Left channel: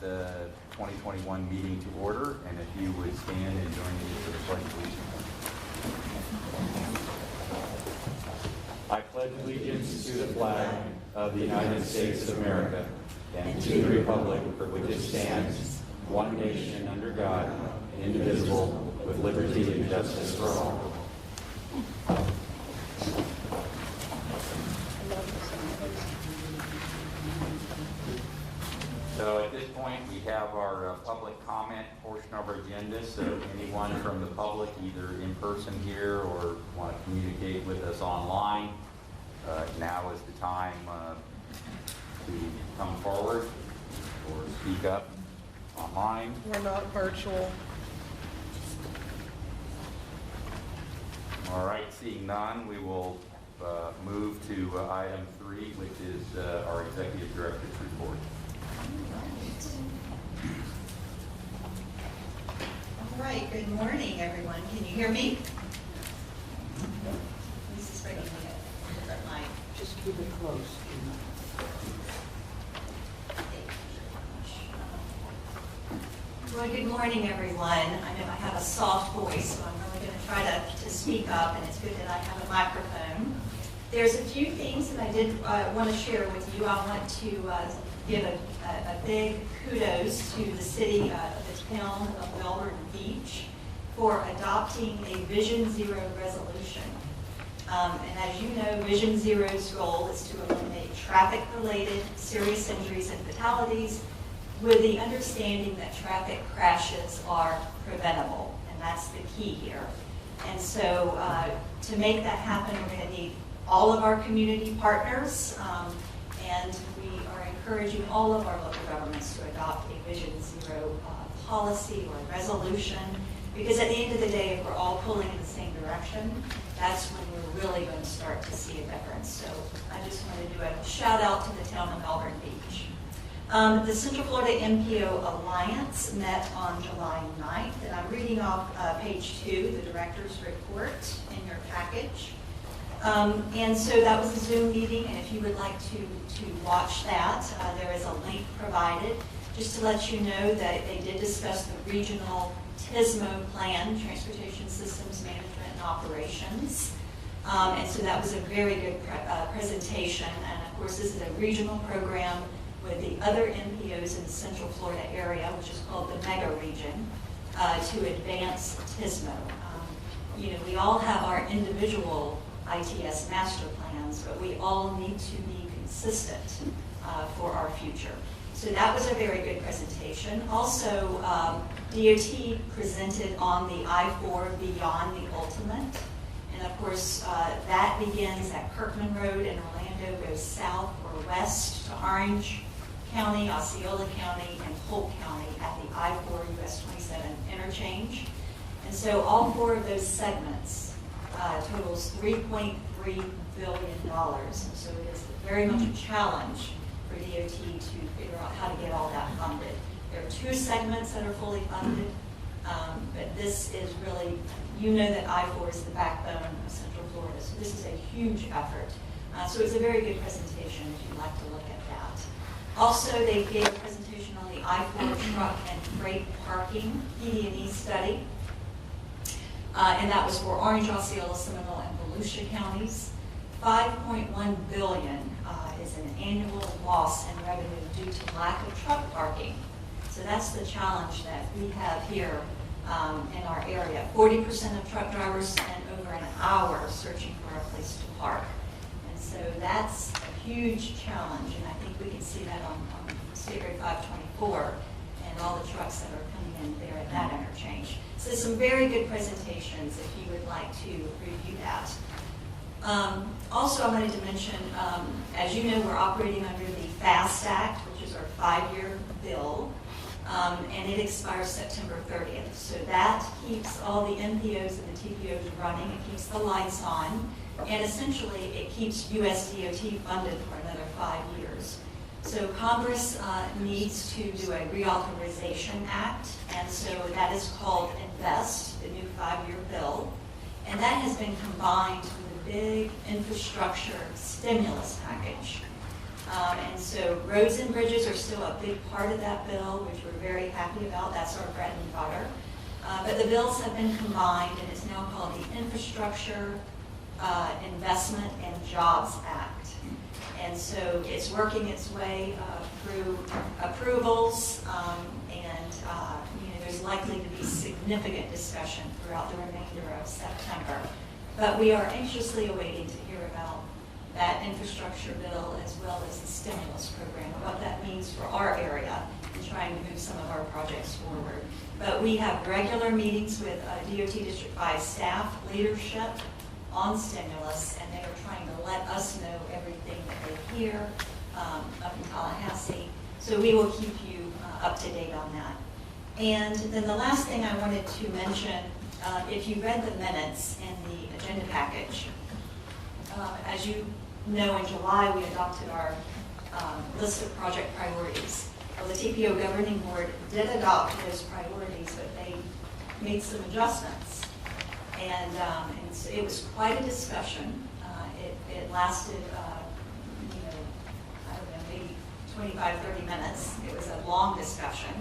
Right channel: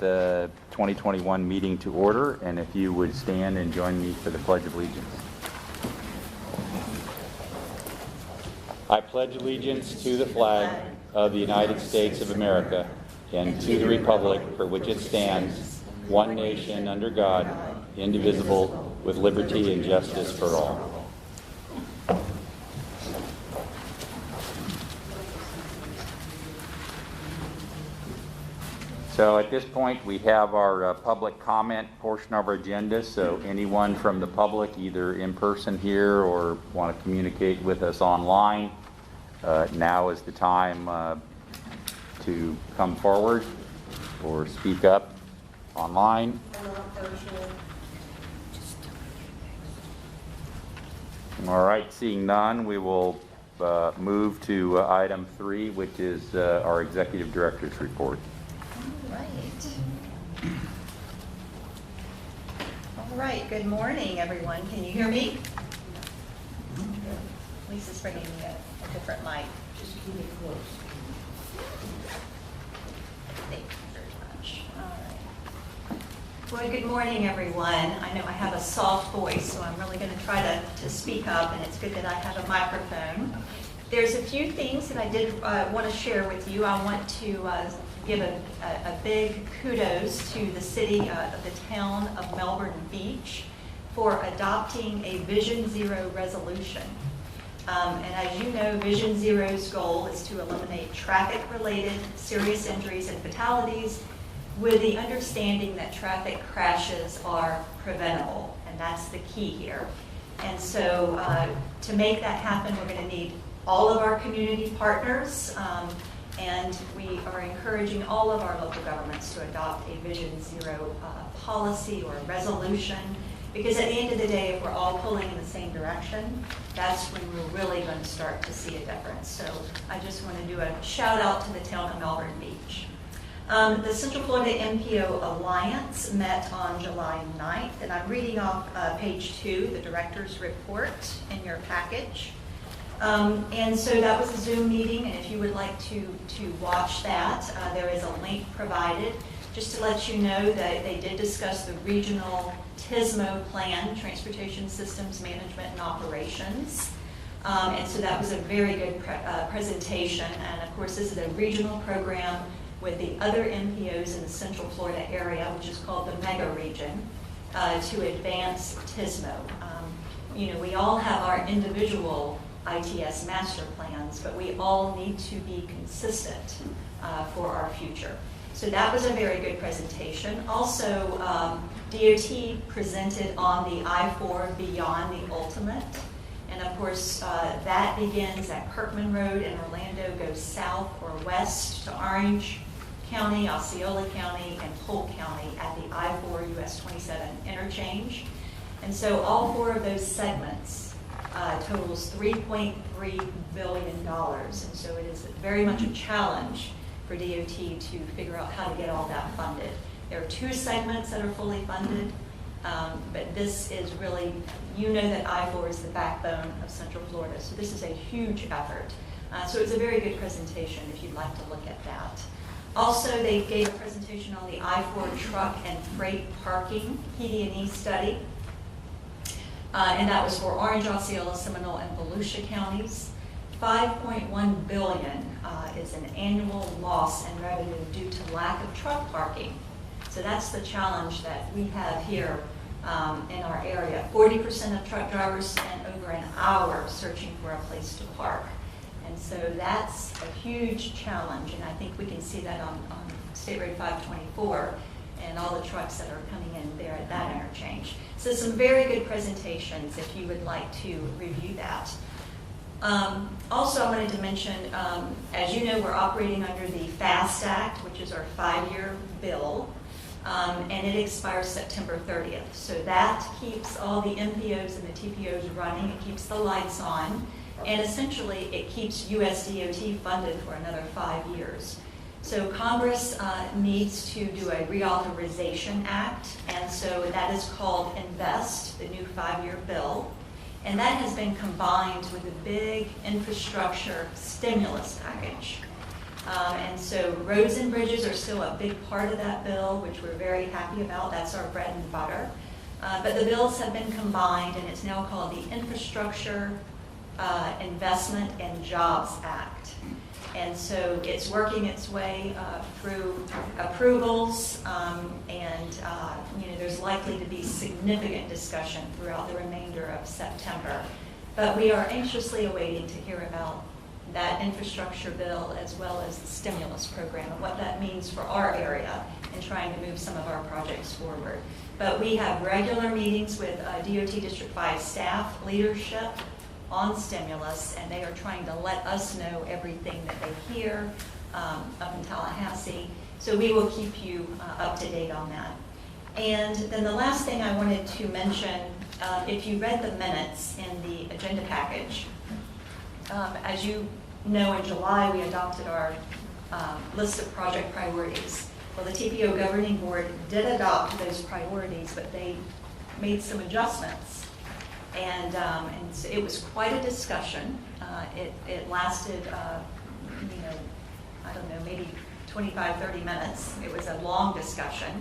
2021 meeting to order, and if you would stand and join me for the Pledge of Allegiance. I pledge allegiance to the flag of the United States of America and to the republic for which it stands, one nation under God, indivisible, with liberty and justice for all. So at this point, we have our public comment portion of our agenda. So anyone from the public, either in person here or want to communicate with us online, now is the time to come forward or speak up online. We're not virtual. All right, seeing none, we will move to item 3, which is our Executive Director's report. All right, good morning, everyone. Can you hear me? Lisa's bringing me a different mic. Just keep it close. Thank you very much. Well, good morning, everyone. I know I have a soft voice, so I'm really going to try to speak up, and it's good that I have a microphone. There's a few things that I did want to share with you. I want to give a big kudos to the city, the town of Melbourne Beach for adopting a Vision Zero resolution. And as you know, Vision Zero's goal is to eliminate traffic-related serious injuries and fatalities with the understanding that traffic crashes are preventable, and that's the key here. And so to make that happen, we're going to need all of our community partners, and we are encouraging all of our local governments to adopt a Vision Zero policy or resolution, because at the end of the day, if we're all pulling in the same direction, that's when we're really going to start to see a difference. So I just want to do a shout out to the town of Melbourne Beach. The Central Florida MPO Alliance met on July 9th, and I'm reading off page 2, the director's report in your package. And so that was a Zoom meeting, and if you would like to watch that, there is a link provided. Just to let you know that they did discuss the regional TSMO plan, Transportation Systems Management and Operations. And so that was a very good presentation. And of course, this is a regional program with the other MPOs in the Central Florida area, which is called the Mega Region, to advance TSMO. We all have our individual ITS master plans, but we all need to be consistent for our future. So that was a very good presentation. Also, DOT presented on the I-4 Beyond the Ultimate. And of course, that begins at Kirkman Road in Orlando, goes south or west to Orange County, Osceola County, and Polk County at the I-4 US 27 interchange. And so all 4 of those segments totals $3.3 billion. And so it is very much a challenge for DOT to figure out how to get all that funded. There are 2 segments that are fully funded, but this is really, that I-4 is the backbone of Central Florida. So this is a huge effort. So it's a very good presentation if you'd like to look at that. Also, they gave a presentation on the I-4 truck and freight parking PD&E study. And that was for Orange, Osceola, Seminole, and Volusia counties. $5.1 billion is an annual loss in revenue due to lack of truck parking. So that's the challenge that we have here in our area. 40% of truck drivers spend over an hour searching for a place to park. And so that's a huge challenge, and I think we can see that on State Road 524 and all the trucks that are coming in there at that interchange. So some very good presentations if you would like to review that. Also, I wanted to mention, as you know, we're operating under the FAST Act, which is our 5-year bill, and it expires September 30th. So that keeps all the MPOs and the TPOs running. It keeps the lights on, and essentially it keeps USDOT funded for another 5 years. So Congress needs to do a reauthorization act, and so that is called INVEST, the new 5-year bill. And that has been combined with a big infrastructure stimulus package. And so roads and bridges are still a big part of that bill, which we're very happy about. That's our bread and butter. But the bills have been combined, and it's now called the Infrastructure Investment and Jobs Act. And so it's working its way through approvals, and there's likely to be significant discussion throughout the remainder of September. But we are anxiously awaiting to hear about that infrastructure bill as well as the stimulus program and what that means for our area in trying to move some of our projects forward. But we have regular meetings with DOT District 5 staff, leadership on stimulus, and they are trying to let us know everything that they hear up in Tallahassee. So we will keep you up to date on that. And then the last thing I wanted to mention, if you read the minutes in the agenda package, as you know, in July we adopted our list of project priorities. Well, the TPO governing board did adopt those priorities, but they made some adjustments. And so it was quite a discussion. It lasted, I don't know, maybe 25, 30 minutes. It was a long discussion.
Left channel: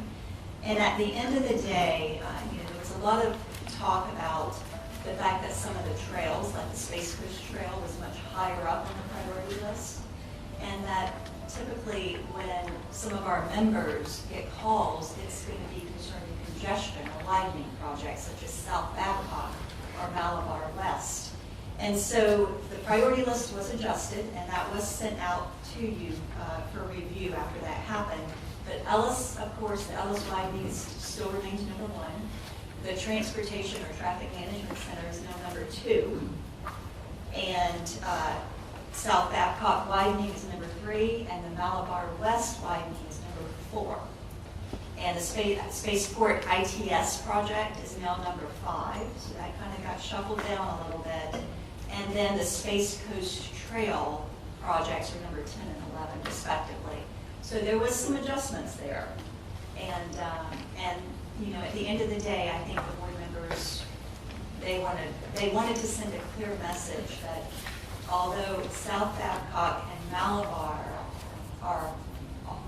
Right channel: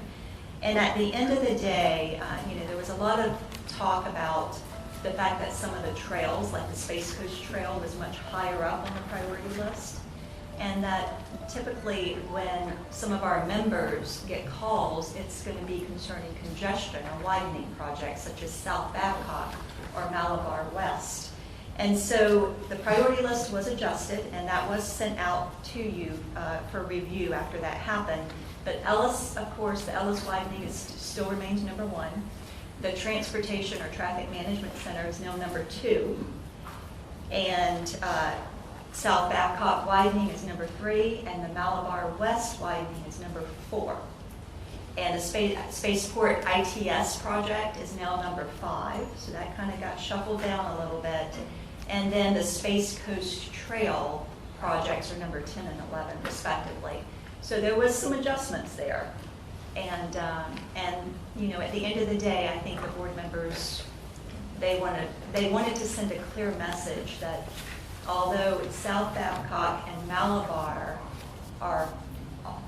And at the end of the day, there was a lot of talk about the fact that some of the trails, like the Space Coast Trail, was much higher up on the priority list. And that typically when some of our members get calls, it's going to be concerning congestion or widening projects such as South Babcock or Malabar West. And so the priority list was adjusted, and that was sent out to you for review after that happened. But Ellis, of course, the Ellis widening still remains number 1. The Transportation or Traffic Management Center is now number 2. And South Babcock widening is number 3, and the Malabar West widening is number 4. And the Spaceport ITS project is now number 5, so that kind of got shuffled down a little bit. And then the Space Coast Trail projects are number 10 and 11, respectively. So there was some adjustments there. And at the end of the day, I think the board members, they wanted to send a clear message that although South Babcock and Malabar are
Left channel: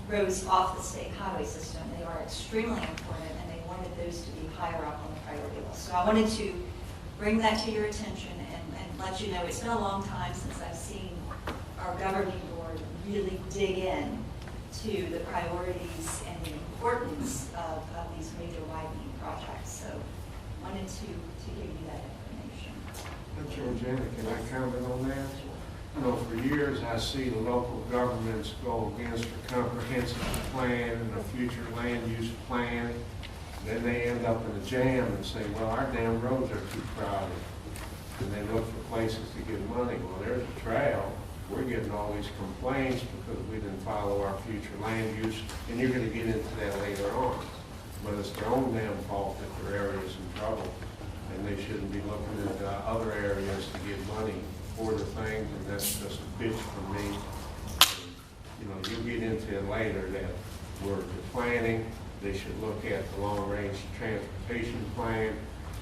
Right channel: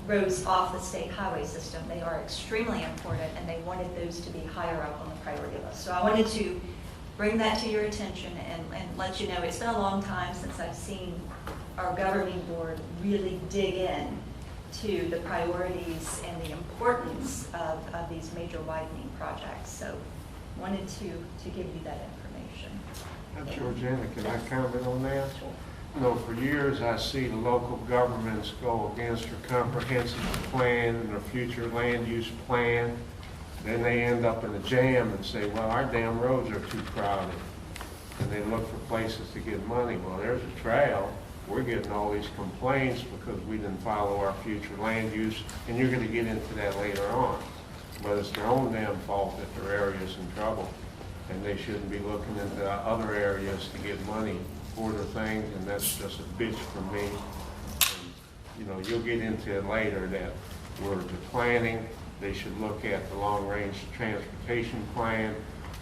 roads off the state highway system, they are extremely important, and they wanted those to be higher up on the priority list. So I wanted to bring that to your attention and let you know it's been a long time since I've seen our governing board really dig in to the priorities and the importance of these major widening projects. So wanted to give you that information. Georgiana, can I comment on that? For years I see the local governments go against their comprehensive plan and their future land use plan. Then they end up in a jam and say, well, our damn roads are too crowded. And they look for places to get money. Well, there's a trail. We're getting all these complaints because we didn't follow our future land use, and you're going to get into that later on. But it's their own damn fault that their area is in trouble, and they shouldn't be looking into other areas to get money for the things, and that's just a bitch for me. And, you'll get into it later that we're planning. They should look at the long-range transportation plan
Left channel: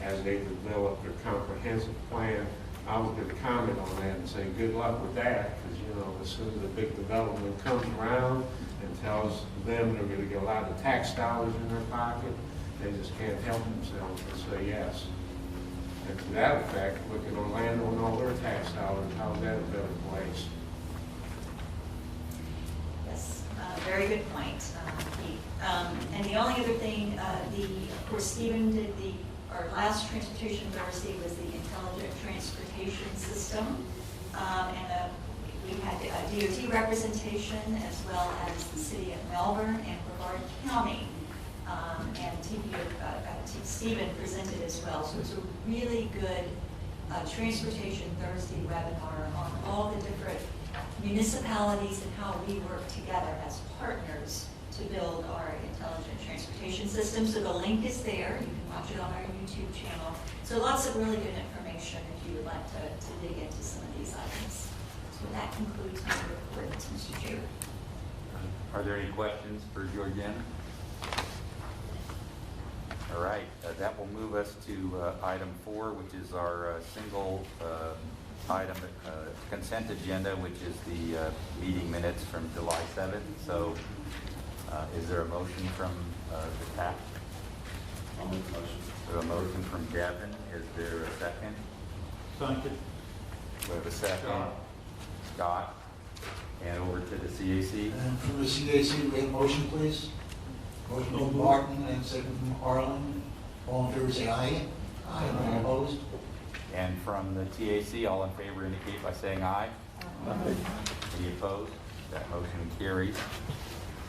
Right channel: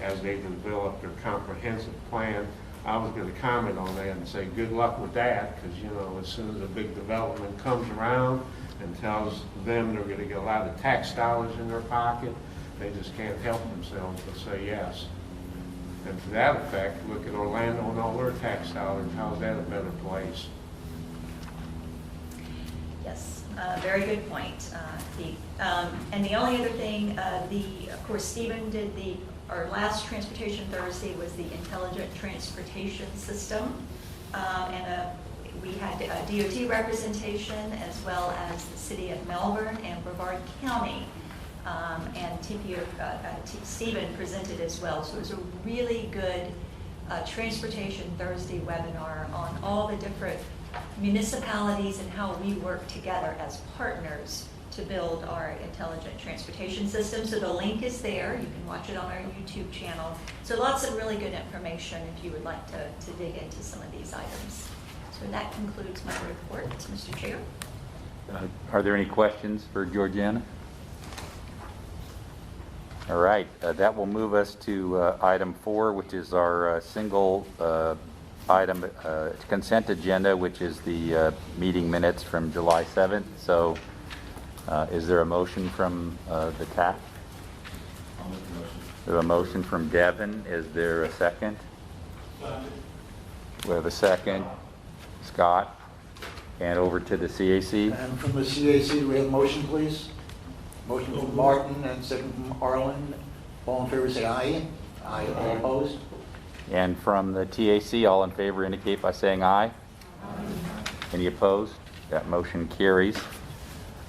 as they develop their comprehensive plan. I was going to comment on that and say good luck with that, because as soon as a big development comes around and tells them they're going to get a lot of tax dollars in their pocket, they just can't help themselves but say yes. And to that effect, look at Orlando and all their tax dollars. How's that a better place? Yes, very good point, Keith. And the only other thing, of course, Stephen did our last Transportation Thursday was the Intelligent Transportation System. And we had DOT representation as well as the City of Melbourne and Brevard County. And Stephen presented as well. So it was a really good Transportation Thursday webinar on all the different municipalities and how we work together as partners to build our intelligent transportation system. So the link is there. You can watch it on our YouTube channel. So lots of really good information if you would like to dig into some of these items. So that concludes my report, Mr. Chair. Are there any questions for Georgiana? All right, that will move us to item 4, which is our single item consent agenda, which is the meeting minutes from July 7th. So is there a motion from the TAC? I'll make the motion. There's a motion from Devin. Is there a second? Second. We have a second. Scott. And over to the CAC. And from the CAC, we have motion, please. Motion from Martin and second from Harlan. All in favor, say aye. Aye. All opposed? And from the TAC, all in favor indicate by saying aye. Any opposed? That motion carries.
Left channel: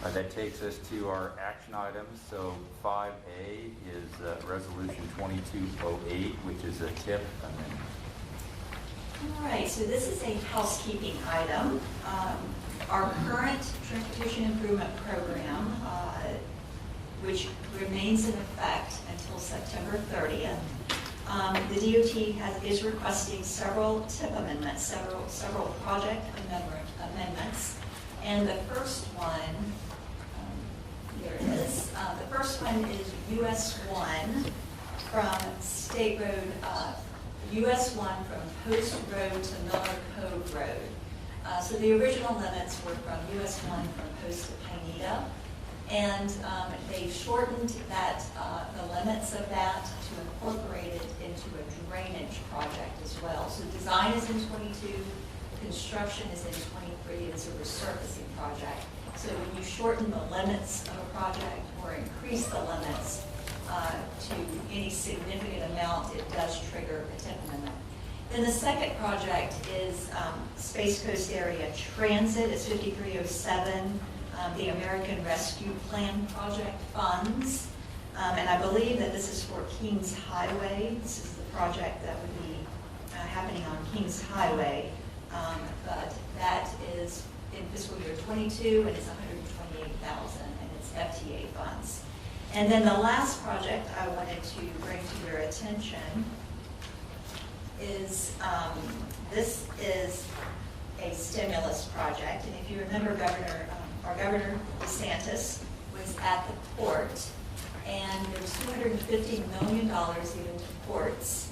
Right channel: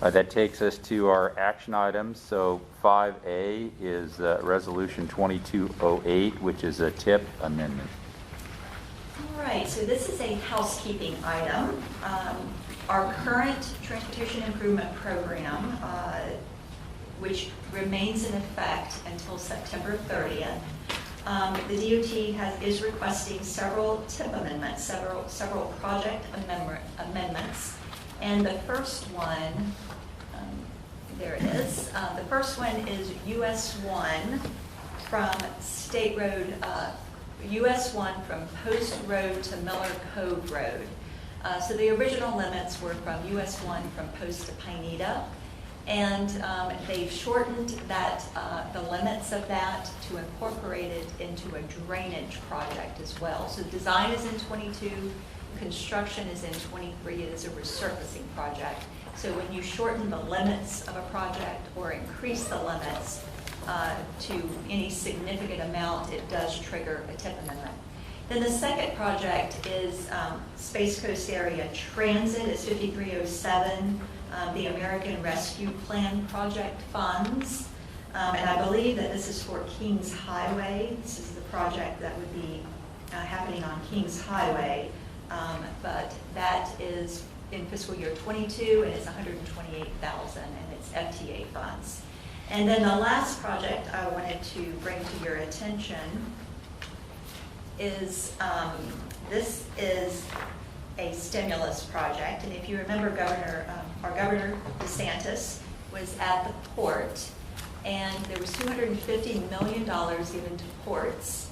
That takes us to our action items. So 5A is Resolution 2208, which is a TIP amendment. All right, so this is a housekeeping item. Our current transportation improvement program, which remains in effect until September 30th, the DOT is requesting several TIP amendments, several project amendments. And the first one, there it is. The first one is US 1 from State Road, US 1 from Post Road to Miller Cove Road. So the original limits were from US 1 from Post to Pineda, and they've shortened that, the limits of that to incorporate it into a drainage project as well. So the design is in 22, construction is in 23, it is a resurfacing project. So when you shorten the limits of a project or increase the limits to any significant amount, it does trigger a TIP amendment. Then the second project is Space Coast Area Transit. It's 5307, the American Rescue Plan project funds. And I believe that this is for Kings Highway. This is the project that would be happening on Kings Highway. But that is in fiscal year 22, and it's 128,000, and it's FTA funds. And then the last project I wanted to bring to your attention is this is a stimulus project. And if you remember, our Governor DeSantis was at the port, and there's $250 million given to ports.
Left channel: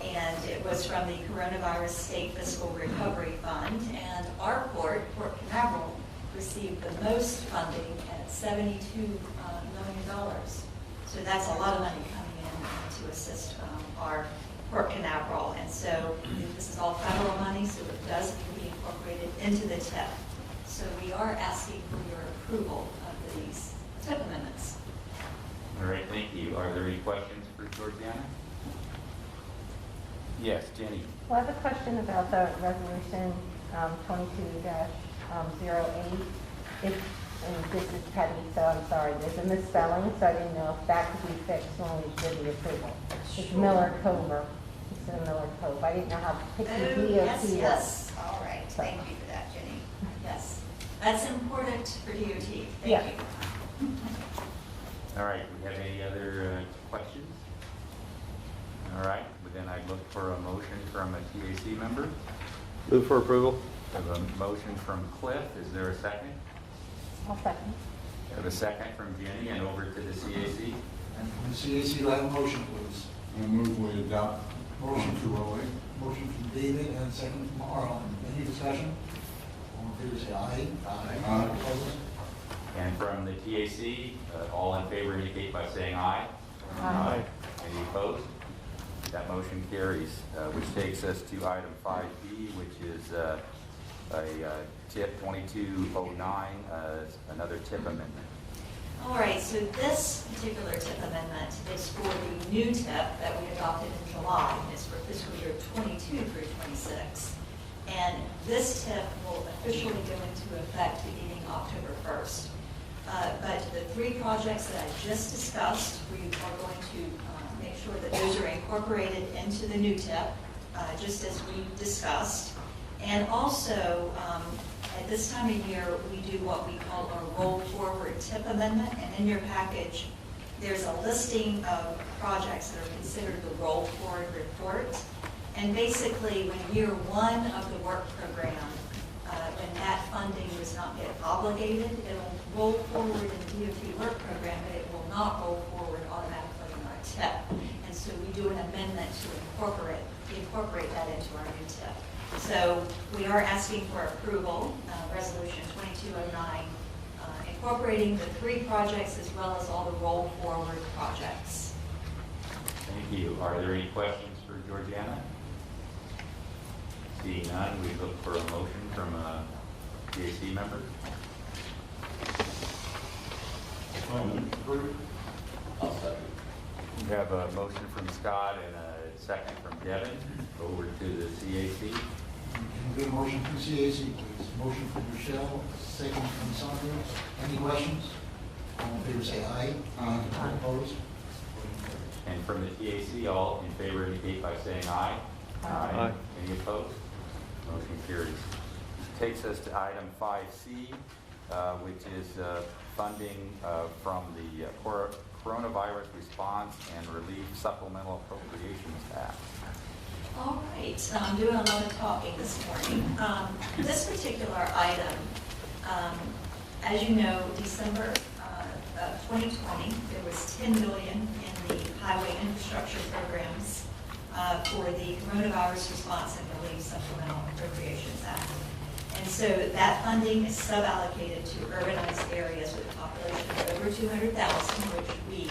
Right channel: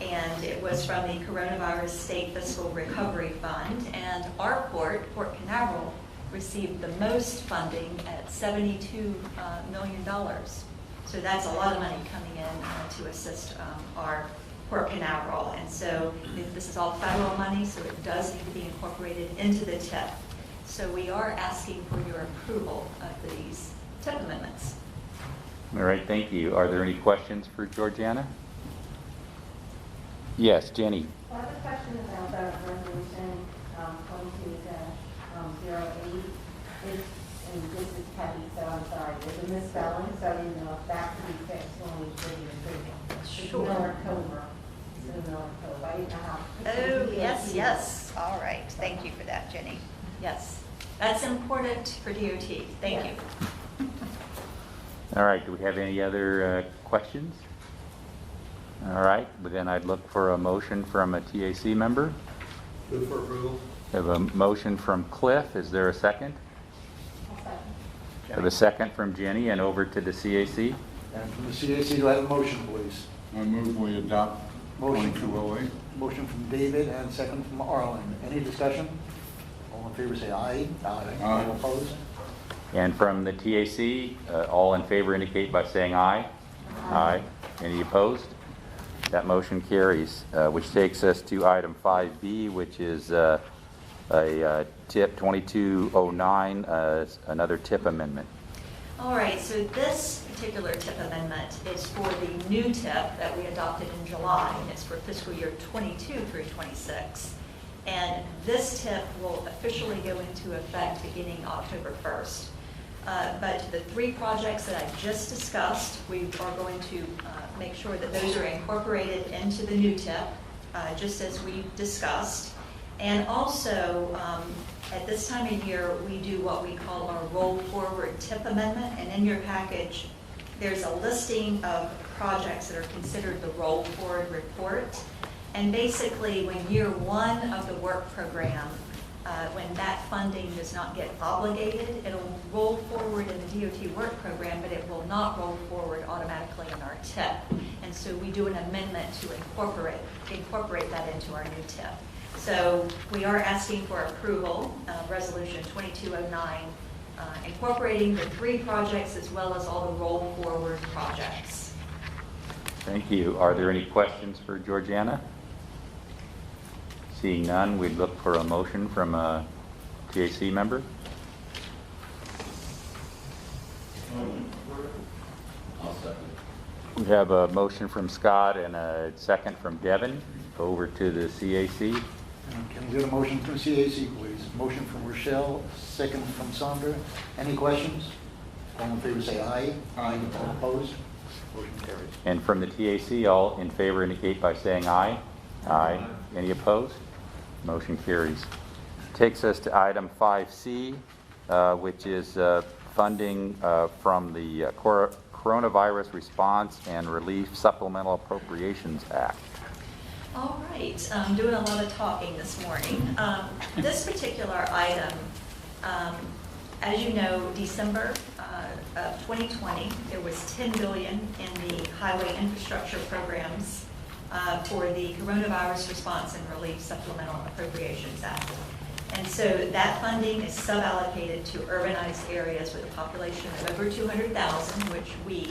And it was from the Coronavirus State Fiscal Recovery Fund. And our port, Port Canaveral, received the most funding at $72 million. So that's a lot of money coming in to assist our Port Canaveral. And so this is all federal money, so it does need to be incorporated into the TIP. So we are asking for your approval of these TIP amendments. All right, thank you. Are there any questions for Georgiana? Yes, Jenny. Well, I have a question about the resolution 22-08. And this is petty, so I'm sorry. There's a misspelling, so I didn't know if that could be fixed when we should be approval. It's Sure. Miller Comer. It's in Miller Cove. I didn't know how to fix Oh, the yes, DOT. yes. All right. Thank you for that, Jenny. Yes. That's important for DOT. Thank Yeah. you. All right, do we have any other questions? All right, but then I'd look for a motion from a TAC member. Move for approval. We have a motion from Cliff. Is there a second? I'll second. We have a second from Jenny, and over to the CAC. And from the CAC, do I have a motion, please? I move we adopt Motion 2208. Motion from David and second from Harlan. Any discussion? All in favor, say aye. Aye. All opposed? And from the TAC, all in favor indicate by saying aye. Aye. Any opposed? That motion carries, which takes us to item 5B, which is a TIP 2209, another TIP amendment. All right, so this particular TIP amendment is for the new TIP that we adopted in July, and it's for fiscal year 22 through 26. And this TIP will officially go into effect beginning October 1st. But the three projects that I just discussed, we are going to make sure that those are incorporated into the new TIP, just as we discussed. And also, at this time of year, we do what we call our roll forward TIP amendment. And in your package, there's a listing of projects that are considered the roll forward report. And basically, when year one of the work program, when that funding does not get obligated, it'll roll forward in the DOT work program, but it will not roll forward automatically in our TIP. And so we do an amendment to incorporate that into our new TIP. So we are asking for approval, Resolution 2209, incorporating the 3 projects as well as all the roll forward projects. Thank you. Are there any questions for Georgiana? Seeing none, we look for a motion from a TAC member. I'll second. We have a motion from Scott and a second from Devin. Over to the CAC. Can you get a motion from CAC, please? Motion from Rochelle, second from Sandra. Any questions? All in favor say aye. Aye. Opposed? Motion carries. And from the TAC, all in favor indicate by saying aye. Aye. Any opposed? Motion carries. Takes us to item 5C, which is funding from the Coronavirus Response and Relief Supplemental Appropriations Act. All right, I'm doing a lot of talking this morning. This particular item, as you know, December of 2020, there was $10 billion in the highway infrastructure programs for the Coronavirus Response and Relief Supplemental Appropriations Act. And so that funding is sub-allocated to urbanized areas with a population of over 200,000, which we,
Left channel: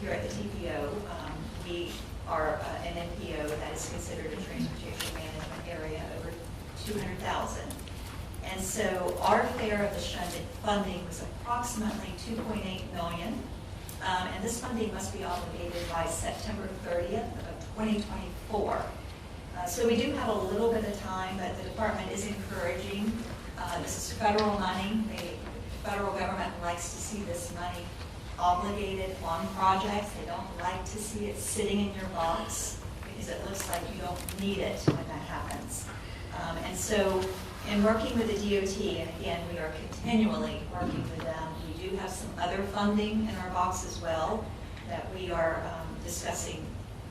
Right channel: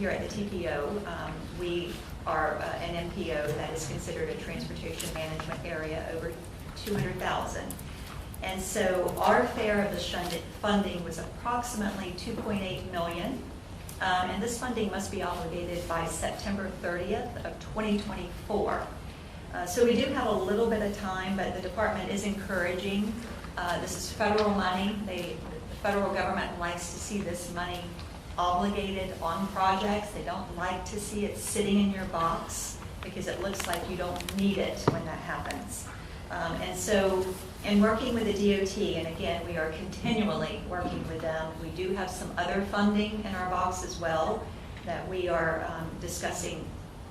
here at the TPO, we are an MPO that is considered a transportation management area over 200,000. And so our share of the funding was approximately $2.8 million. And this funding must be obligated by September 30th of 2024. So we do have a little bit of time, but the department is encouraging. This is federal money. The federal government likes to see this money obligated on projects. They don't like to see it sitting in your box because it looks like you don't need it when that happens. And so in working with the DOT, and again, we are continually working with them, we do have some other funding in our box as well that we are discussing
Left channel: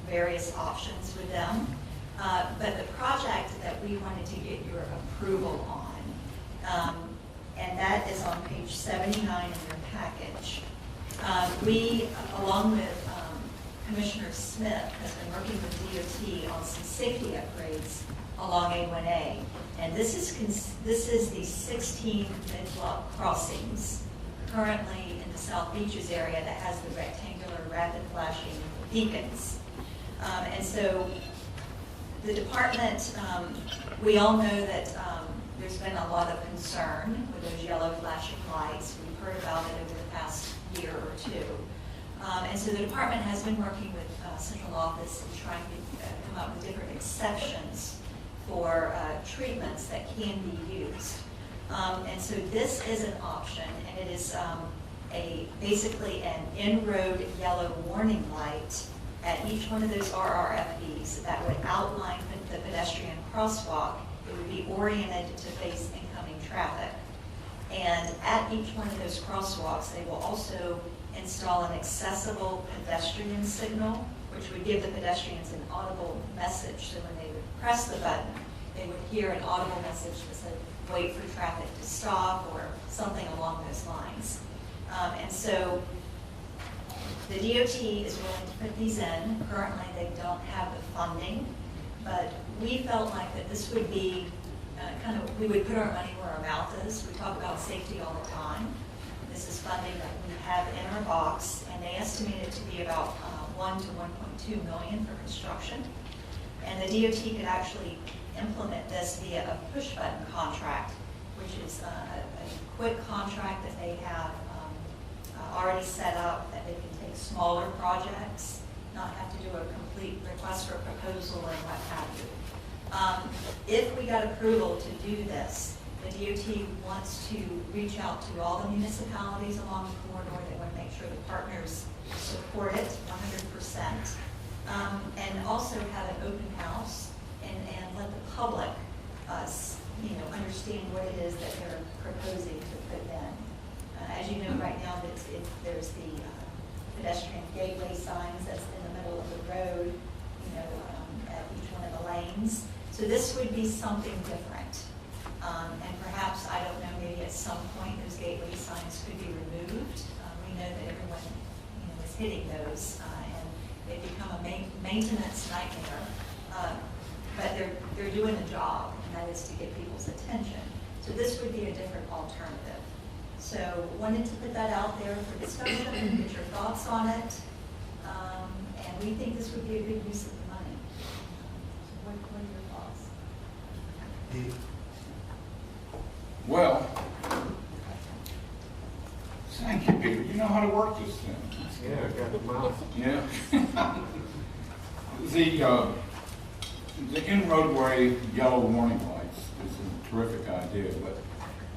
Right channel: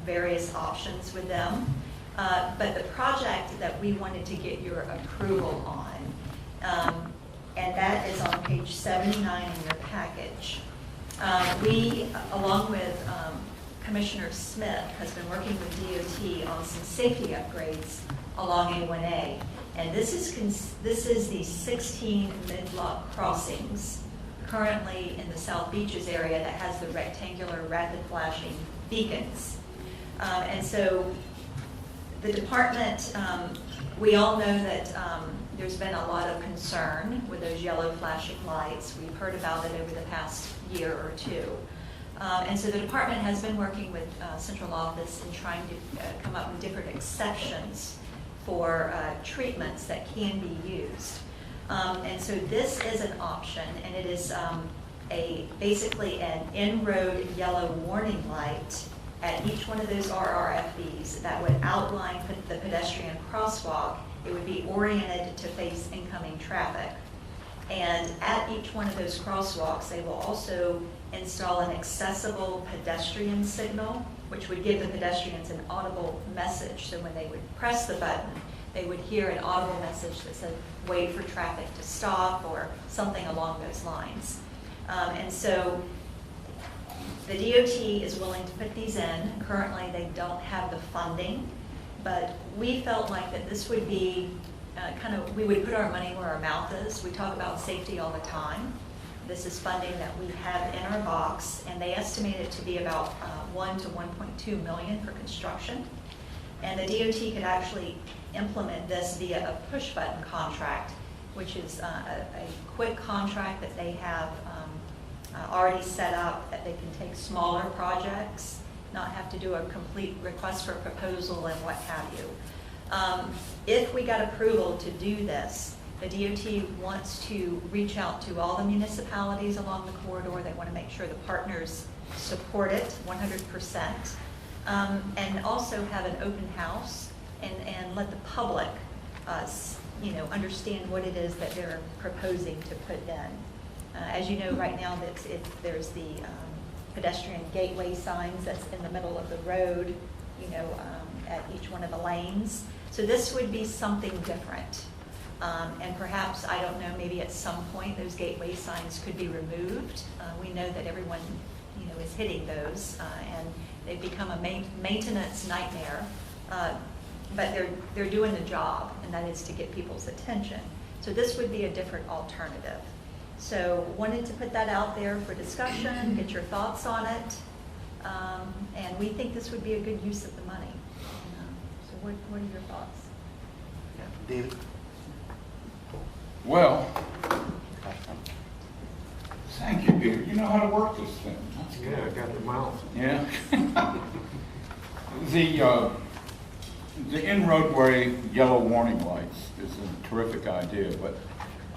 various options with them. But the project that we wanted to get your approval on, and that is on page 79 in your package. We, along with Commissioner Smith, has been working with DOT on some safety upgrades along A1A. And this is the 16 mid-block crossings currently in the South Beaches area that has the rectangular rapid flashing beacons. And so the department, we all know that there's been a lot of concern with those yellow flashing lights. We've heard about it over the past year or two. And so the department has been working with central office and trying to come up with different exceptions for treatments that can be used. And so this is an option, and it is basically an in-road yellow warning light at each one of those RRFBs that would outline the pedestrian crosswalk. It would be oriented to face incoming traffic. And at each one of those crosswalks, they will also install an accessible pedestrian signal, which would give the pedestrians an audible message. So when they would press the button, they would hear an audible message that said, wait for traffic to stop, or something along those lines. And so the DOT is willing to put these in. Currently, they don't have the funding, but we felt like that this would be we would put our money where our mouth is. We talk about safety all the time. This is funding that we have in our box, and they estimate it to be about $1 to $1.2 million for construction. And the DOT could actually implement this via a push-button contract, which is a quick contract that they have already set up, that they can take smaller projects, not have to do a complete request for proposal and what have you. If we got approval to do this, the DOT wants to reach out to all the municipalities along the corridor. They want to make sure the partners support it 100%, and also have an open house and let the public understand what it is that they're proposing to put in. As you know, right now there's the pedestrian gateway signs that's in the middle of the road, at each one of the lanes. So this would be something different. And perhaps, I don't know, maybe at some point those gateway signs could be removed. We know that everyone is hitting those, and They've become a maintenance nightmare, but they're doing the job, and that is to get people's attention. So this would be a different alternative. So wanted to put that out there for discussion, get your thoughts on it, and we think this would be a good use of the money. So what are your thoughts? David? Well, thank you, Peter. You know how to work this thing. Yeah, I got the mouth. Yeah. The in-roadway yellow warning lights is a terrific idea, but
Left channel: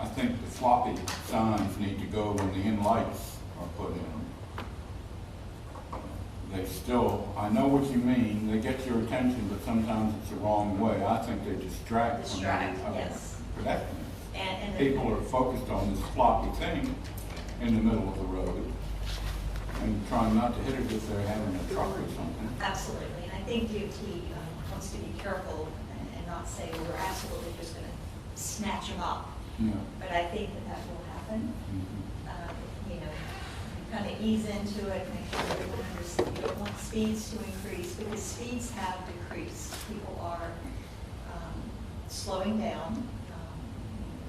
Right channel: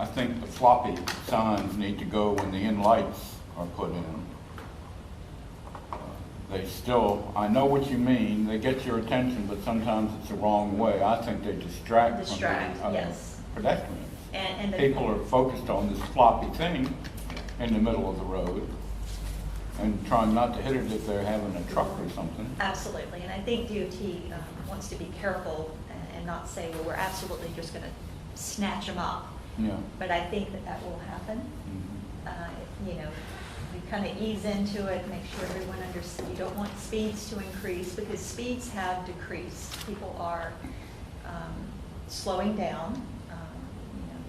I think the floppy signs need to go when the in-lights are put in. They still, I know what you mean, they get your attention, but sometimes it's the wrong way. I think they distract from Yes. pedestrians. And People are focused on this floppy thing in the middle of the road and trying not to hit it if they're having a truck or something. Absolutely, and I think DOT wants to be careful and not say, well, we're absolutely just going to snatch them up. Yeah. But I think that will happen. Mhm. You kind of ease into it, make sure everyone understands. You don't want speeds to increase, because speeds have decreased. People are slowing down.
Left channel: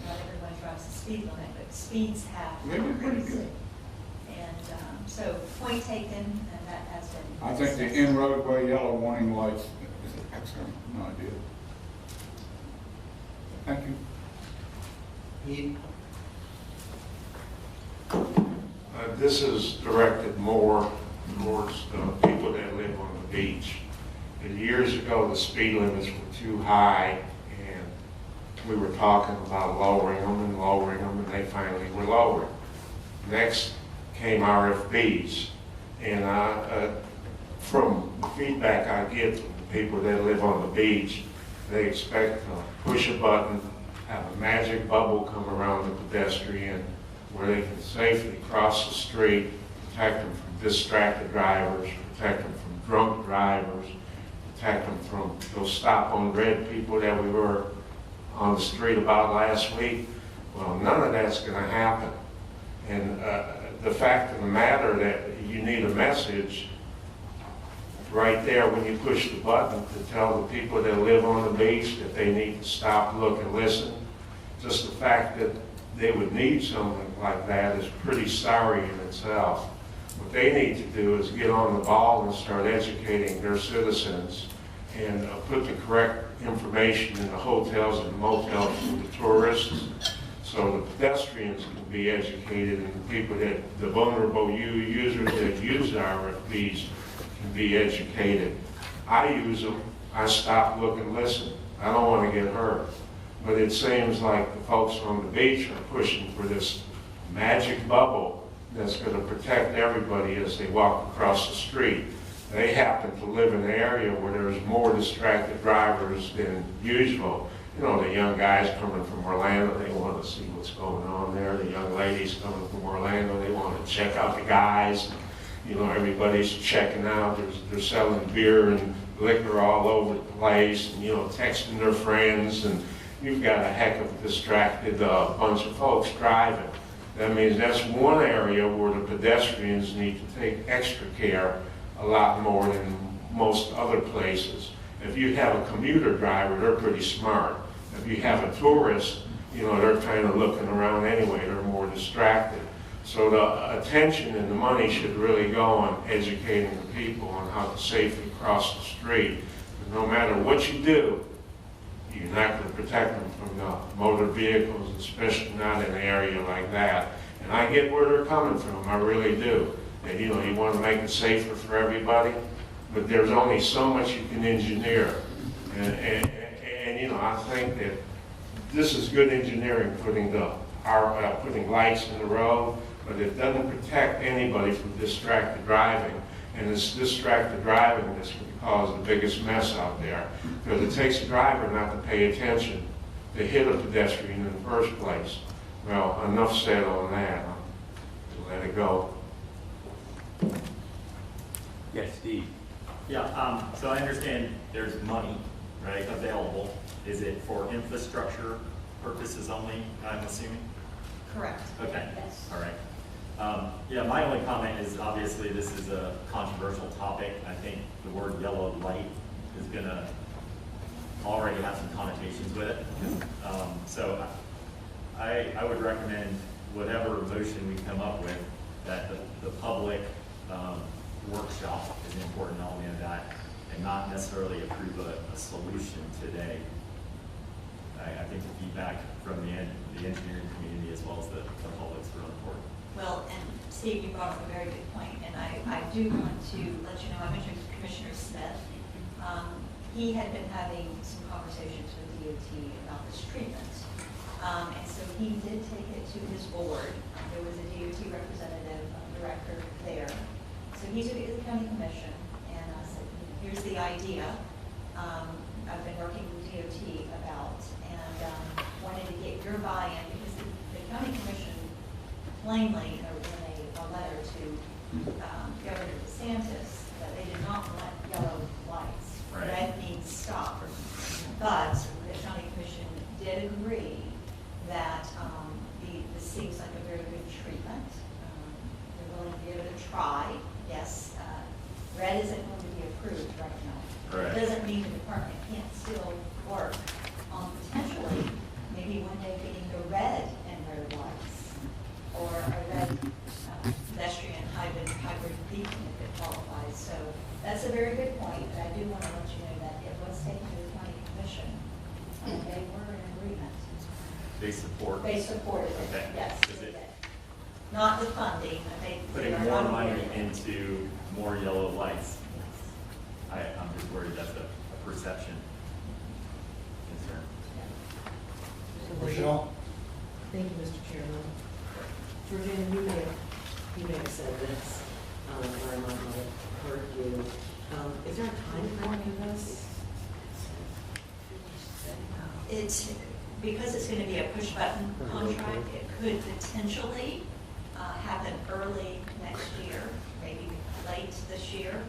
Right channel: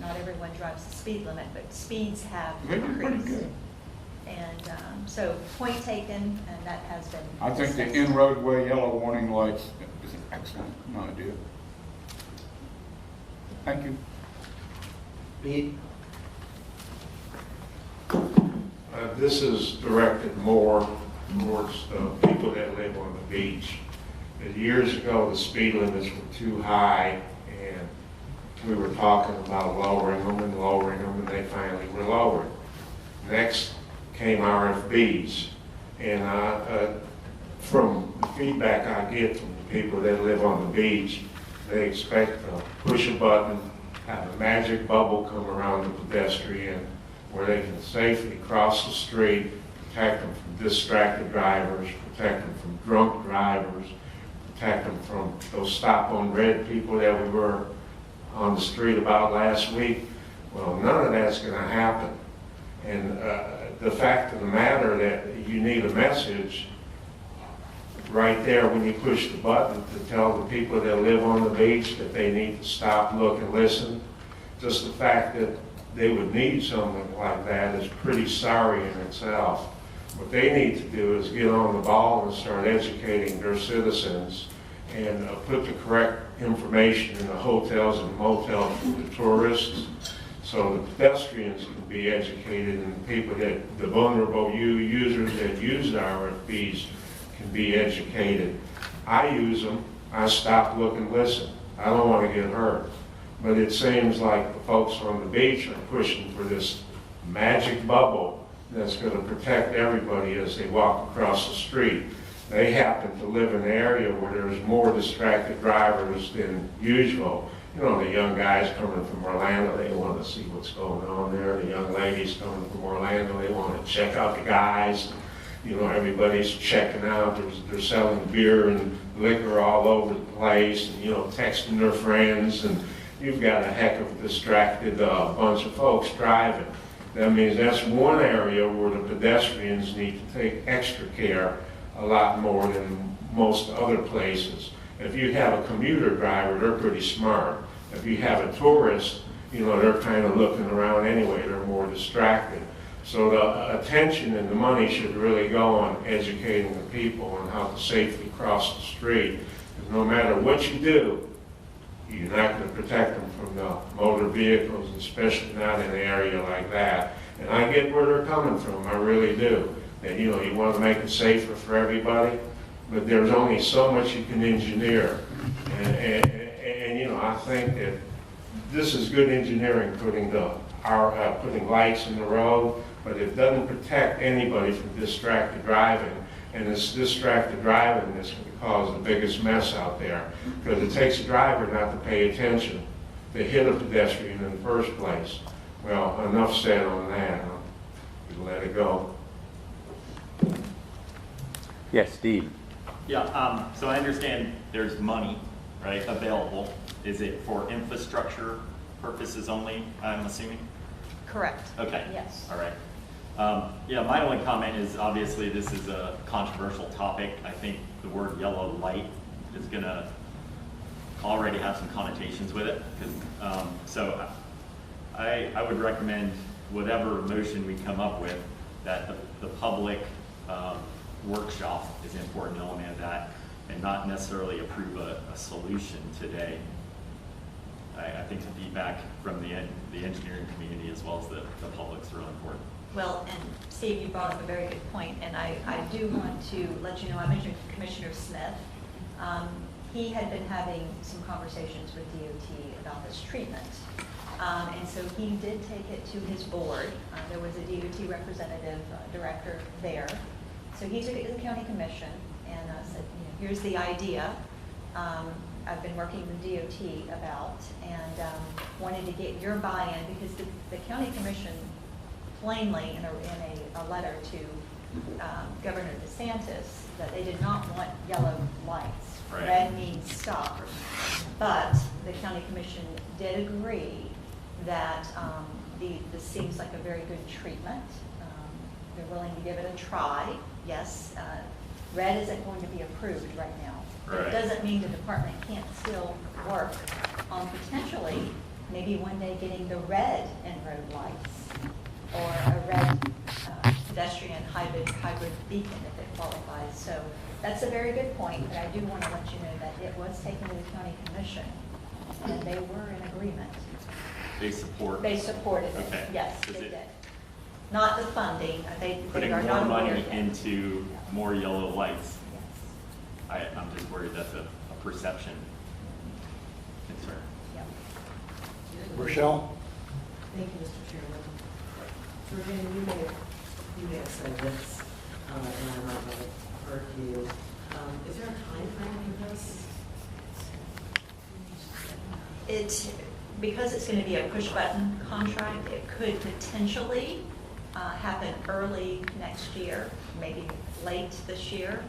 Not everyone drives the speed limit, but speeds have Maybe pretty decreased. good. And so point taken, and that has been. I think the discussed. in-roadway yellow warning lights is an excellent idea. Thank you. Pete? This is directed more towards people that live on the beach. Years ago, the speed limits were too high, and we were talking about lowering them, and they finally were lowered. Next came RFBs, and from feedback I get from the people that live on the beach, they expect to push a button, have a magic bubble come around the pedestrian where they can safely cross the street, protect them from distracted drivers, protect them from drunk drivers, protect them from those stop on red people that we were on the street about last week. Well, none of that's going to happen. And the fact of the matter that you need a message right there when you push the button to tell the people that live on the beach that they need to stop, look, and listen. Just the fact that they would need something like that is pretty sorry in itself. What they need to do is get on the ball and start educating their citizens and put the correct information in the hotels and motels for the tourists, so the pedestrians can be educated and the vulnerable users that use the RFPs can be educated. I use them. I stop, look, and listen. I don't want to get hurt. But it seems like the folks on the beach are pushing for this magic bubble that's going to protect everybody as they walk across the street. They happen to live in an area where there's more distracted drivers than usual. You know, the young guys coming from Orlando, they want to see what's going on there. The young ladies coming from Orlando, they want to check out the guys. You know, everybody's checking out. They're selling beer and liquor all over the place, and, you know, texting their friends, and you've got a heck of a distracted bunch of folks driving. That means that's one area where the pedestrians need to take extra care a lot more than most other places. If you have a commuter driver, they're pretty smart. If you have a tourist, you know, they're kind of looking around anyway. They're more distracted. So the attention and the money should really go on educating the people on how to safely cross the street. Because no matter what you do, you're not going to protect them from the motor vehicles, especially not in an area like that. And I get where they're coming from, I really do. That, you know, you want to make it safer for everybody, but there's only so much you can engineer. And you know, I think that this is good engineering, putting lights in the road, but it doesn't protect anybody from distracted driving. And it's distracted driving that's going to cause the biggest mess out there. Because it takes a driver not to pay attention to hit a pedestrian in the first place. Well, enough said on that. I'll let it go. Yes, Steve. Yeah, so I understand there's money, right, available. Is it for infrastructure purposes only, I'm assuming? Correct. Okay. Yes. All right. Yeah, my only comment is obviously this is a controversial topic. I think the word yellow light is going to already have some connotations with it. So I would recommend whatever motion we come up with, that the public workshop is an important element of that, and not necessarily approve a solution today. I think the feedback from the engineering community as well as the public is really important. Well, and Steve, you brought up a very good point, and I do want to let you know, I mentioned Commissioner Smith. He had been having some conversations with DOT about this treatment. And so he did take it to his board. There was a DOT representative, director there. So he's at the county commission, and said, here's the idea. I've been working with DOT about, and wanted to get your buy-in, because the county commission plainly in a letter to Governor DeSantis that they did not want yellow lights. Right. Red means stop. But the county commission did agree that this seems like a very good treatment. They're willing to give it a try. Yes, red isn't going to be approved right now. But Right. it doesn't mean the department can't still work on potentially maybe one day getting the red and road lights, or a red pedestrian hybrid beacon if it qualifies. So that's a very good point, but I do want to let you know that it was taken to the county commission, and they were in agreement. They support. They supported it, Okay. yes, Is they it did. Not the funding, they putting are more not money aware of it. into more yellow lights? I'm just worried that's a perception. Thanks, sir. Rochelle? Thank you, Mr. Chairman. Virginia, you may have said this, and I might not have heard you. Is there a time frame in this? It's, because it's going to be a push-button contract, it could potentially happen early next year, maybe late this year.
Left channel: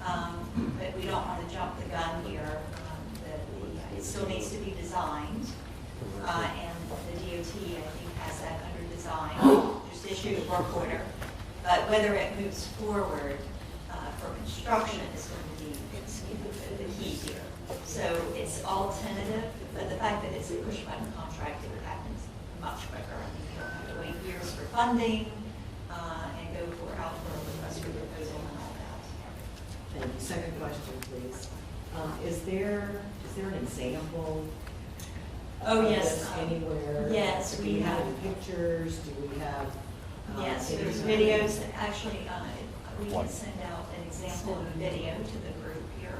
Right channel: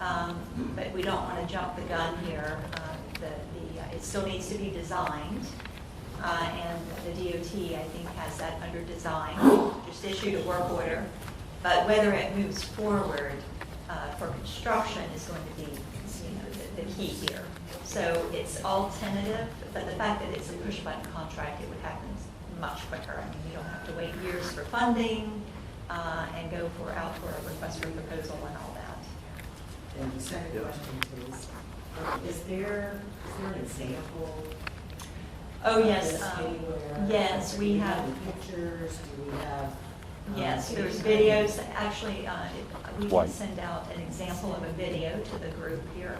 But we don't want to jump the gun here. It still needs to be designed, and the DOT, I think, has that under design, just issued a work order. But whether it moves forward for construction is going to be the key here. So it's all tentative, but the fact that it's a push-button contract, it would happen much quicker. You don't have to wait years for funding and go out for a request for proposal and all that. And the second question, please. Is there an example? Oh, of yes. this anywhere? Yes, Do we we have. have pictures? Do we have? Yes, there's any kind of- videos. Actually, we can White. send out an example of a video to the group here.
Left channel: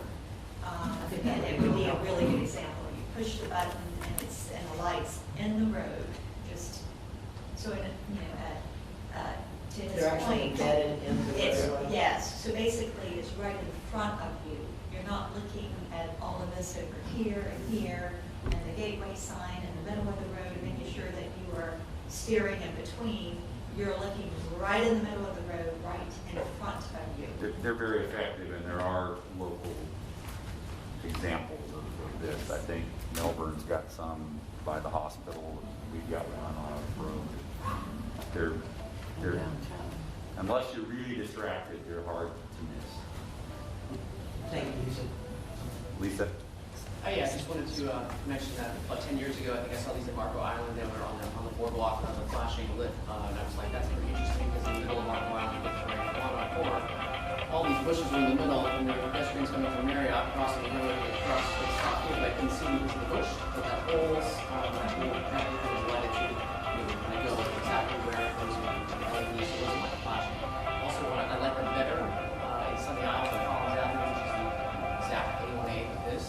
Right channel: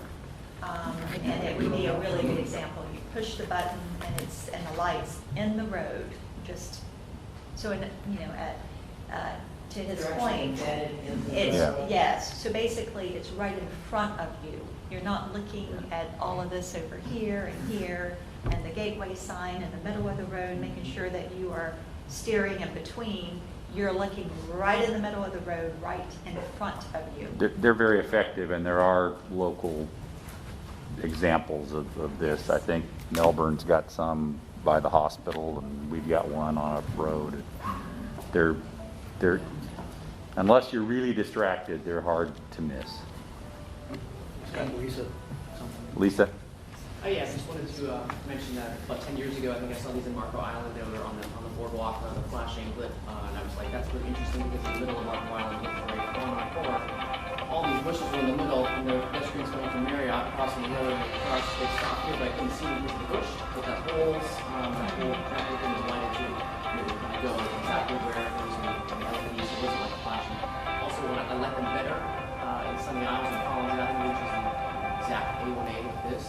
And it would be a really good example. You push the button and the lights in the road, just so it, to his They're actually point. embedded in the It's, road? yes, so basically it's right in front of you. You're not looking at all of this over here and the gateway sign in the middle of the road, making sure that you are steering in between. You're looking right in the middle of the road, right in front of you. They're very effective, and there are local examples of this. I think Melbourne's got some by the hospital, and we've got one on a road. They're unless you're really distracted, they're hard to miss. Thank you, Lisa. Lisa? Oh, yes, I just wanted to mention that about 10 years ago, I think I saw these in Marco Island. They were on the boardwalk, flashing lit, and I was like, that's pretty interesting because in the middle of Marco Island, all these bushes are in the middle, and there are pedestrians coming from Marriott, crossing the hill, and across the stop, but I can see into the bush with that holes, that would be related to go exactly where it goes and LEDs using like flashing. Also, what I like them better, it's on the island of Collins Island, which is the exact A1A of this.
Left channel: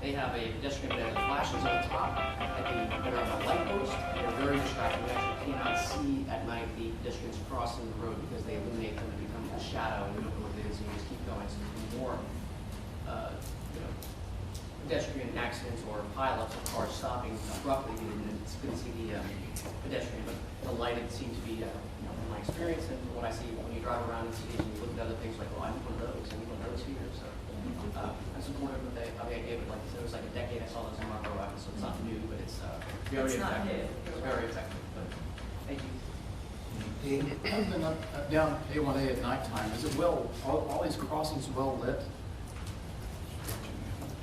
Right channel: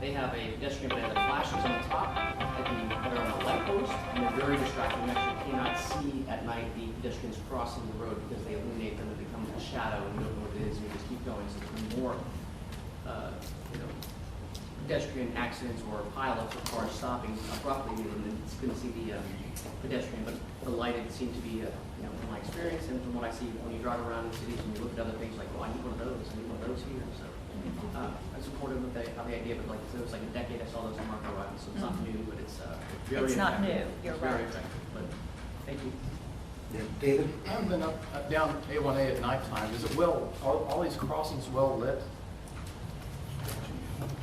They have a pedestrian banner that flashes on top that are on a light post, and they're very distracting. You actually cannot see at night the pedestrians crossing the road because they illuminate them and become a shadow, and you don't know what it is, and you just keep going. So there's more, pedestrian accidents or pileups or cars stopping abruptly, and it's good to see the pedestrian, but the lighted seem to be, in my experience, and from what I see when you drive around in cities and you look at other things, like, oh, I need one of those here. So I'm supportive of how the idea of it, like, so it's like a decade I saw those on Marco Island, so it's not new, but it's very It's not effective. new, you're It's very right. effective, but thank you. David? I've been down A1A at nighttime. Is it well, are all these crossings well lit?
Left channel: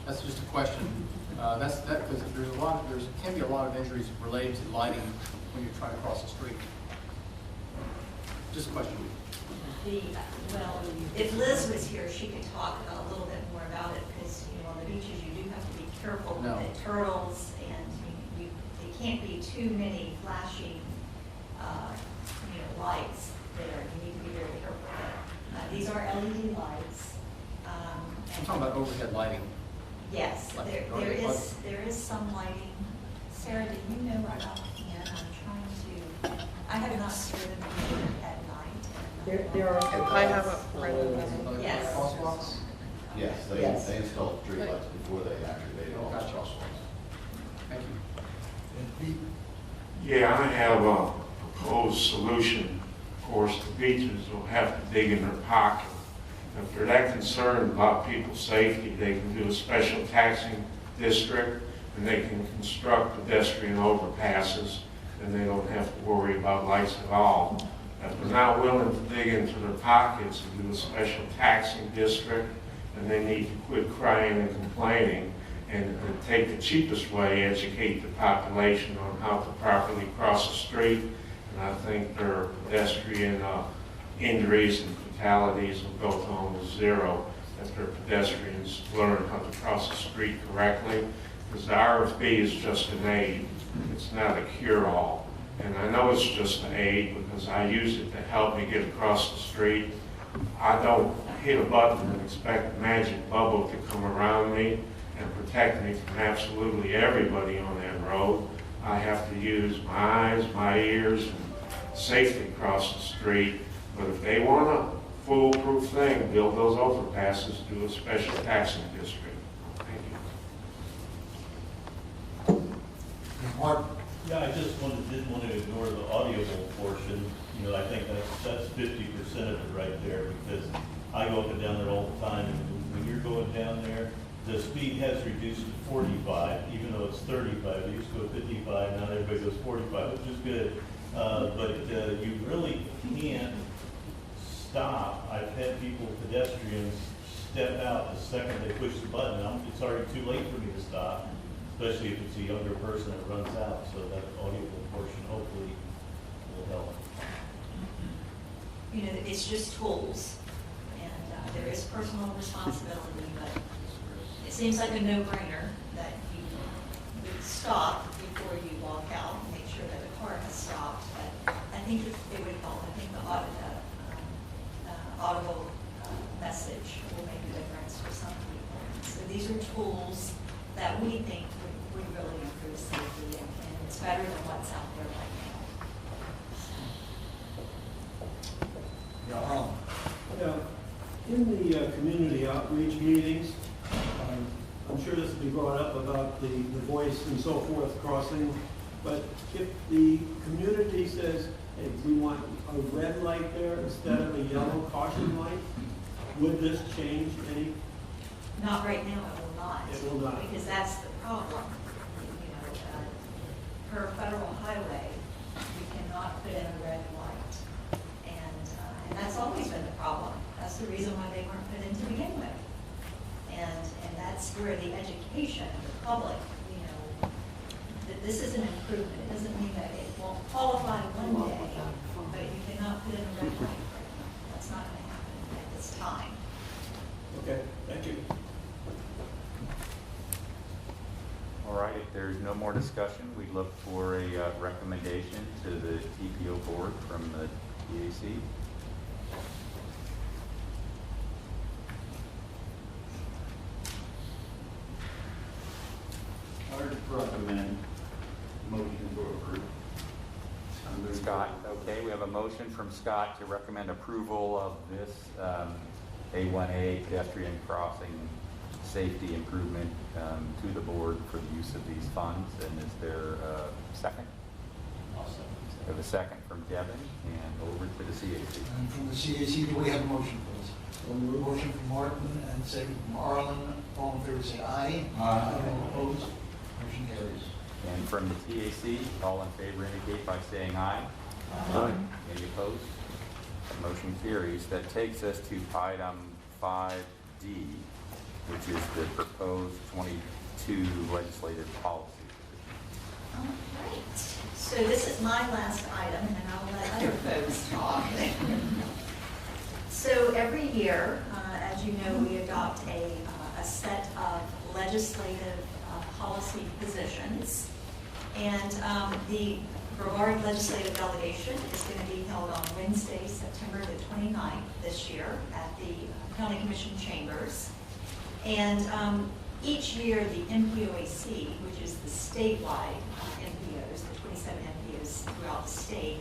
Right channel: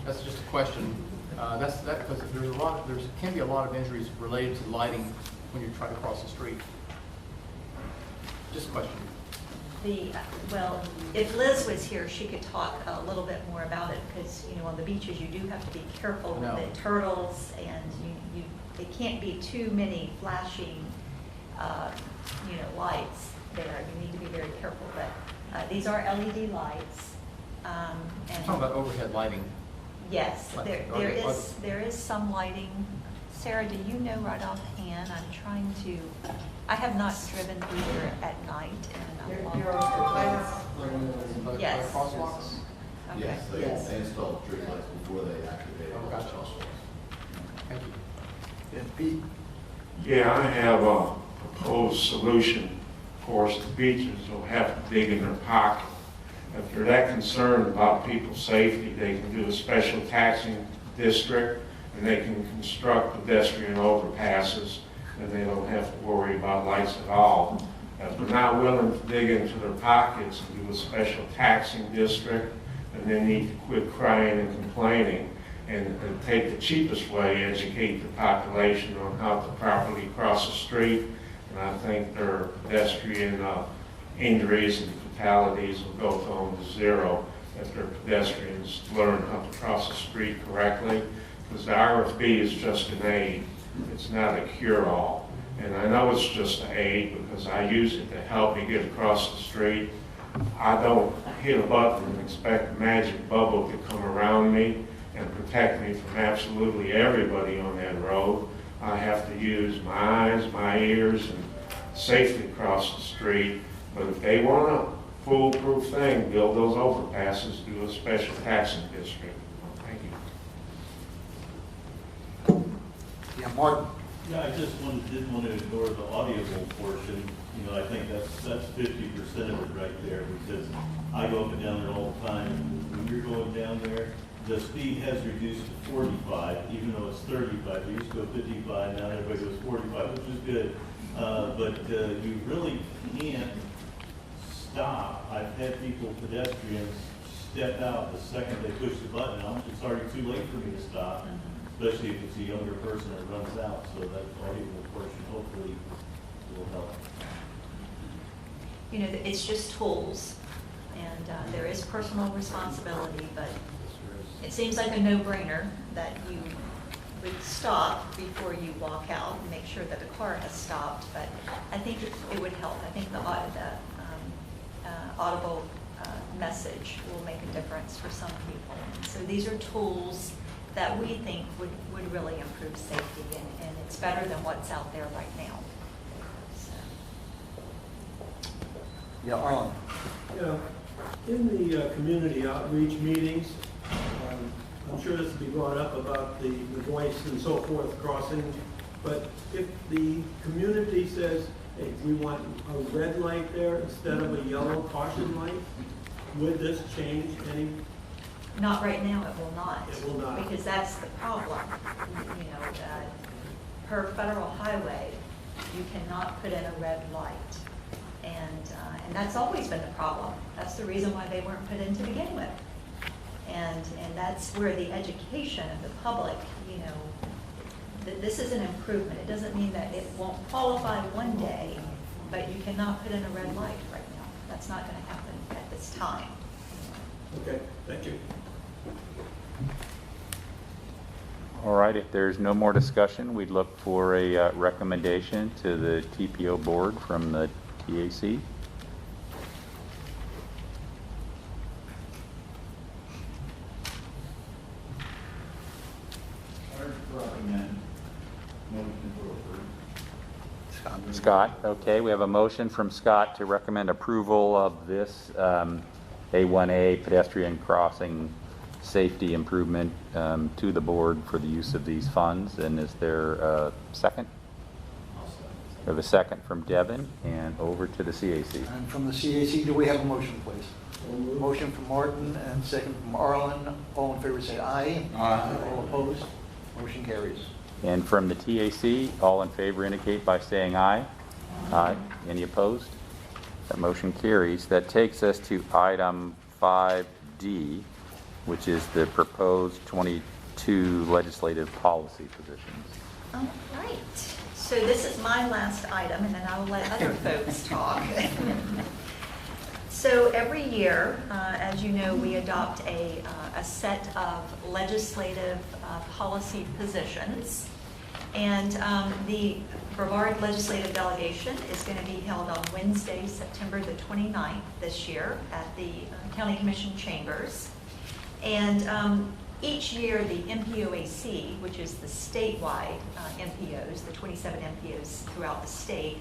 That's just a question. Because there can be a lot of injuries related to lighting when you try to cross the street. Just a question. Well, if Liz was here, she could talk a little bit more about it, because, on the beaches, you do have to be careful with No. the turtles, and there can't be too many flashing, lights there. You need to be very careful with it. These are LED lights. I'm talking about overhead lighting. Yes, there is some lighting. Sarah, do you know right offhand? I have not driven either at night. There are, I have, Yes. Crosswalks? Yes, Yes. they install streetlights before they activate all those crosswalks. Thank you. And Pete? Yeah, I have a proposed solution. Of course, the beaches will have to dig in their pocket. If they're that concerned about people's safety, they can do a special taxing district, and they can construct pedestrian overpasses, and they don't have to worry about lights at all. If they're not willing to dig into their pockets and do a special taxing district, then they need to quit crying and complaining and take the cheapest way, educate the population on how to properly cross the street. And I think their pedestrian injuries and fatalities will go to almost zero if their pedestrians learn how to cross the street correctly. Because the RFB is just an aid. It's not a cure-all. And I know it's just an aid because I use it to help me get across the street. I don't hit a button and expect a magic bubble to come around me and protect me from absolutely everybody on that road. I have to use my eyes, my ears, and safely cross the street. But if they want a foolproof thing, build those overpasses, do a special taxing district. Thank you. Yeah, Mark? Yeah, I just didn't want to ignore the audio portion. I think that's 50% of it right there, because I go up and down there all the time. And when you're going down there, the speed has reduced to 45, even though it's 35. They used to go 55, now everybody goes 45, which is good. But you really can't stop. I've had people, pedestrians, step out the second they push the button out. It's already too late for me to stop, especially if it's a younger person that runs out. So that audio portion hopefully will help. It's just tools, and there is personal responsibility, but it seems like a no-brainer that you would stop before you walk out and make sure that the car has stopped. But I think it would help. I think the audible message will make a difference for some people. So these are tools that we think would really improve safety, and it's better than what's out there right now. Yeah, Arlen? Yeah, in the community outreach meetings, I'm sure this will be brought up about the voice and so forth crossing, but if the community says, hey, we want a red light there instead of a yellow caution light, would this change any? Not right now, it will not. It will not. Because that's the problem. Per federal highway, you cannot put in a red light. And that's always been the problem. That's the reason why they weren't put in to begin with. And that's where the education of the public, that this is an improvement. It doesn't mean that it won't qualify one day, but you cannot put in a red light right now. That's not going to happen at this time. Okay, thank you. All right, if there's no more discussion, we'd look for a recommendation to the TPO board from the TAC. Recommend motion to approve. Scott, okay, we have a motion from Scott to recommend approval of this A1A pedestrian crossing safety improvement to the board for the use of these funds. And is there a second? We have a second from Devin, and over to the CAC. And from the CAC, do we have a motion, please? Motion from Martin and second from Arlen. All in favor say aye. Aye. All opposed? Motion carries. And from the TAC, all in favor indicate by saying aye. Aye. Any opposed? That motion carries. That takes us to item 5D, which is the proposed 22 legislative policy positions. All right. So this is my last item, and then I'll let other folks talk. So every year, as you know, we adopt a set of legislative policy positions. And the Brevard Legislative Delegation is going to be held on Wednesday, September the 29th this year at the County Commission Chambers. And each year, the NPOAC, which is the statewide NPOs, the 27 NPOs throughout the state,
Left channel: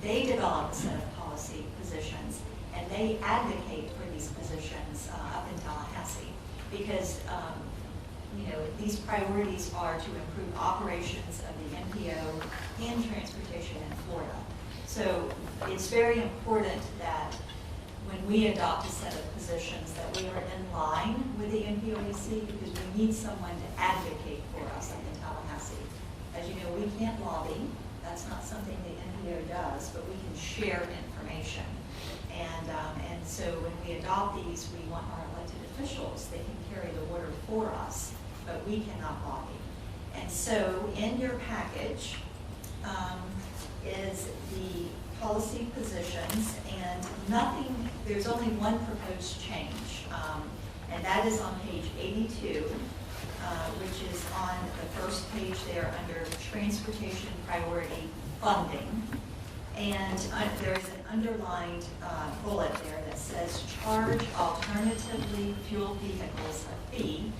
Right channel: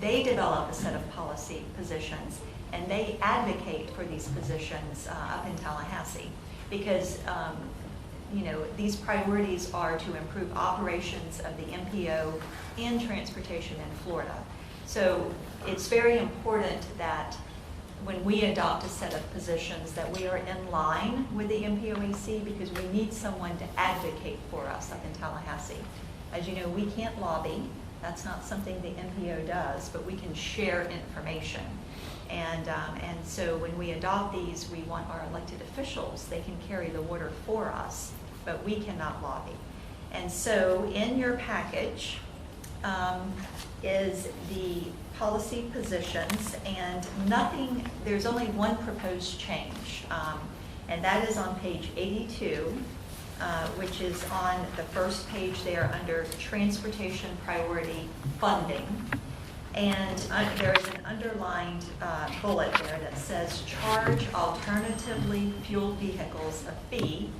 they develop a set of policy positions, and they advocate for these positions up in Tallahassee because these priorities are to improve operations of the NPO and transportation in Florida. So it's very important that when we adopt a set of positions that we are in line with the NPOAC because we need someone to advocate for us up in Tallahassee. As you know, we can't lobby. That's not something the NPO does, but we can share information. And so when we adopt these, we want our elected officials, they can carry the water for us, but we cannot lobby. And so in your package is the policy positions, and there's only one proposed change, and that is on page 82, which is on the first page there under transportation priority funding. And there's an underlined bullet there that says charge alternatively fueled vehicles a fee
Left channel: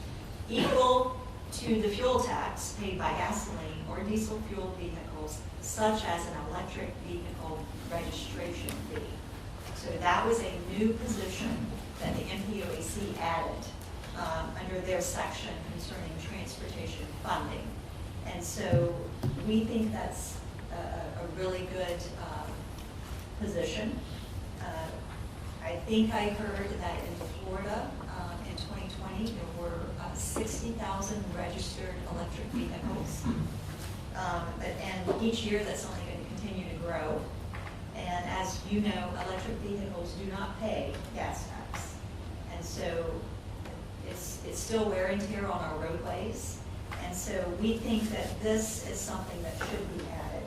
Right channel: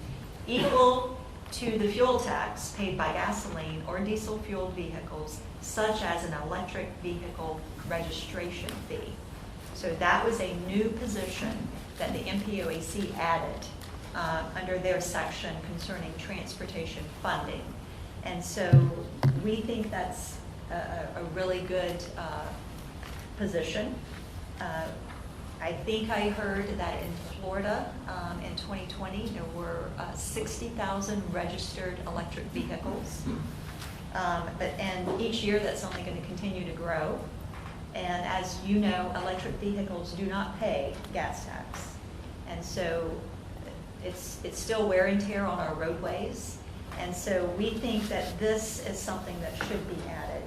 equal to the fuel tax paid by gasoline or diesel fueled vehicles, such as an electric vehicle registration fee. So that was a new position that the NPOAC added under their section concerning transportation funding. And so we think that's a really good position. I think I heard that in Florida in 2020 there were 60,000 registered electric vehicles. And each year that's only going to continue to grow. And as you know, electric vehicles do not pay gas tax. And so it's still wear and tear on our roadways. And so we think that this is something that should be added,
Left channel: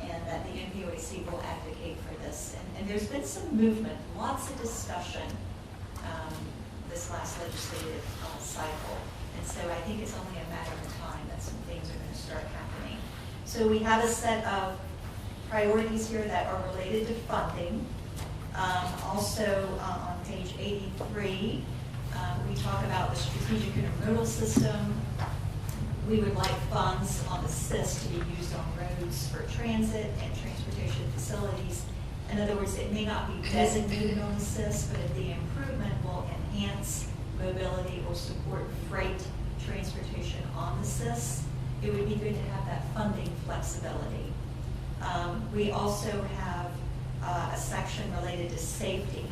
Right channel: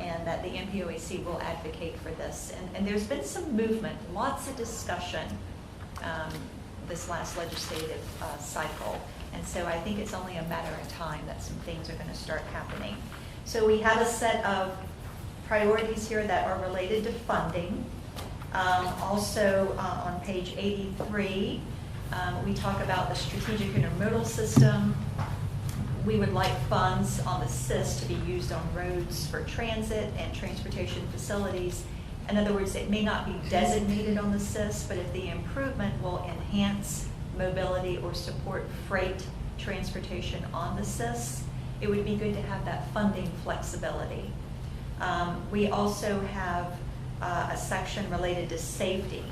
and that the NPOAC will advocate for this. And there's been some movement, lots of discussion this last legislative cycle. And so I think it's only a matter of time that some things are going to start happening. So we have a set of priorities here that are related to funding. Also on page 83, we talk about the strategic intermodal system. We would like funds on the SIS to be used on roads for transit and transportation facilities. In other words, it may not be designated on the SIS, but if the improvement will enhance mobility or support freight transportation on the SIS, it would be good to have that funding flexibility. We also have a section related to safety.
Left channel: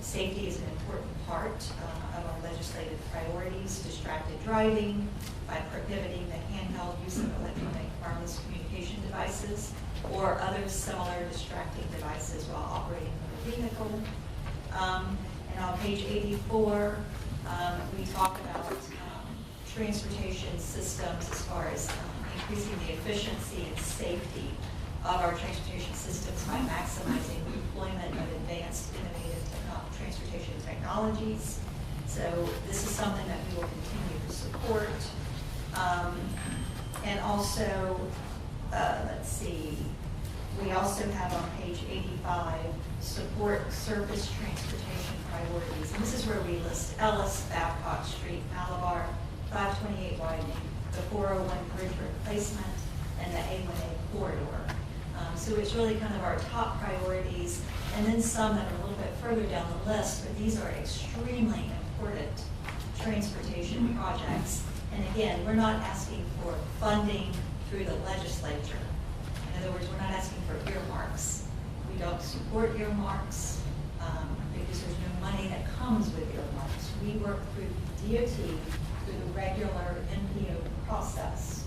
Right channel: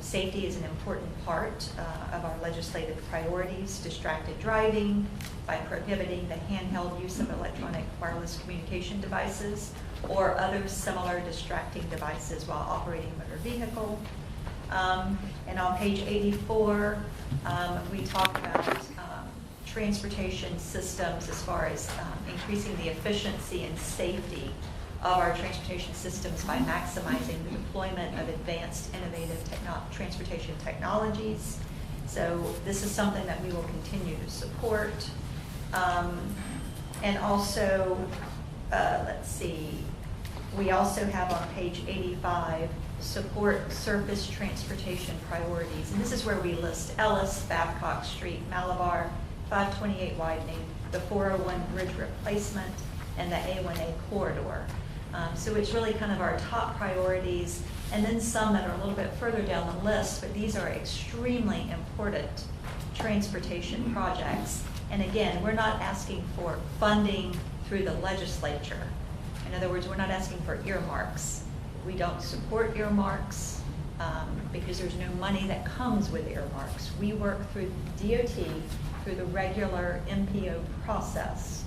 Safety is an important part of our legislative priorities, distracted driving, by prohibiting the handheld use of electronic wireless communication devices or other similar distracting devices while operating the vehicle. And on page 84, we talk about transportation systems as far as increasing the efficiency and safety of our transportation systems by maximizing the deployment of advanced innovative transportation technologies. So this is something that we will continue to support. And also, let's see, we also have on page 85, support surface transportation priorities. And this is where we list Ellis, Babcock Street, Malabar, 528 widening, the 401 bridge replacement, and the A1A corridor. So it's really kind of our top priorities, and then some that are a little bit further down the list, but these are extremely important transportation projects. And again, we're not asking for funding through the legislature. In other words, we're not asking for earmarks. We don't support earmarks because there's no money that comes with earmarks. We work through DOT, through the regular NPO process.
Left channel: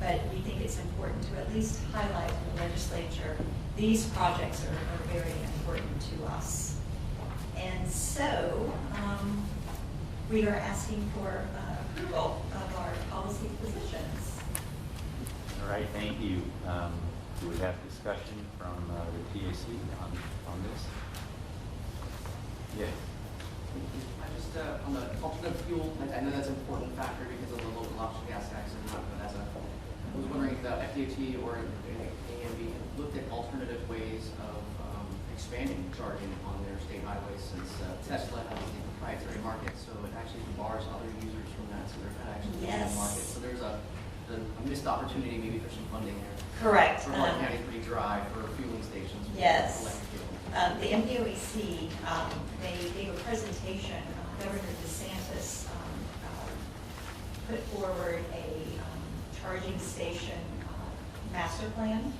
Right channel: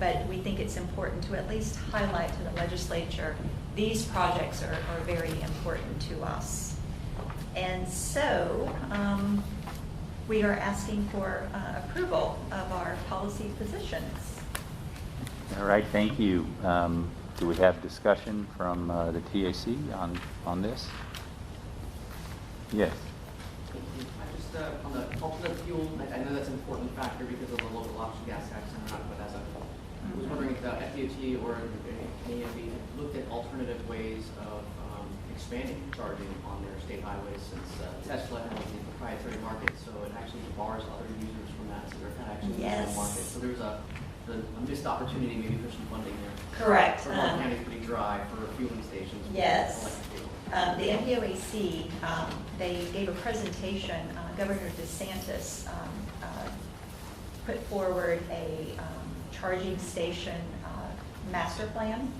but we think it's important to at least highlight to the legislature, these projects are very important to us. And so, we are asking for approval of our policy positions. All right, thank you. Do we have discussion from the TAC on this? Yes. I just, on the alternate fuel, I know that's an important factor because of the local option gas tax and not that's I was wondering if the FDOT or PD&E have looked at alternative ways of expanding charging on their state highways, since Tesla has a proprietary market, so it actually bars other users from that, so they're not actually in the market. So there's a missed opportunity maybe for some funding there. Correct. Vermont County is pretty dry for fueling stations. with Yes. electric vehicles. The MPOAC, they gave a presentation, Governor DeSantis put forward a charging station master plan.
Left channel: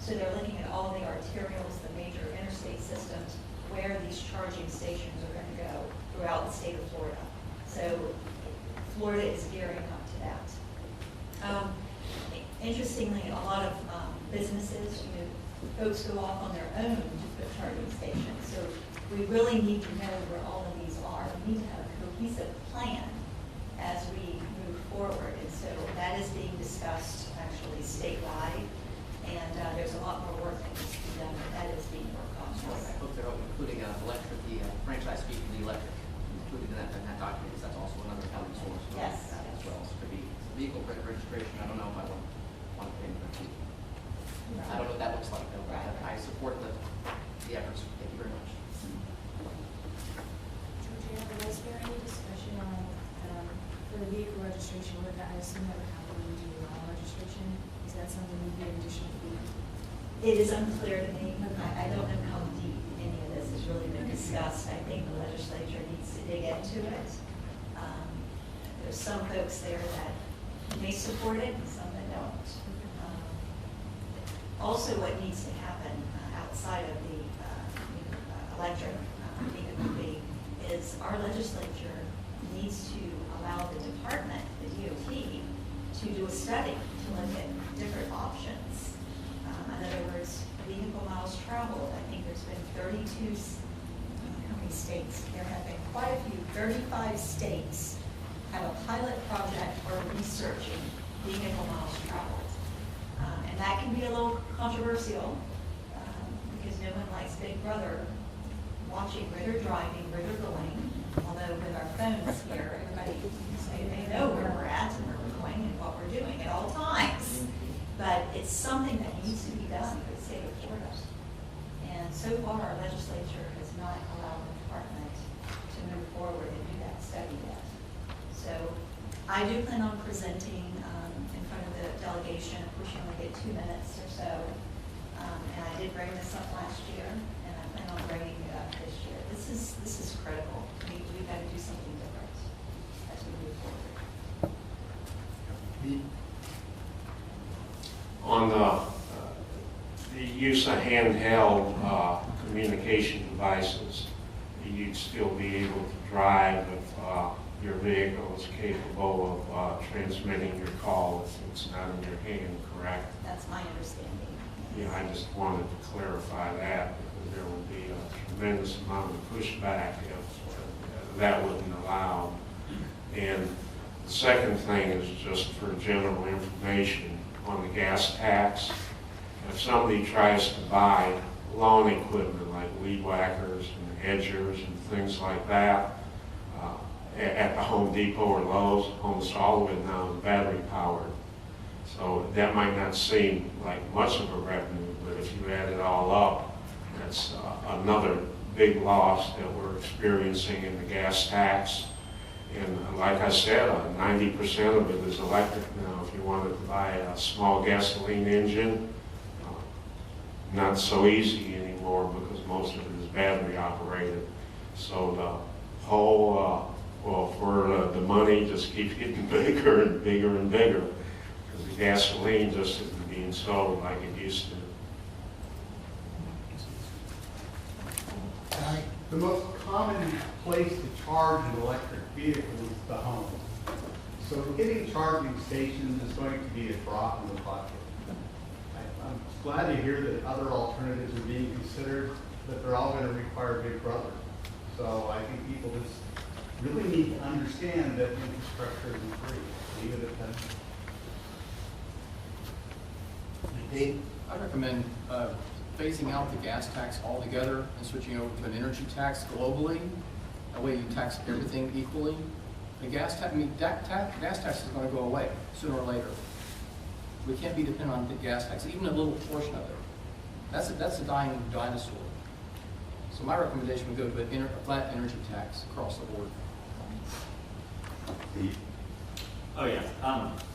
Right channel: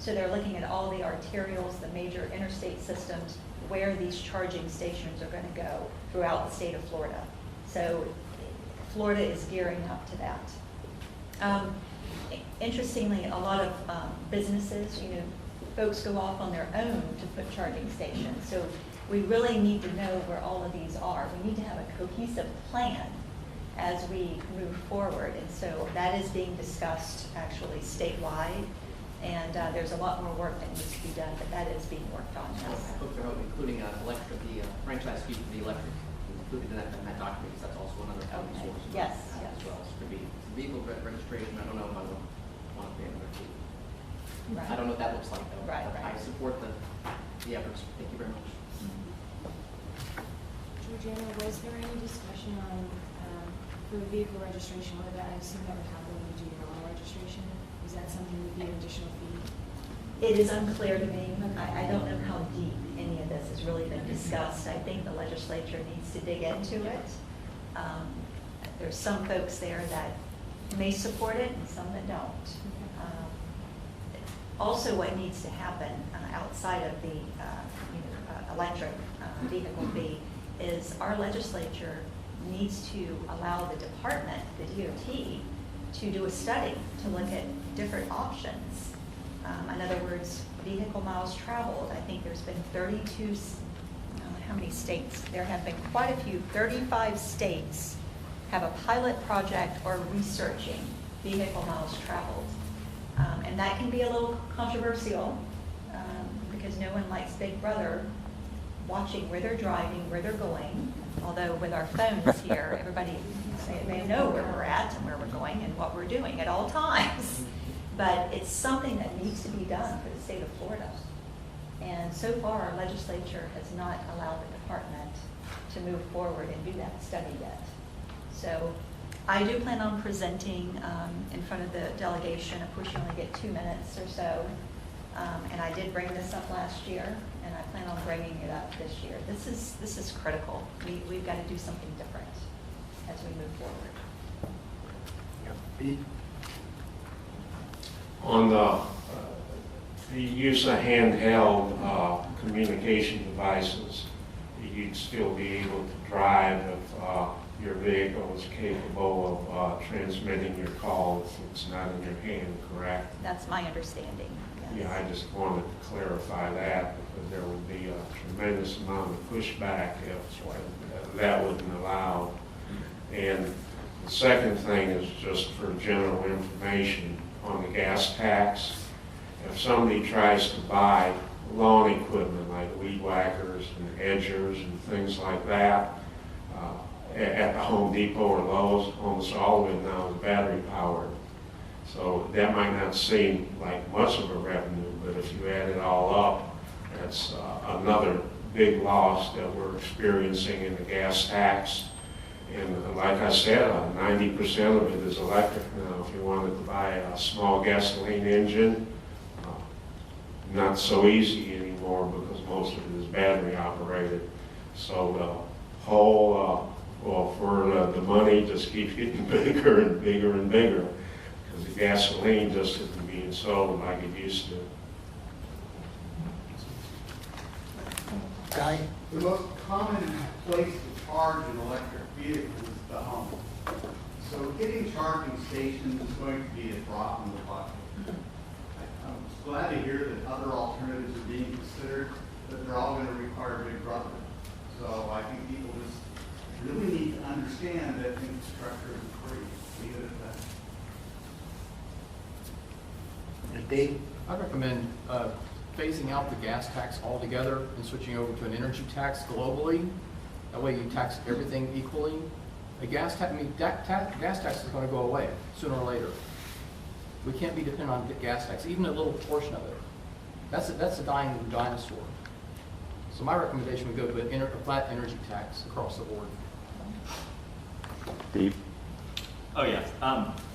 So they're looking at all the arterials, the major interstate systems, where these charging stations are going to go throughout the state of Florida. So Florida is gearing up to that. Interestingly, a lot of businesses, folks go off on their own to put charging stations. So we really need to know where all of these are. We need to have a cohesive plan as we move forward. And so that is being discussed actually statewide. And there's a lot more work that needs to be done, but that is being worked on. Looked at including electric, the franchise fee for the electric, included in that document, because that's also another county source. Yes. As well, so could be vehicle registration, I don't know, I don't want to pay for it. I don't know what that looks like, though. Right. I support the efforts. Thank you very much. Georgiana, was there any discussion on, for the vehicle registration, whether I assume that would probably do your own registration? Is that something that you additionally do? It is unclear to me. I don't know how deep any of this has really been discussed. I think the legislature needs to dig into it. There's some folks there that may support it and some that don't. Also, what needs to happen outside of the electric vehicle fee is our legislature needs to allow the department, the DOT, to do a study to look at different options. In other words, vehicle miles traveled. I think there's been 32, I don't know how many states. There have been quite a few, 35 states have a pilot project or researching vehicle miles traveled. And that can be a little controversial because no one likes Big Brother watching where they're driving, where they're going. Although with our phones here, everybody, they know where we're at and where we're going and what we're doing at all times. But it's something that needs to be done for the state of Florida. And so far, our legislature has not allowed the department to move forward and do that study yet. So I do plan on presenting in front of the delegation. Of course, you only get 2 minutes or so. And I did bring this up last year, and I plan on bringing it up this year. This is critical. We've got to do something different as we move forward. Pete? On the use of handheld communication devices, you'd still be able to drive if your vehicle is capable of transmitting your call if it's not in your hand, correct? That's my understanding. Yeah, I just wanted to clarify that because there would be a tremendous amount of pushback if that wasn't allowed. And the second thing is just for general information on the gas tax. If somebody tries to buy lawn equipment like weed whackers and edgers and things like that at the Home Depot or Lowe's, almost all of it now is battery powered. So that might not seem like much of a revenue, but if you add it all up, that's another big loss that we're experiencing in the gas tax. And like I said, 90% of it is electric now. If you wanted to buy a small gasoline engine, not so easy anymore because most of it is battery operated. So the whole, the money just keeps getting bigger and bigger and bigger because the gasoline just isn't being sold like it used to. Guy? The most common place to charge an electric vehicle is the home. So getting charging stations is going to be a drop in the bucket. I'm glad to hear that other alternatives are being considered, but they're all going to require Big Brother. So I think people just really need to understand that infrastructure isn't free. Leave it at that. Dave? I recommend phasing out the gas tax altogether and switching over to an energy tax globally. That way you tax everything equally. The gas tax, gas tax is going to go away sooner or later. We can't be dependent on the gas tax, even a little portion of it. That's a dying dinosaur. So my recommendation would go to a flat energy tax across the board. Steve? Oh, yeah.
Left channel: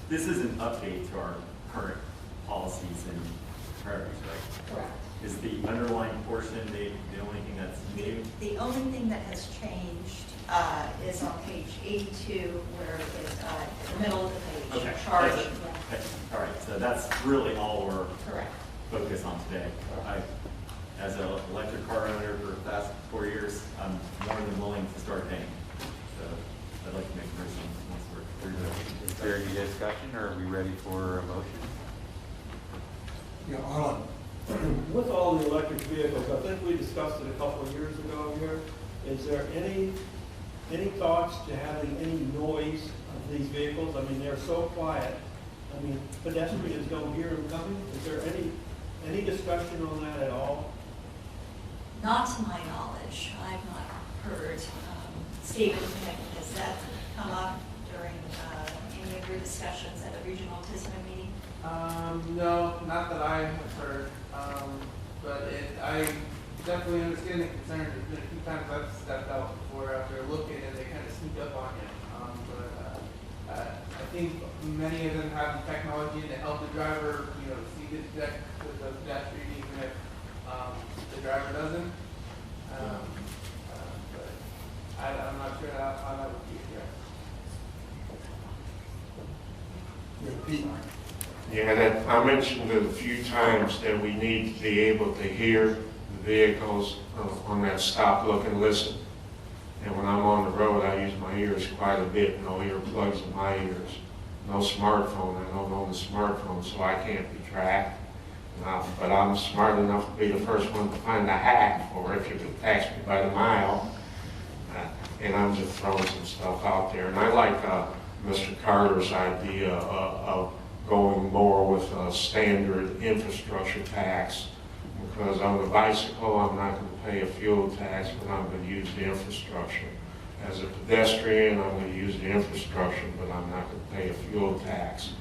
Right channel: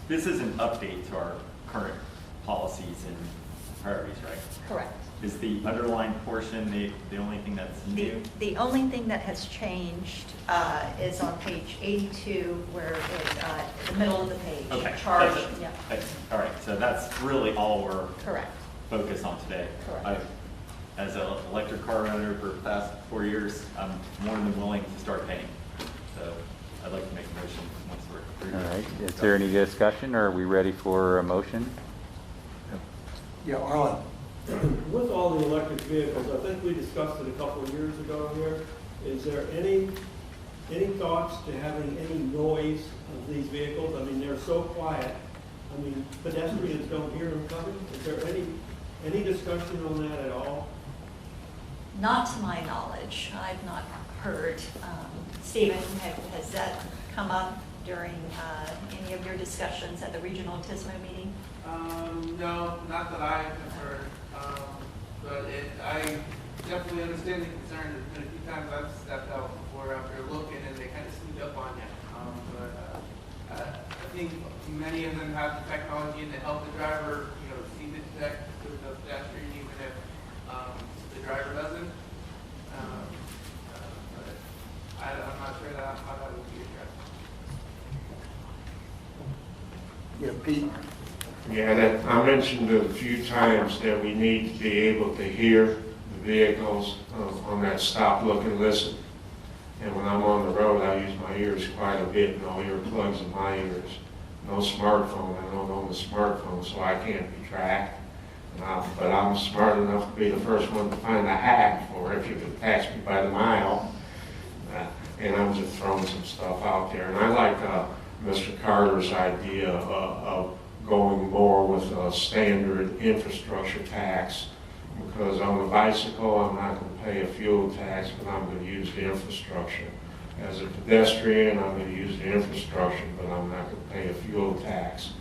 This is an update to our current policies and priorities, right? Correct. Is the underlying portion the only thing that's new? The only thing that has changed is on page 82, where it's in the middle of the page. Okay. Charge. Okay. All right. So that's really all we're Correct. focused on today. As an electric car owner for the past 4 years, I'm more than willing to start paying. So I'd like to make a motion once we're All right. Is there any discussion, or are we ready for a motion? Yeah, Alan. With all the electric vehicles, I think we discussed it a couple of years ago here. Is there any thoughts to having any noise of these vehicles? I mean, they're so quiet. I mean, pedestrians don't hear them coming. Is there any discussion on that at all? Not to my knowledge. I've not heard. Stephen, has that come up during any of your discussions at the regional TISMO meeting? No, not that I've heard. But I definitely understand the concern. There's been a few times I've stepped out before out there looking, and they kind of sneak up on you. I think many of them have the technology to help the driver, see the pedestrian, even if the driver doesn't. But I'm not sure how that would be addressed. Yeah, Pete? Yeah, that, I mentioned it a few times that we need to be able to hear the vehicles on that stop, look, and listen. And when I'm on the road, I use my ears quite a bit. No earplugs in my ears. No smartphone. I don't own a smartphone, so I can't be tracked. But I'm smart enough to be the first one to find a hack, or if you can pass me by the mile. And I'm just throwing some stuff out there. And I like Mr. Carter's idea of going more with a standard infrastructure tax, because on the bicycle I'm not going to pay a fuel tax, but I'm going to use the infrastructure. As a pedestrian, I'm going to use the infrastructure, but I'm not going to pay a fuel tax.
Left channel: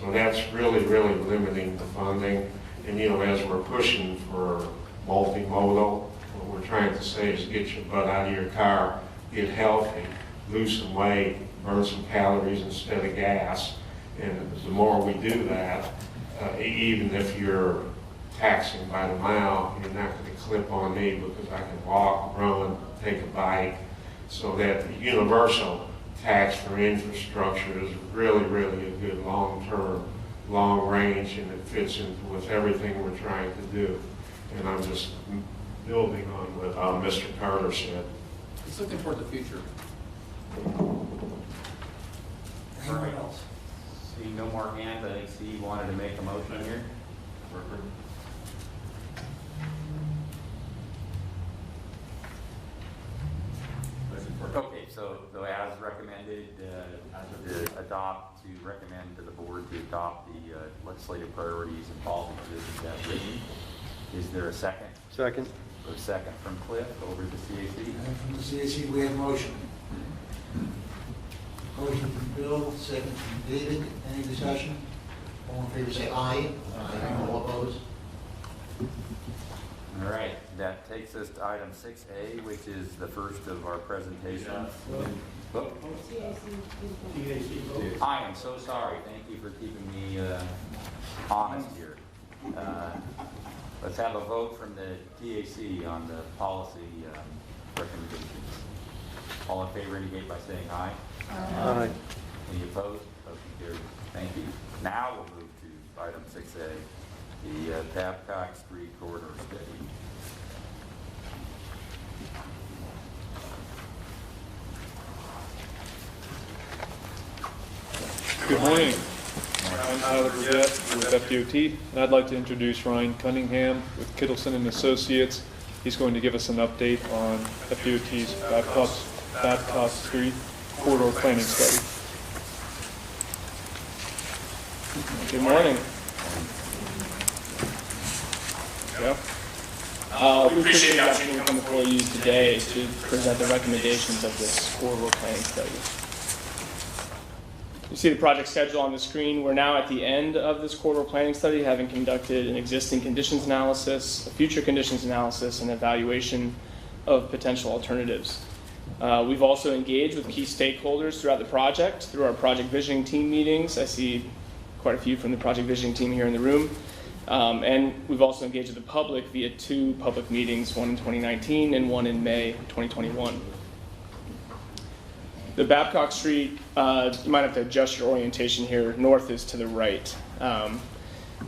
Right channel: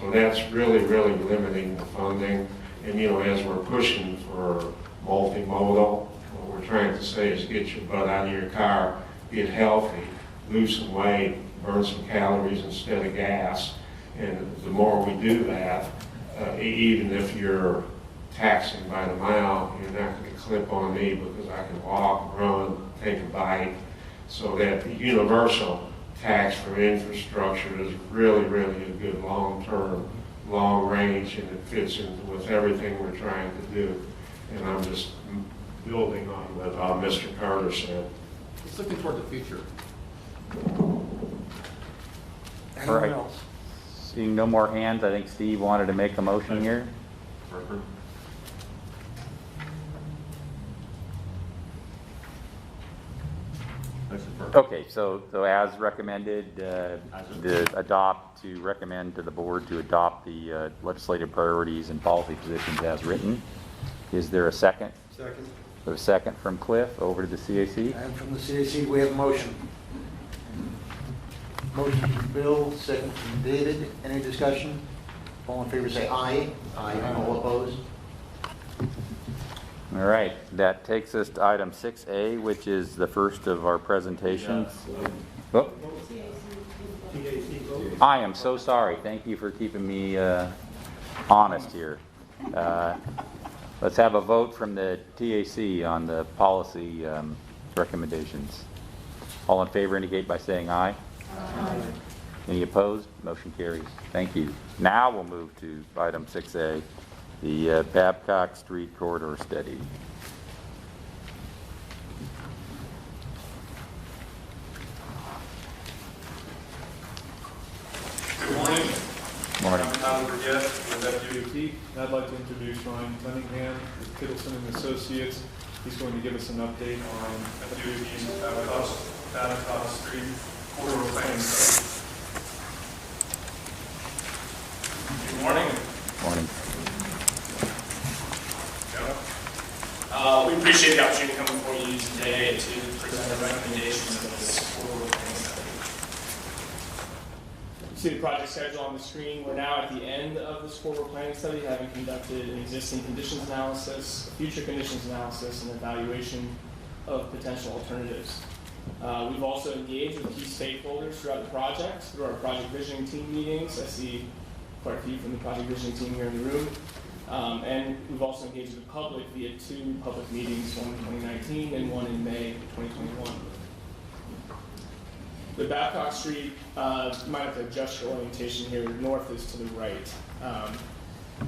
So that's really, really limiting the funding. And as we're pushing for multimodal, what we're trying to say is get your butt out of your car, get healthy, lose some weight, burn some calories instead of gas. And the more we do that, even if you're taxing by the mile, you're not going to clip on me because I can walk, run, take a bike. So that the universal tax for infrastructure is really, really a good long-term, long-range, and it fits into with everything we're trying to do. And I'm just building on what Mr. Carter said. It's looking toward the future. All right. Seeing no more hands, I think Steve wanted to make a motion here. Okay, so as recommended, recommend to the board to adopt the legislative priorities and policy positions as written. Is there a second? Second. A second from Cliff, over to the CAC. And from the CAC, we have a motion. Motion from Bill, second from David. Any discussion? All in favor say aye. Aye. All opposed? All right, that takes us to item 6A, which is the first of our presentations. Oh. I am so sorry. Thank you for keeping me honest here. Let's have a vote from the TAC on the policy recommendations. All in favor indicate by saying aye. Aye. Any opposed? Motion carries. Thank you. Now we'll move to item 6A, the Babcock Street Corridor Study. Tyler with FDOT, and I'd like to introduce Ryan Cunningham with Kittleson and Associates. He's going to give us an update on FDOT's Babcock Street corridor planning study. Good morning. We appreciate the opportunity to come before you today to present the recommendations of this corridor planning study. You see the project schedule on the screen. We're now at the end of this corridor planning study, having conducted an existing conditions analysis, a future conditions analysis, and evaluation of potential alternatives. We've also engaged with key stakeholders throughout the project through our project visioning team meetings. I see quite a few from the project visioning team here in the room. And we've also engaged with the public via 2 public meetings, one in 2019 and one in May 2021. The Babcock Street, you might have to adjust your orientation here. North is to the right.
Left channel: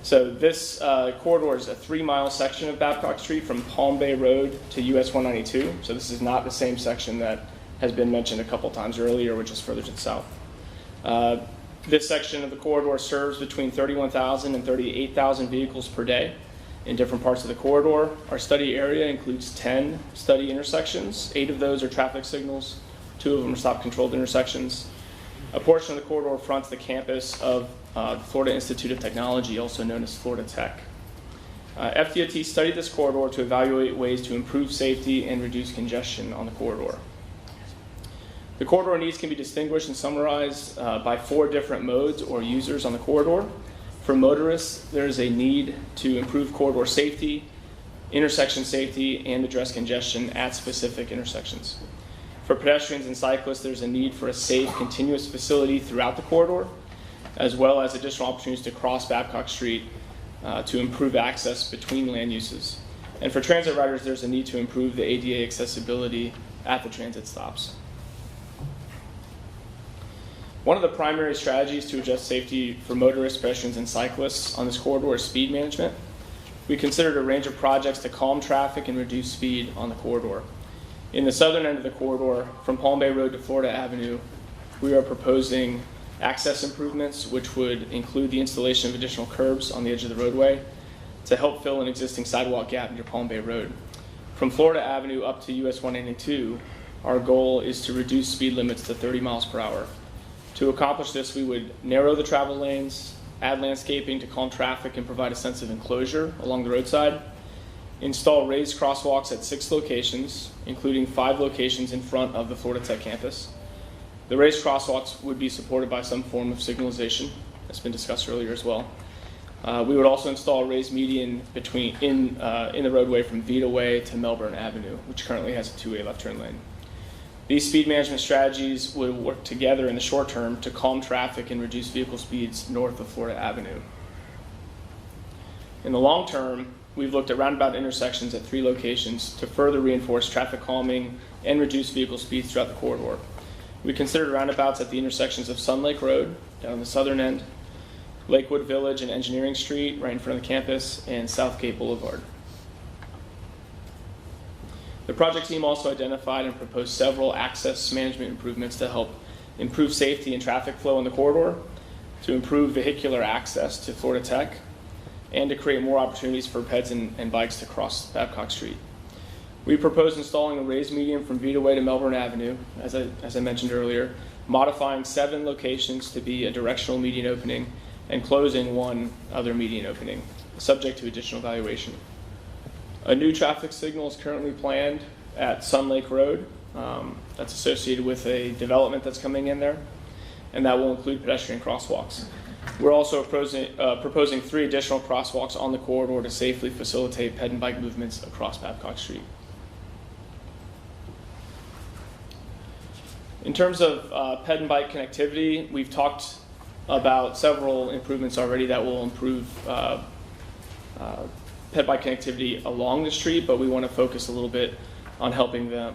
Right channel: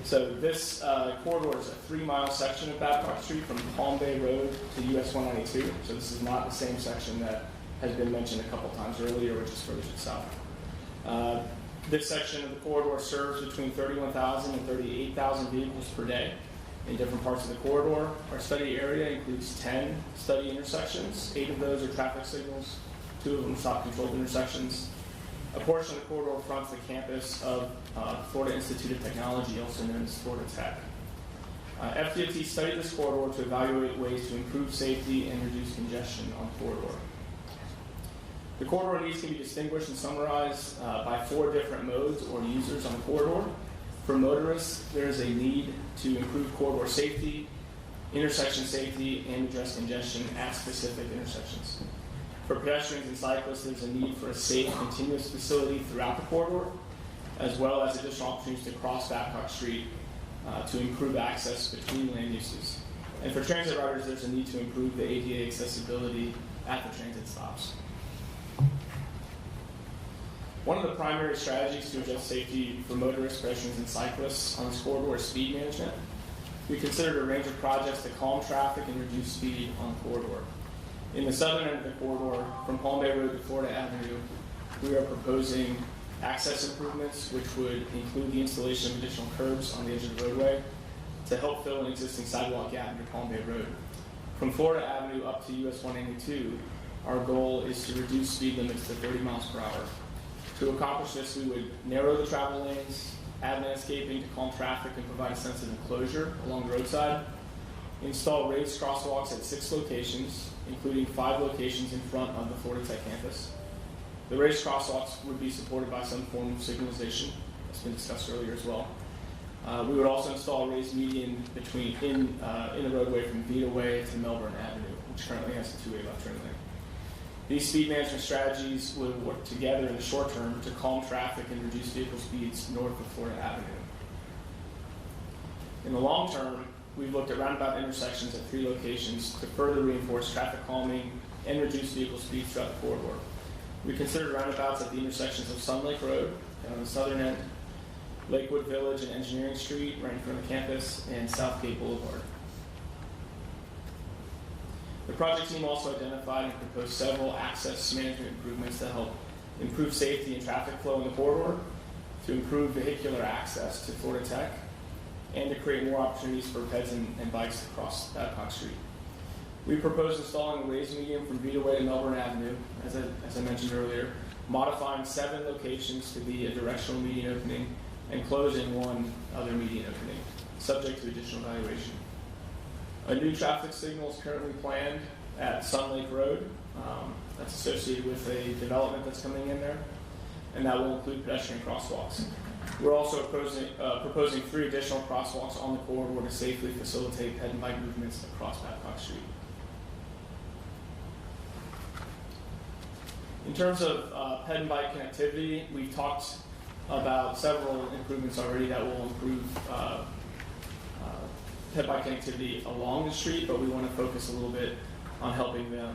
So this corridor is a 3-mile section of Babcock Street from Palm Bay Road to US 192. So this is not the same section that has been mentioned a couple times earlier, which is further to the south. This section of the corridor serves between 31,000 and 38,000 vehicles per day in different parts of the corridor. Our study area includes 10 study intersections. 8 of those are traffic signals. 2 of them are stop-controlled intersections. A portion of the corridor fronts the campus of Florida Institute of Technology, also known as Florida Tech. FDOT studied this corridor to evaluate ways to improve safety and reduce congestion on the corridor. The corridor needs can be distinguished and summarized by 4 different modes or users on the corridor. For motorists, there is a need to improve corridor safety, intersection safety, and address congestion at specific intersections. For pedestrians and cyclists, there's a need for a safe, continuous facility throughout the corridor, as well as additional opportunities to cross Babcock Street to improve access between land uses. And for transit riders, there's a need to improve the ADA accessibility at the transit stops. One of the primary strategies to adjust safety for motorists, pedestrians, and cyclists on this corridor is speed management. We considered a range of projects to calm traffic and reduce speed on the corridor. In the southern end of the corridor, from Palm Bay Road to Florida Avenue, we are proposing access improvements, which would include the installation of additional curbs on the edge of the roadway to help fill an existing sidewalk gap near Palm Bay Road. From Florida Avenue up to US 192, our goal is to reduce speed limits to 30 miles per hour. To accomplish this, we would narrow the travel lanes, add landscaping to calm traffic and provide a sense of enclosure along the roadside, install raised crosswalks at 6 locations, including 5 locations in front of the Florida Tech campus. The raised crosswalks would be supported by some form of signalization, that's been discussed earlier as well. We would also install a raised median in the roadway from Vita Way to Melbourne Avenue, which currently has a 2-way left turn lane. These speed management strategies would work together in the short term to calm traffic and reduce vehicle speeds north of Florida Avenue. In the long term, we've looked at roundabout intersections at 3 locations to further reinforce traffic calming and reduce vehicle speeds throughout the corridor. We considered roundabouts at the intersections of Sun Lake Road, down on the southern end, Lakewood Village and Engineering Street, right in front of the campus, and Southgate Boulevard. The project team also identified and proposed several access management improvements to help improve safety and traffic flow in the corridor, to improve vehicular access to Florida Tech, and to create more opportunities for peds and bikes to cross Babcock Street. We proposed installing a raised median from Vita Way to Melbourne Avenue, as I mentioned earlier, modifying 7 locations to be a directional median opening, and closing 1 other median opening, subject to additional evaluation. A new traffic signal is currently planned at Sun Lake Road. That's associated with a development that's coming in there, and that will include pedestrian crosswalks. We're also proposing 3 additional crosswalks on the corridor to safely facilitate ped and bike movements across Babcock Street. In terms of ped and bike connectivity, we've talked about several improvements already that will improve ped bike connectivity along the street, but we want to focus a little bit on helping them.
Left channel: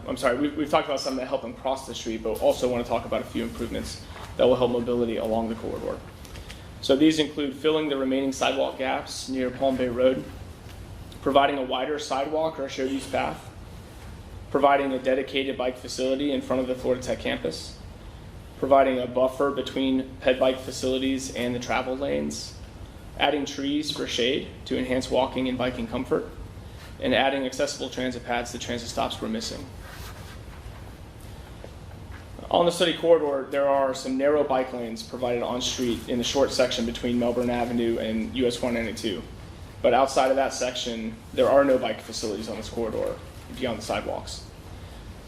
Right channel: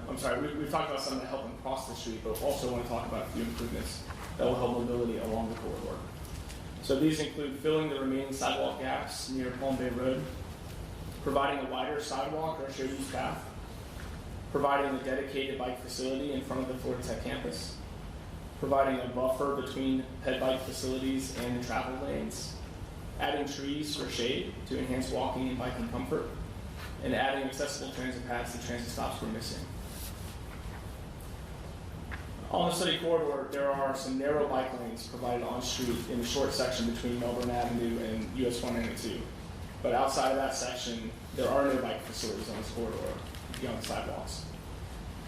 We've talked about some that help them cross the street, but also want to talk about a few improvements that will help mobility along the corridor. So these include filling the remaining sidewalk gaps near Palm Bay Road, providing a wider sidewalk or a shared use path, providing a dedicated bike facility in front of the Florida Tech campus, providing a buffer between ped bike facilities and the travel lanes, adding trees for shade to enhance walking and biking comfort, and adding accessible transit paths that transit stops were missing. On the study corridor, there are some narrow bike lanes provided on street in the short section between Melbourne Avenue and US 192. But outside of that section, there are no bike facilities on this corridor beyond the sidewalks.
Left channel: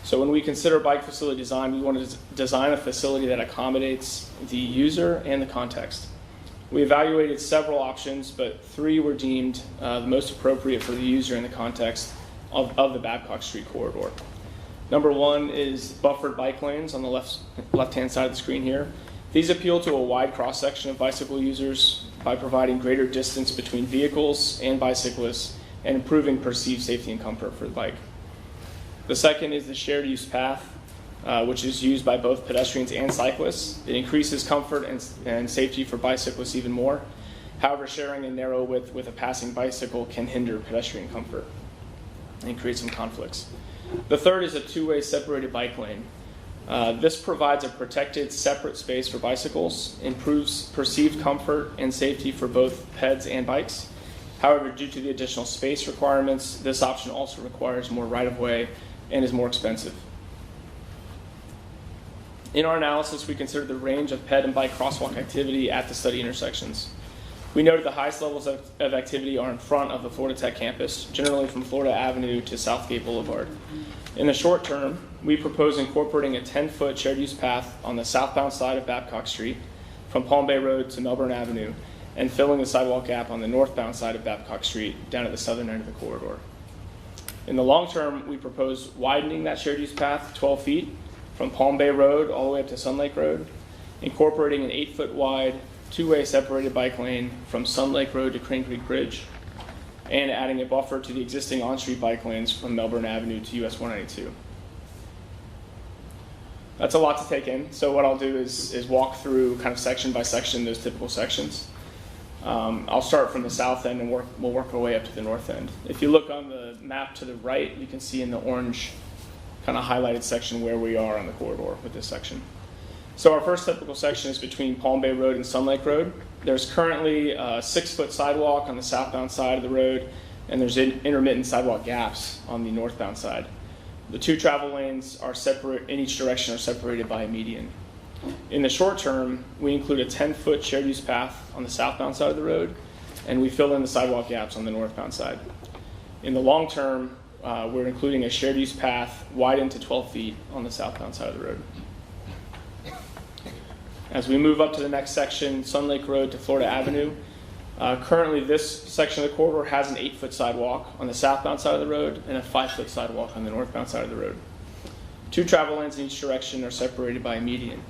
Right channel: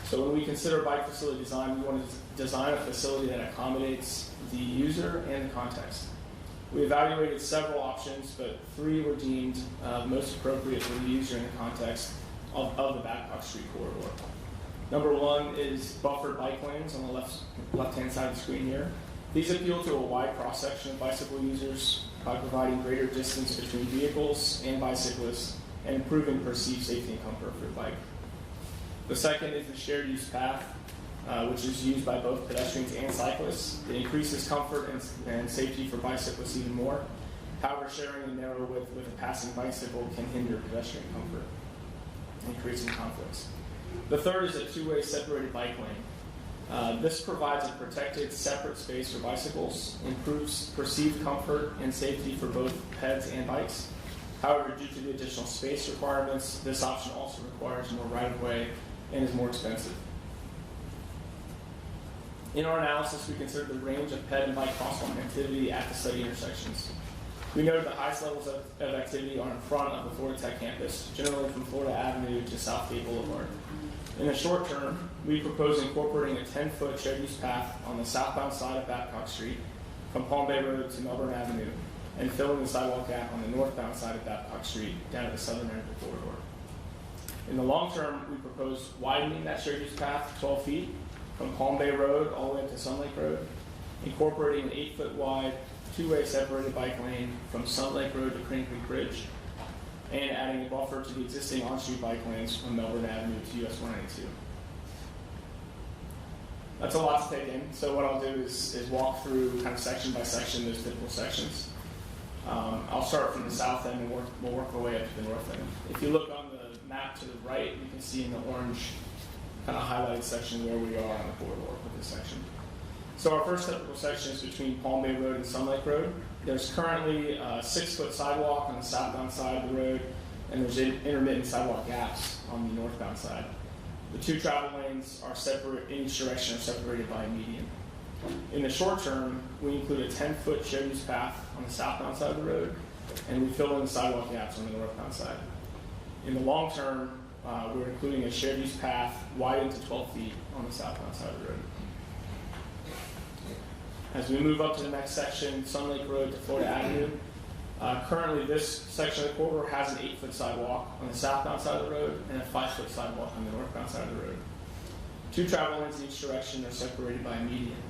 So when we consider bike facility design, we want to design a facility that accommodates the user and the context. We evaluated several options, but 3 were deemed the most appropriate for the user and the context of the Babcock Street corridor. Number 1 is buffered bike lanes on the left-hand side of the screen here. These appeal to a wide cross-section of bicycle users by providing greater distance between vehicles and bicyclists and improving perceived safety and comfort for the bike. The second is the shared use path, which is used by both pedestrians and cyclists. It increases comfort and safety for bicyclists even more. However, sharing a narrow width with a passing bicycle can hinder pedestrian comfort and create some conflicts. The third is a 2-way separated bike lane. This provides a protected, separate space for bicycles, improves perceived comfort and safety for both peds and bikes. However, due to the additional space requirements, this option also requires more right-of-way and is more expensive. In our analysis, we considered the range of ped and bike crosswalk activity at the study intersections. We noted the highest levels of activity are in front of the Florida Tech campus, generally from Florida Avenue to Southgate Boulevard. In the short term, we propose incorporating a 10-foot shared use path on the southbound side of Babcock Street from Palm Bay Road to Melbourne Avenue and filling the sidewalk gap on the northbound side of Babcock Street down at the southern end of the corridor. In the long term, we propose widening that shared use path 12 feet from Palm Bay Road all the way up to Sun Lake Road, incorporating an 8-foot wide 2-way separated bike lane from Sun Lake Road to Crane Creek Bridge, and adding a buffer to the existing on-street bike lanes from Melbourne Avenue to US 192. That's a lot to take in, so what I'll do is walk through kind of section by section those typical sections. I'll start from the south end and we'll work our way up to the north end. If you look on the map to the right, you can see in the orange kind of highlighted section where we are on the corridor with this section. So our first typical section is between Palm Bay Road and Sun Lake Road. There's currently a 6-foot sidewalk on the southbound side of the road, and there's intermittent sidewalk gaps on the northbound side. The 2 travel lanes are separate in each direction, are separated by a median. In the short term, we include a 10-foot shared use path on the southbound side of the road, and we fill in the sidewalk gaps on the northbound side. In the long term, we're including a shared use path widened to 12 feet on the southbound side of the road. As we move up to the next section, Sun Lake Road to Florida Avenue, currently this section of the corridor has an 8-foot sidewalk on the southbound side of the road and a 5-foot sidewalk on the northbound side of the road. 2 travel lanes in each direction are separated by a median.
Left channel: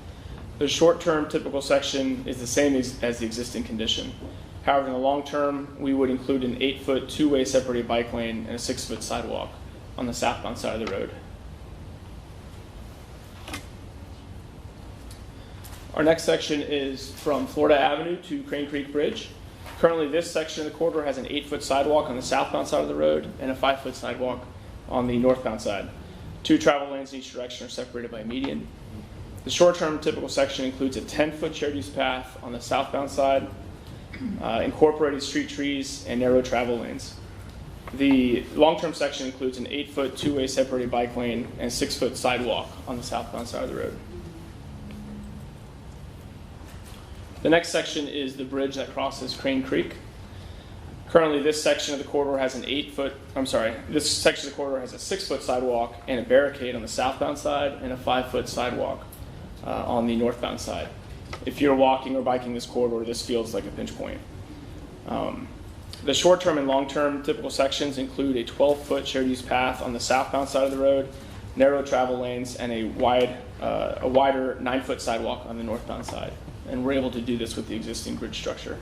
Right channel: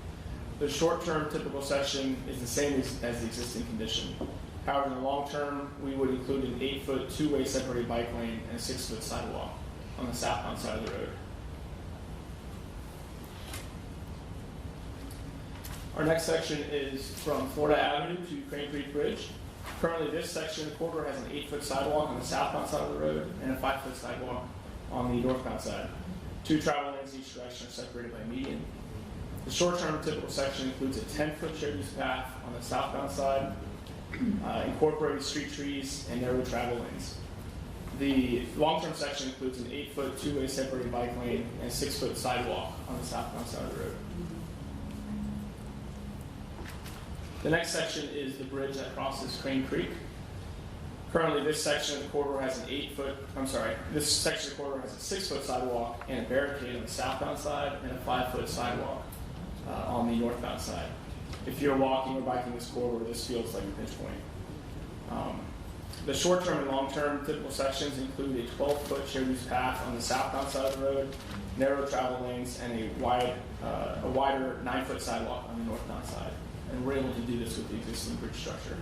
The short-term typical section is the same as the existing condition. However, in the long term, we would include an 8-foot 2-way separated bike lane and a 6-foot sidewalk on the southbound side of the road. Our next section is from Florida Avenue to Crane Creek Bridge. Currently, this section of the corridor has an 8-foot sidewalk on the southbound side of the road and a 5-foot sidewalk on the northbound side. 2 travel lanes in each direction are separated by a median. The short-term typical section includes a 10-foot shared use path on the southbound side, incorporating street trees and narrow travel lanes. The long-term section includes an 8-foot 2-way separated bike lane and a 6-foot sidewalk on the southbound side of the road. The next section is the bridge that crosses Crane Creek. Currently, this section of the corridor has this section of the corridor has a 6-foot sidewalk and a barricade on the southbound side and a 5-foot sidewalk on the northbound side. If you're walking or biking this corridor, this feels like a pinch point. The short-term and long-term typical sections include a 12-foot shared use path on the southbound side of the road, narrow travel lanes, and a wider 9-foot sidewalk on the northbound side. And we're able to do this with the existing bridge structure.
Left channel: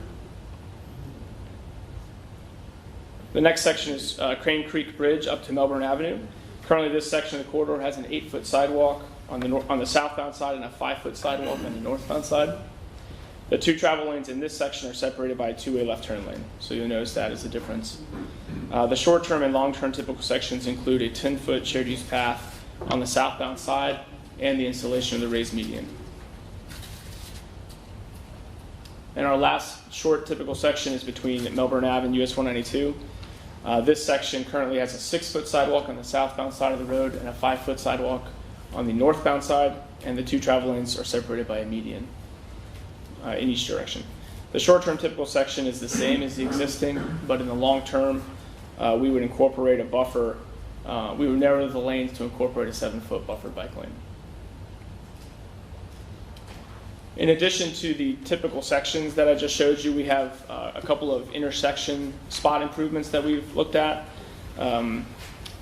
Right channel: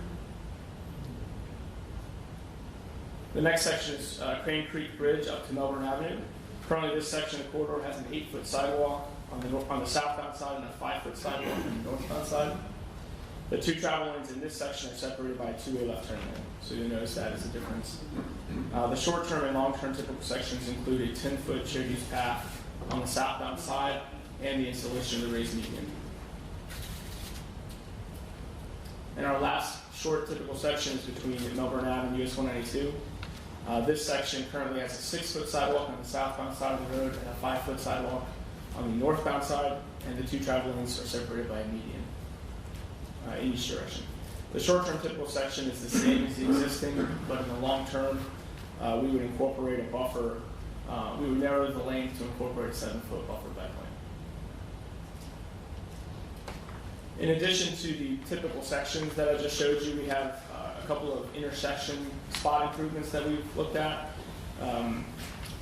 The next section is Crane Creek Bridge up to Melbourne Avenue. Currently, this section of the corridor has an 8-foot sidewalk on the southbound side and a 5-foot sidewalk on the northbound side. The 2 travel lanes in this section are separated by a 2-way left turn lane, so you'll notice that is a difference. The short-term and long-term typical sections include a 10-foot shared use path on the southbound side and the installation of the raised median. And our last short typical section is between Melbourne Ave and US 192. This section currently has a 6-foot sidewalk on the southbound side of the road and a 5-foot sidewalk on the northbound side, and the 2 travel lanes are separated by a median in each direction. The short-term typical section is the same as the existing, but in the long term, we would incorporate a buffer. We would narrow the lanes to incorporate a 7-foot buffer bike lane. In addition to the typical sections that I just showed you, we have a couple of intersection spot improvements that we've looked at.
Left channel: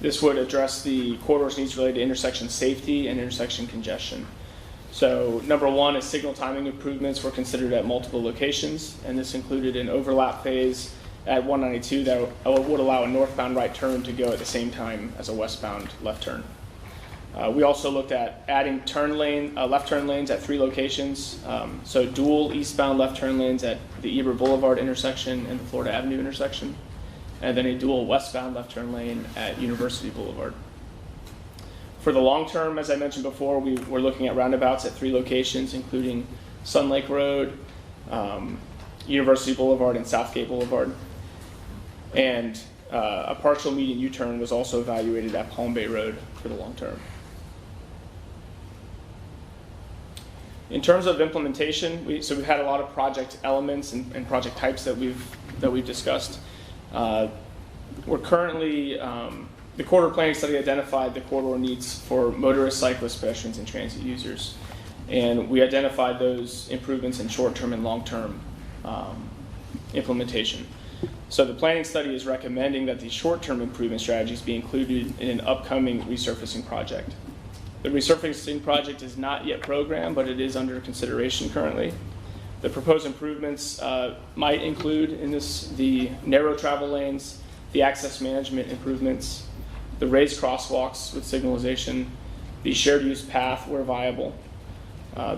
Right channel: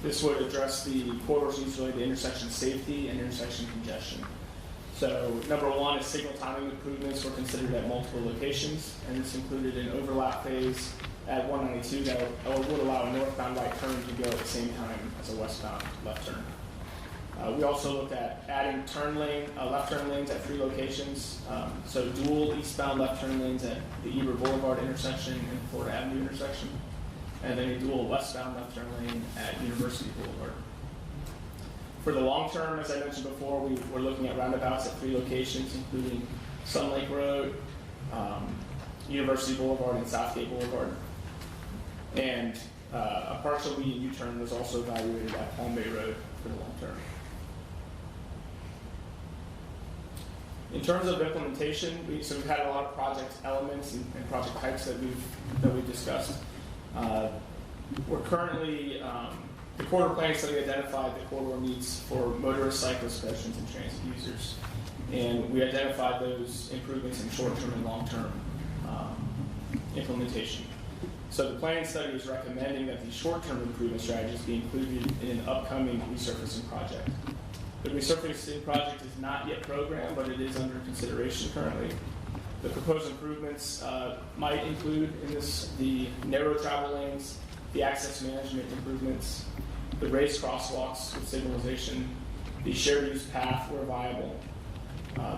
This would address the corridor's needs related to intersection safety and intersection congestion. So number 1 is signal timing improvements were considered at multiple locations, and this included an overlap phase at 192 that would allow a northbound right turn to go at the same time as a westbound left turn. We also looked at adding left turn lanes at 3 locations, so dual eastbound left turn lanes at the Eber Boulevard intersection and the Florida Avenue intersection, and then a dual westbound left turn lane at University Boulevard. For the long term, as I mentioned before, we were looking at roundabouts at 3 locations, including Sun Lake Road, University Boulevard, and Southgate Boulevard. And a partial median U-turn was also evaluated at Palm Bay Road for the long term. In terms of implementation, we've had a lot of project elements and project types that we've discussed. We're currently the corridor planning study identified the corridor needs for motorists, cyclists, pedestrians, and transit users, and we identified those improvements in short-term and long-term implementation. So the planning study is recommending that these short-term improvement strategies be included in an upcoming resurfacing project. The resurfacing project is not yet programmed, but it is under consideration currently. The proposed improvements might include in this the narrow travel lanes, the access management improvements, the raised crosswalks with signalization, the shared use path where viable,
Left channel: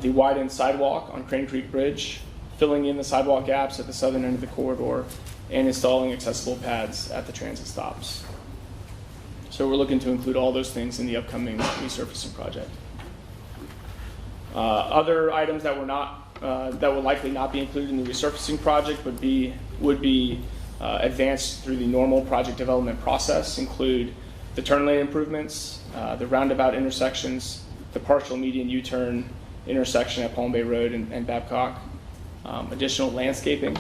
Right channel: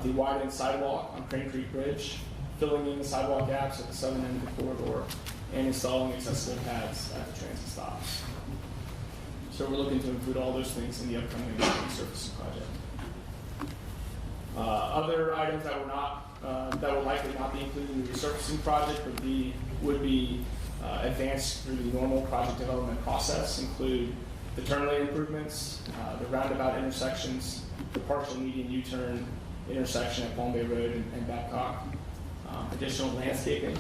the widened sidewalk on Crane Creek Bridge, filling in the sidewalk gaps at the southern end of the corridor, and installing accessible pads at the transit stops. So we're looking to include all those things in the upcoming resurfacing project. Other items that will likely not be included in the resurfacing project would be advanced through the normal project development process, include the turn lane improvements, the roundabout intersections, the partial median U-turn intersection at Palm Bay Road and Babcock, additional landscaping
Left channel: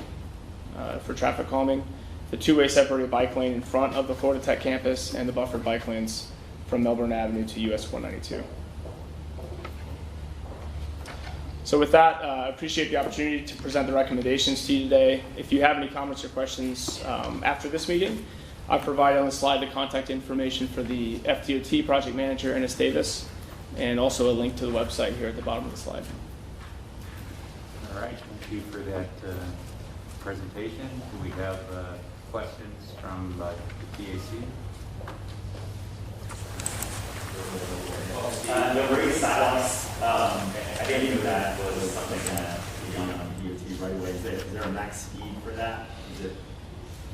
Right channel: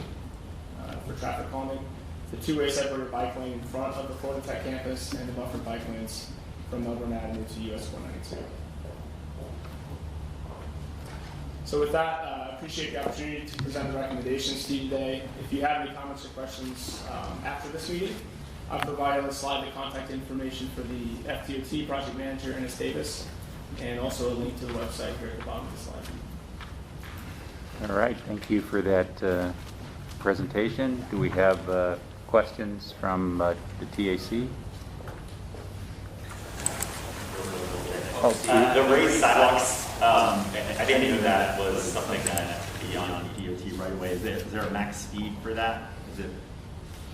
for traffic calming, the 2-way separated bike lane in front of the Florida Tech campus, and the buffered bike lanes from Melbourne Avenue to US 192. So with that, I appreciate the opportunity to present the recommendations to you today. If you have any comments or questions after this meeting, I've provided on the slide the contact information for the FTOT project manager, Ennis Davis, and also a link to the website here at the bottom of the slide. All right, thank you for that presentation. Do we have questions from the TAC? The raised sidewalks, I didn't know that was something that beyond PDOT right away. Is there a max speed for that? Is it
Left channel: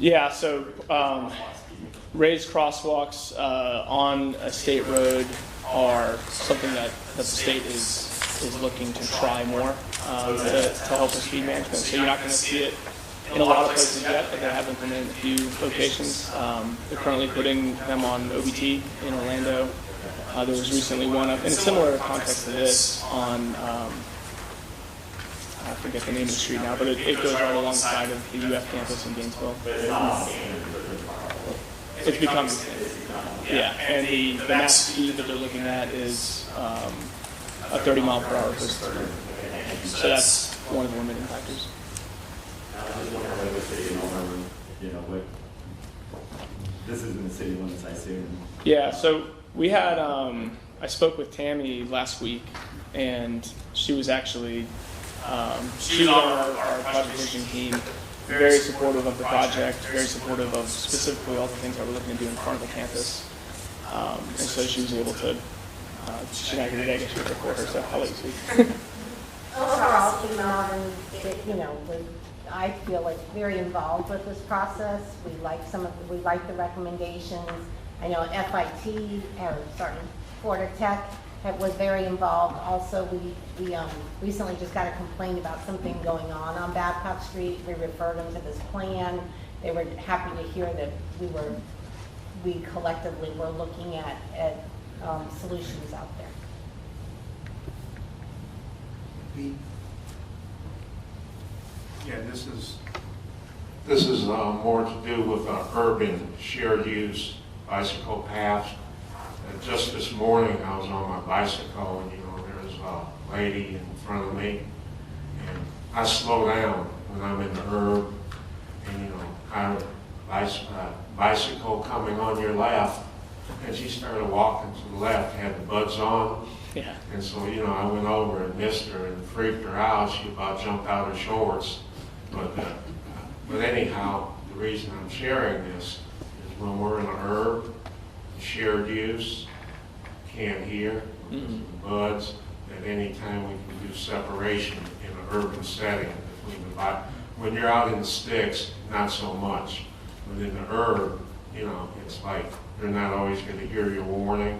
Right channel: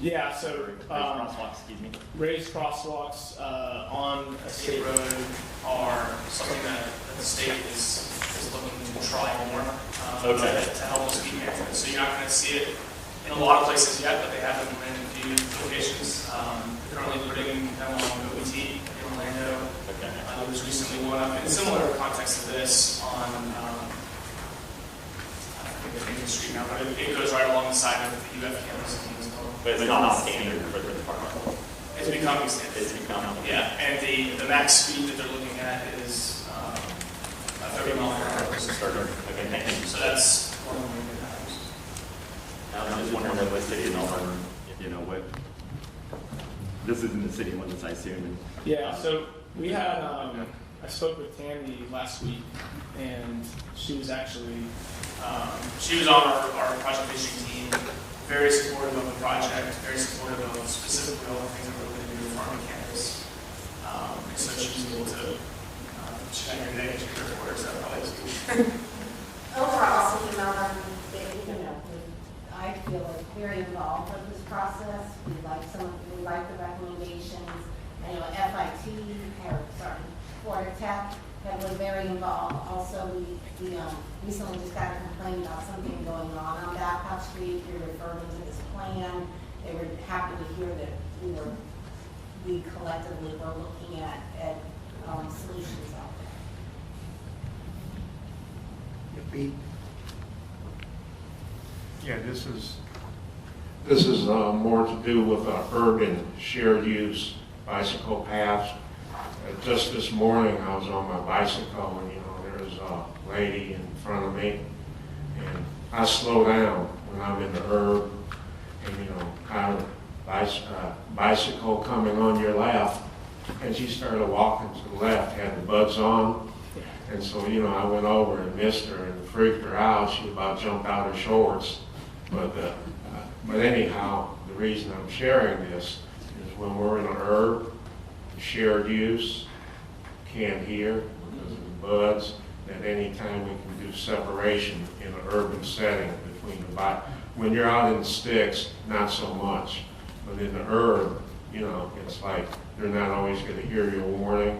Yeah, so raised crosswalks on a state road are something that the state is looking to try more to help speed bump. So you're not going to see it in a lot of places yet, but they have them in a few locations. They're currently putting them on OBT in Orlando. There's recently one in a similar context to this on, I forget the name of the street now, but it goes right alongside of the UF campus in Gainesville. But it's not standard for the department. It's becoming standard. Yeah, and the max speed that they're looking at is a 30 mile per hour. Okay, thank you. So that's one of the factors. I was just wondering what the city of Melbourne, what, this isn't the city limits, I assume. Yeah, so we had, I spoke with Tammy last week, and she was actually, she was on our project vision team, very supportive of the project, very supportive of specifically what we're looking to do in front of the campus. And so she was able to, she got an extra request to help. Overall, City of Melbourne, I feel like very involved with this process. We like the recommendations. I know Florida Tech was very involved. Also, we recently just got a complaint about something going on Babcock Street. We referred them to this plan. They were happy to hear that we collectively were looking at solutions out there. Pete? Yeah, this is more to do with urban shared use bicycle paths. Just this morning, I was on my bicycle, and there's a lady in front of me, and I slow down when I'm in the herb, and I have a bicycle coming on your left, and she started walking to the left, had the buds on. Yeah. And so, I went over and missed her and freaked her out. She about jumped out her shorts. But anyhow, the reason I'm sharing this is when we're in an herb, shared use, can't hear because of the buds. At any time we can do separation in an urban setting between when you're out in the sticks, not so much. But in the herb, it's like they're not always going to hear your warning.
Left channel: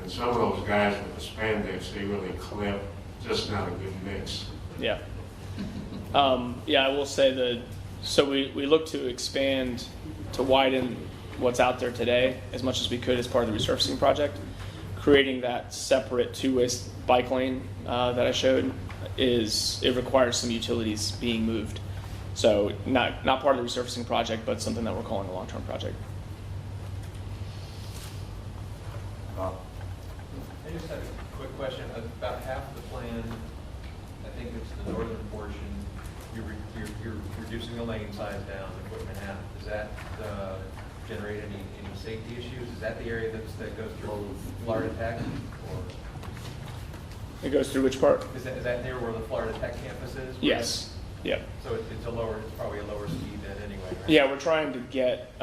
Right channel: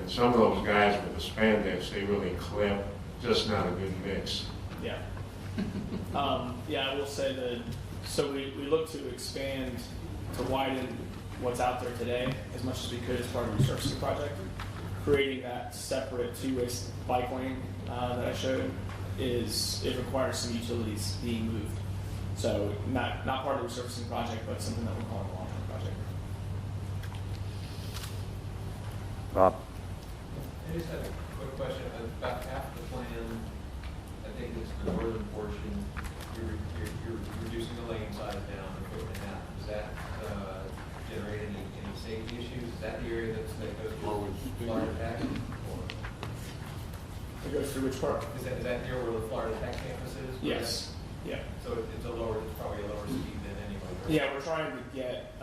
And some of those guys with the spandex, they really clip. Just not a good mix. Yeah. Yeah, I will say that, so we look to expand, to widen what's out there today as much as we could as part of the resurfacing project. Creating that separate two-way bike lane that I showed it requires some utilities being moved. So not part of the resurfacing project, but something that we're calling a long-term project. Bob? I just have a quick question. About half of the plan, I think it's the northern portion, you're reducing the lane size down to 1.5. Does that generate any safety issues? Is that the area that goes through Florida Tech? It goes through which part? Is that near where the Florida Tech campus is? Yes. Yeah. So it's probably a lower speed then anyway, right? Yeah, we're trying to get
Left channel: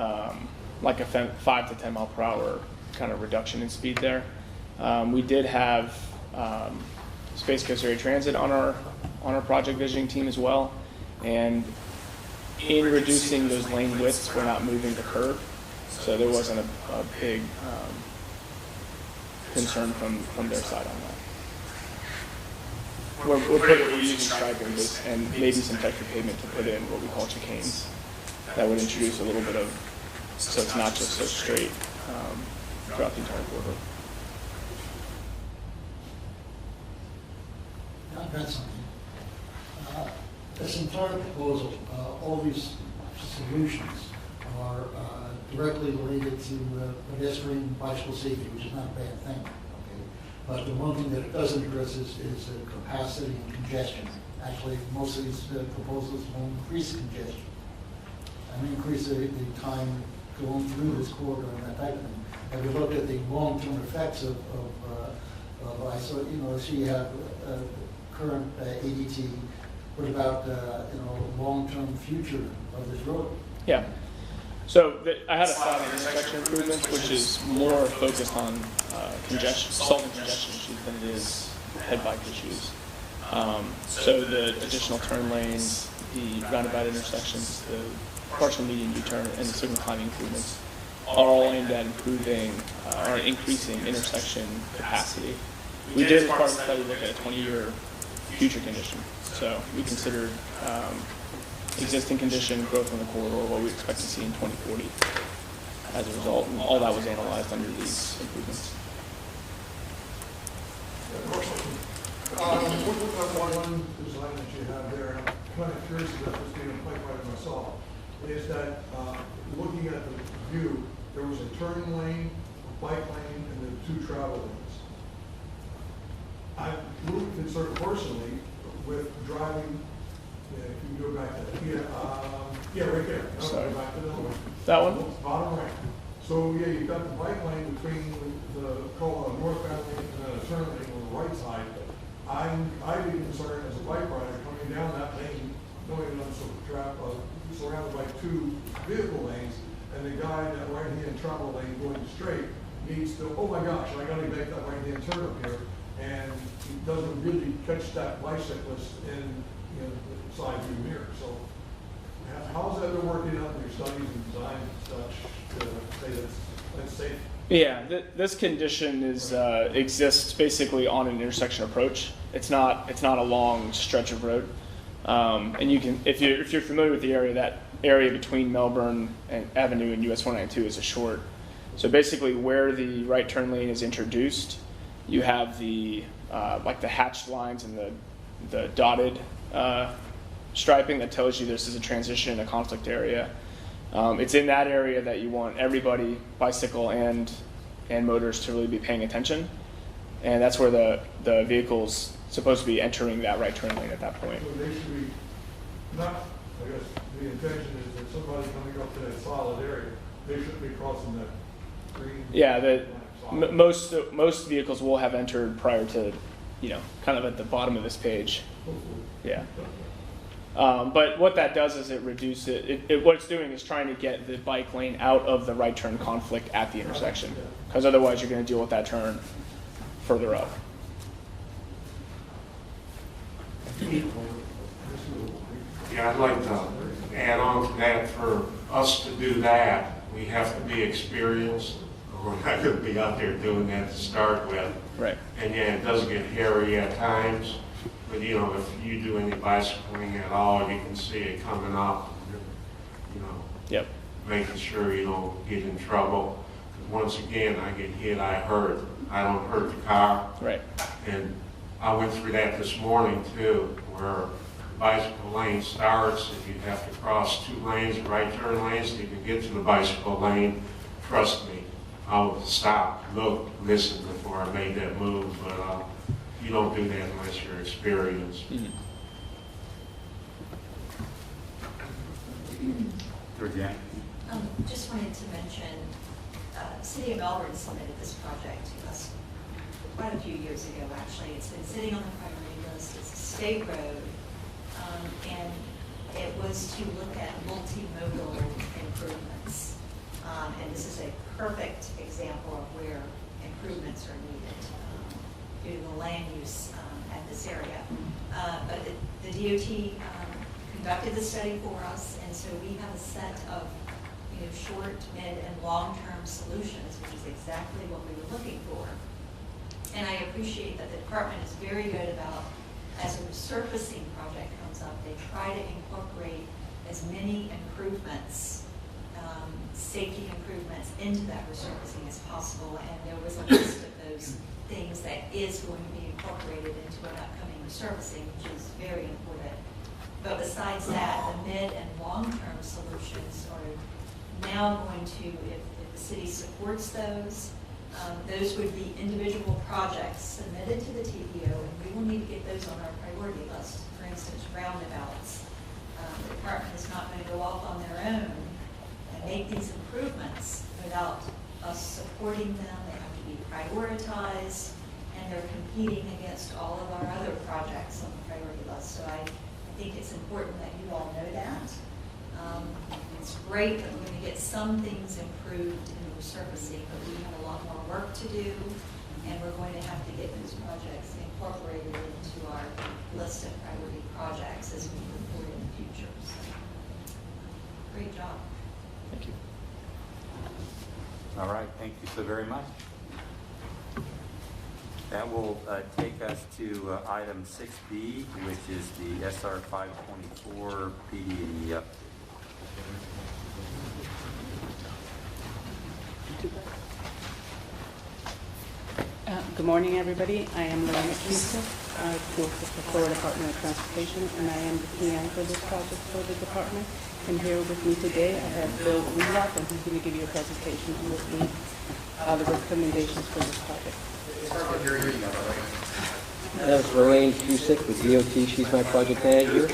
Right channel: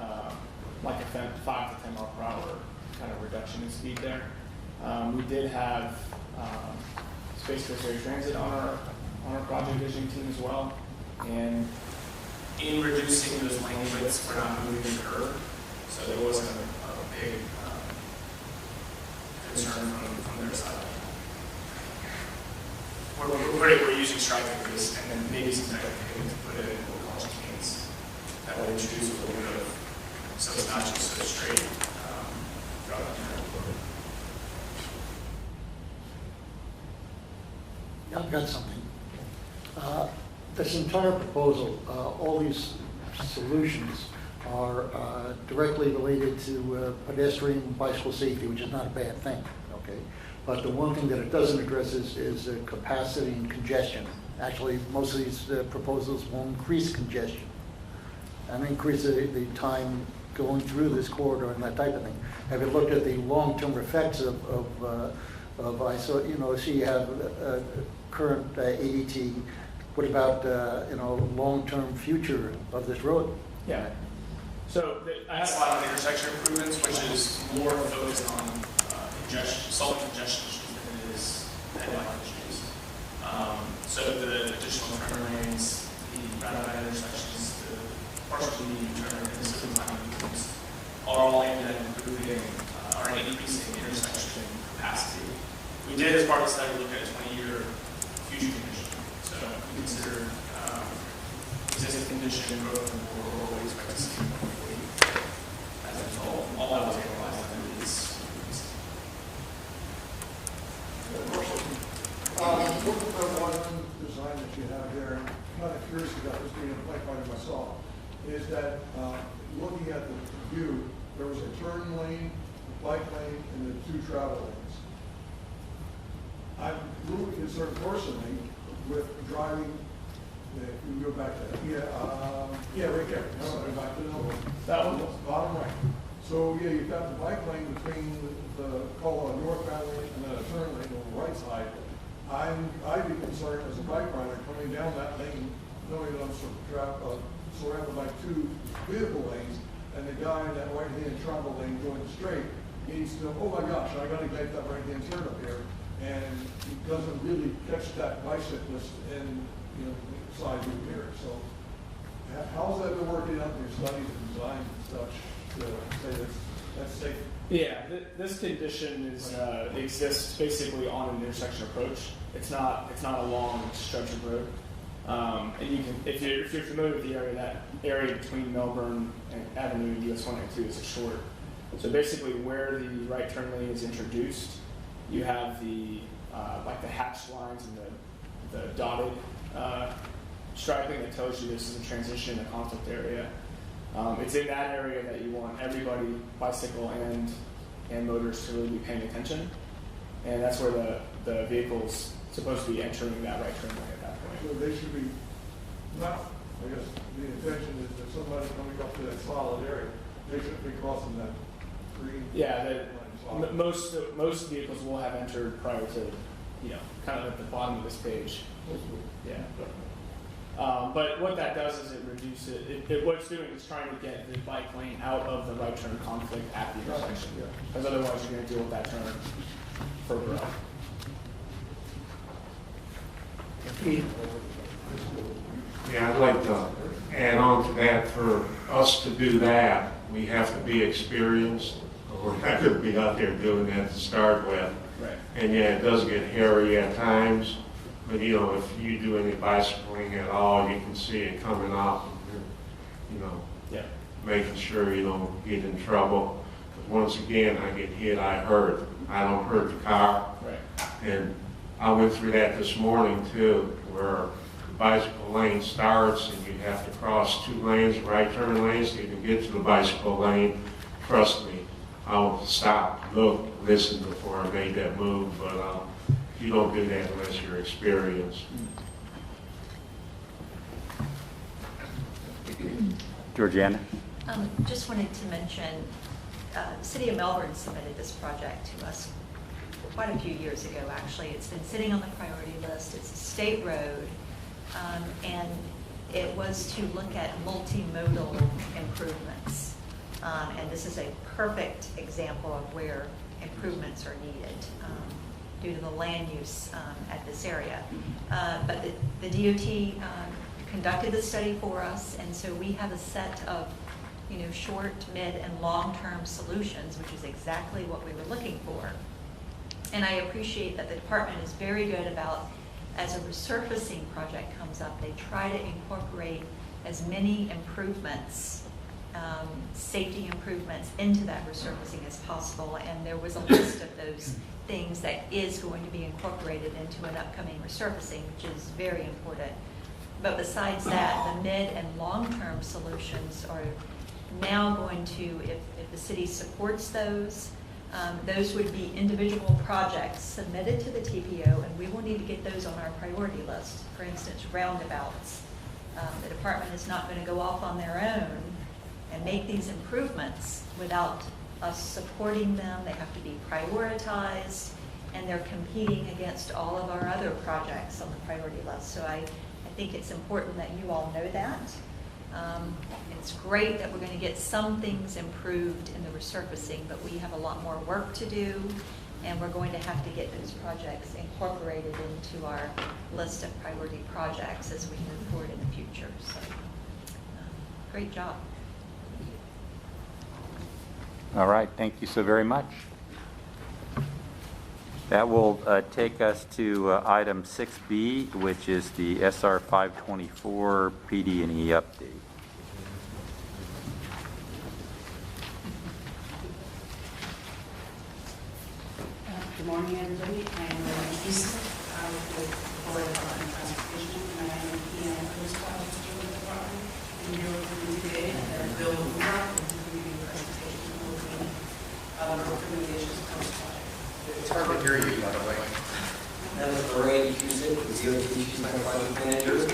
like a 5 to 10 mile per hour kind of reduction in speed there. We did have Space Coast Area Transit on our project visioning team as well, and in reducing those lane widths, we're not moving the curve, so there wasn't a big concern from this side. We're using striping and maybe some type of pavement to put in what we call chicanes. That would introduce a little bit of, so it's not just a straight drop into the river. I've got something. This entire proposal, all these solutions are directly related to pedestrian bicycle safety, which is not a bad thing. Okay, but the one thing that it doesn't address is capacity and congestion. Actually, most of these proposals will increase congestion and increase the time going through this corridor and that type of thing. Have you looked at the long-term effects of so you have current ADT. What about long-term future of this road? Yeah. So I have a slide on intersection improvements, which is more focused on self-congestion than it is head-bike issues. So the additional turn lanes, the roundabout intersections, the partial median U-turn, and the signal timing improvements, all aimed at improving or increasing intersection capacity. We did, as part of the study, look at 20-year future condition. So we considered existing condition, growth in the corridor, what we expect to see in 2040 as a result, and all that was analyzed under these improvements. With the one design that you have here, I'm kind of curious about this being quite by myself, is that looking at the view, there was a turn lane, a bike lane, and then 2 travel lanes. I'm a little concerned personally with driving. Yeah, if you go back to that. Yeah, right there. No, go back to the middle. That one? Bottom right. So yeah, you've got the bike lane between the call northbound lane and then a turn lane on the right side. I'd be concerned as a bike rider coming down that lane, knowing that I'm surrounded by 2 vehicle lanes, and the guy in that right-hand travel lane going straight needs to, oh my gosh, I got to make that right-hand turn up here, and he doesn't really catch that bicyclist in the side view mirror. So how's that been working out in your studies and designs and such to say that's safe Yeah, this condition is exists basically on an intersection approach. It's not a long stretch of road, and you can if you're familiar with the area, that area between Melbourne and Avenue and US 192 is a short. So basically, where the right turn lane is introduced, you have the like the hatched lines and the dotted striping that tells you this is a transition in a conflict area. It's in that area that you want everybody, bicycle and motorists, to really be paying attention, and that's where the vehicle's supposed to be entering that right turn lane at that point. So they should be not, I guess, the intention is that somebody coming up to that solid area, they shouldn't be crossing that green. Yeah, most vehicles will have entered prior to, kind of at the bottom of this page. Yeah. But what that does is it reduces it. What it's doing is trying to get the bike lane out of the right turn conflict at the intersection, because otherwise you're going to deal with that turn further up. Yeah, I'd like to add on to that. For us to do that, we have to be experienced. We're not going to be out there doing that to start with. Right. And yeah, it does get hairy at times. But if you do any bicycling at all, you can see it coming up. Yep. Making sure you don't get in trouble. Because once again, I get hit, I hurt. I don't hurt the car. Right. And I went through that this morning too, where the bicycle lane starts and you have to cross 2 lanes, right turn lanes, to even get to the bicycle lane. Trust me, I'll stop, look, listen before I made that move. But you don't do that unless you're experienced. Georgiana? Just wanted to mention, the City of Melbourne submitted this project to us quite a few years ago, actually. It's been sitting on the priority list. It's a state road, and it was to look at multimodal improvements. And this is a perfect example of where improvements are needed due to the land use at this area. But the DOT conducted the study for us, and so we have a set of short, mid, and long-term solutions, which is exactly what we were looking for. And I appreciate that the department is very good about, as a resurfacing project comes up, they try to incorporate as many improvements, safety improvements into that resurfacing as possible. And there was a list of those things that is going to be incorporated into an upcoming resurfacing, which is very important. But besides that, the mid and long-term solutions are now going to, if the city supports those would be individual projects submitted to the TPO, and we will need to get those on our priority list. For instance, roundabouts. The department is not going to go off on their own and make these improvements without us supporting them. They have to be prioritized, and they're competing against all of our other projects on the priority list. So I think it's important that you all know that. It's great that we're going to get some things improved in the resurfacing, but we have a lot more work to do, and we're going to have to get those projects incorporated into our list of priority projects as we move forward in the future. So, great job. Thank you. All right, thank you so very much. That will take us to item 6B, which is the SR 524 PD&E update. Good morning, everybody. I am Lorena Smith. I work with the Florida Department of Transportation, and I am PM for this project for the department. And here with me today, I have Bill Wheelock, and he's going to give you a presentation on the recommendations for this project. It's hard to hear you, by the way. That was Lorraine Cusick with DOT. She's my project manager.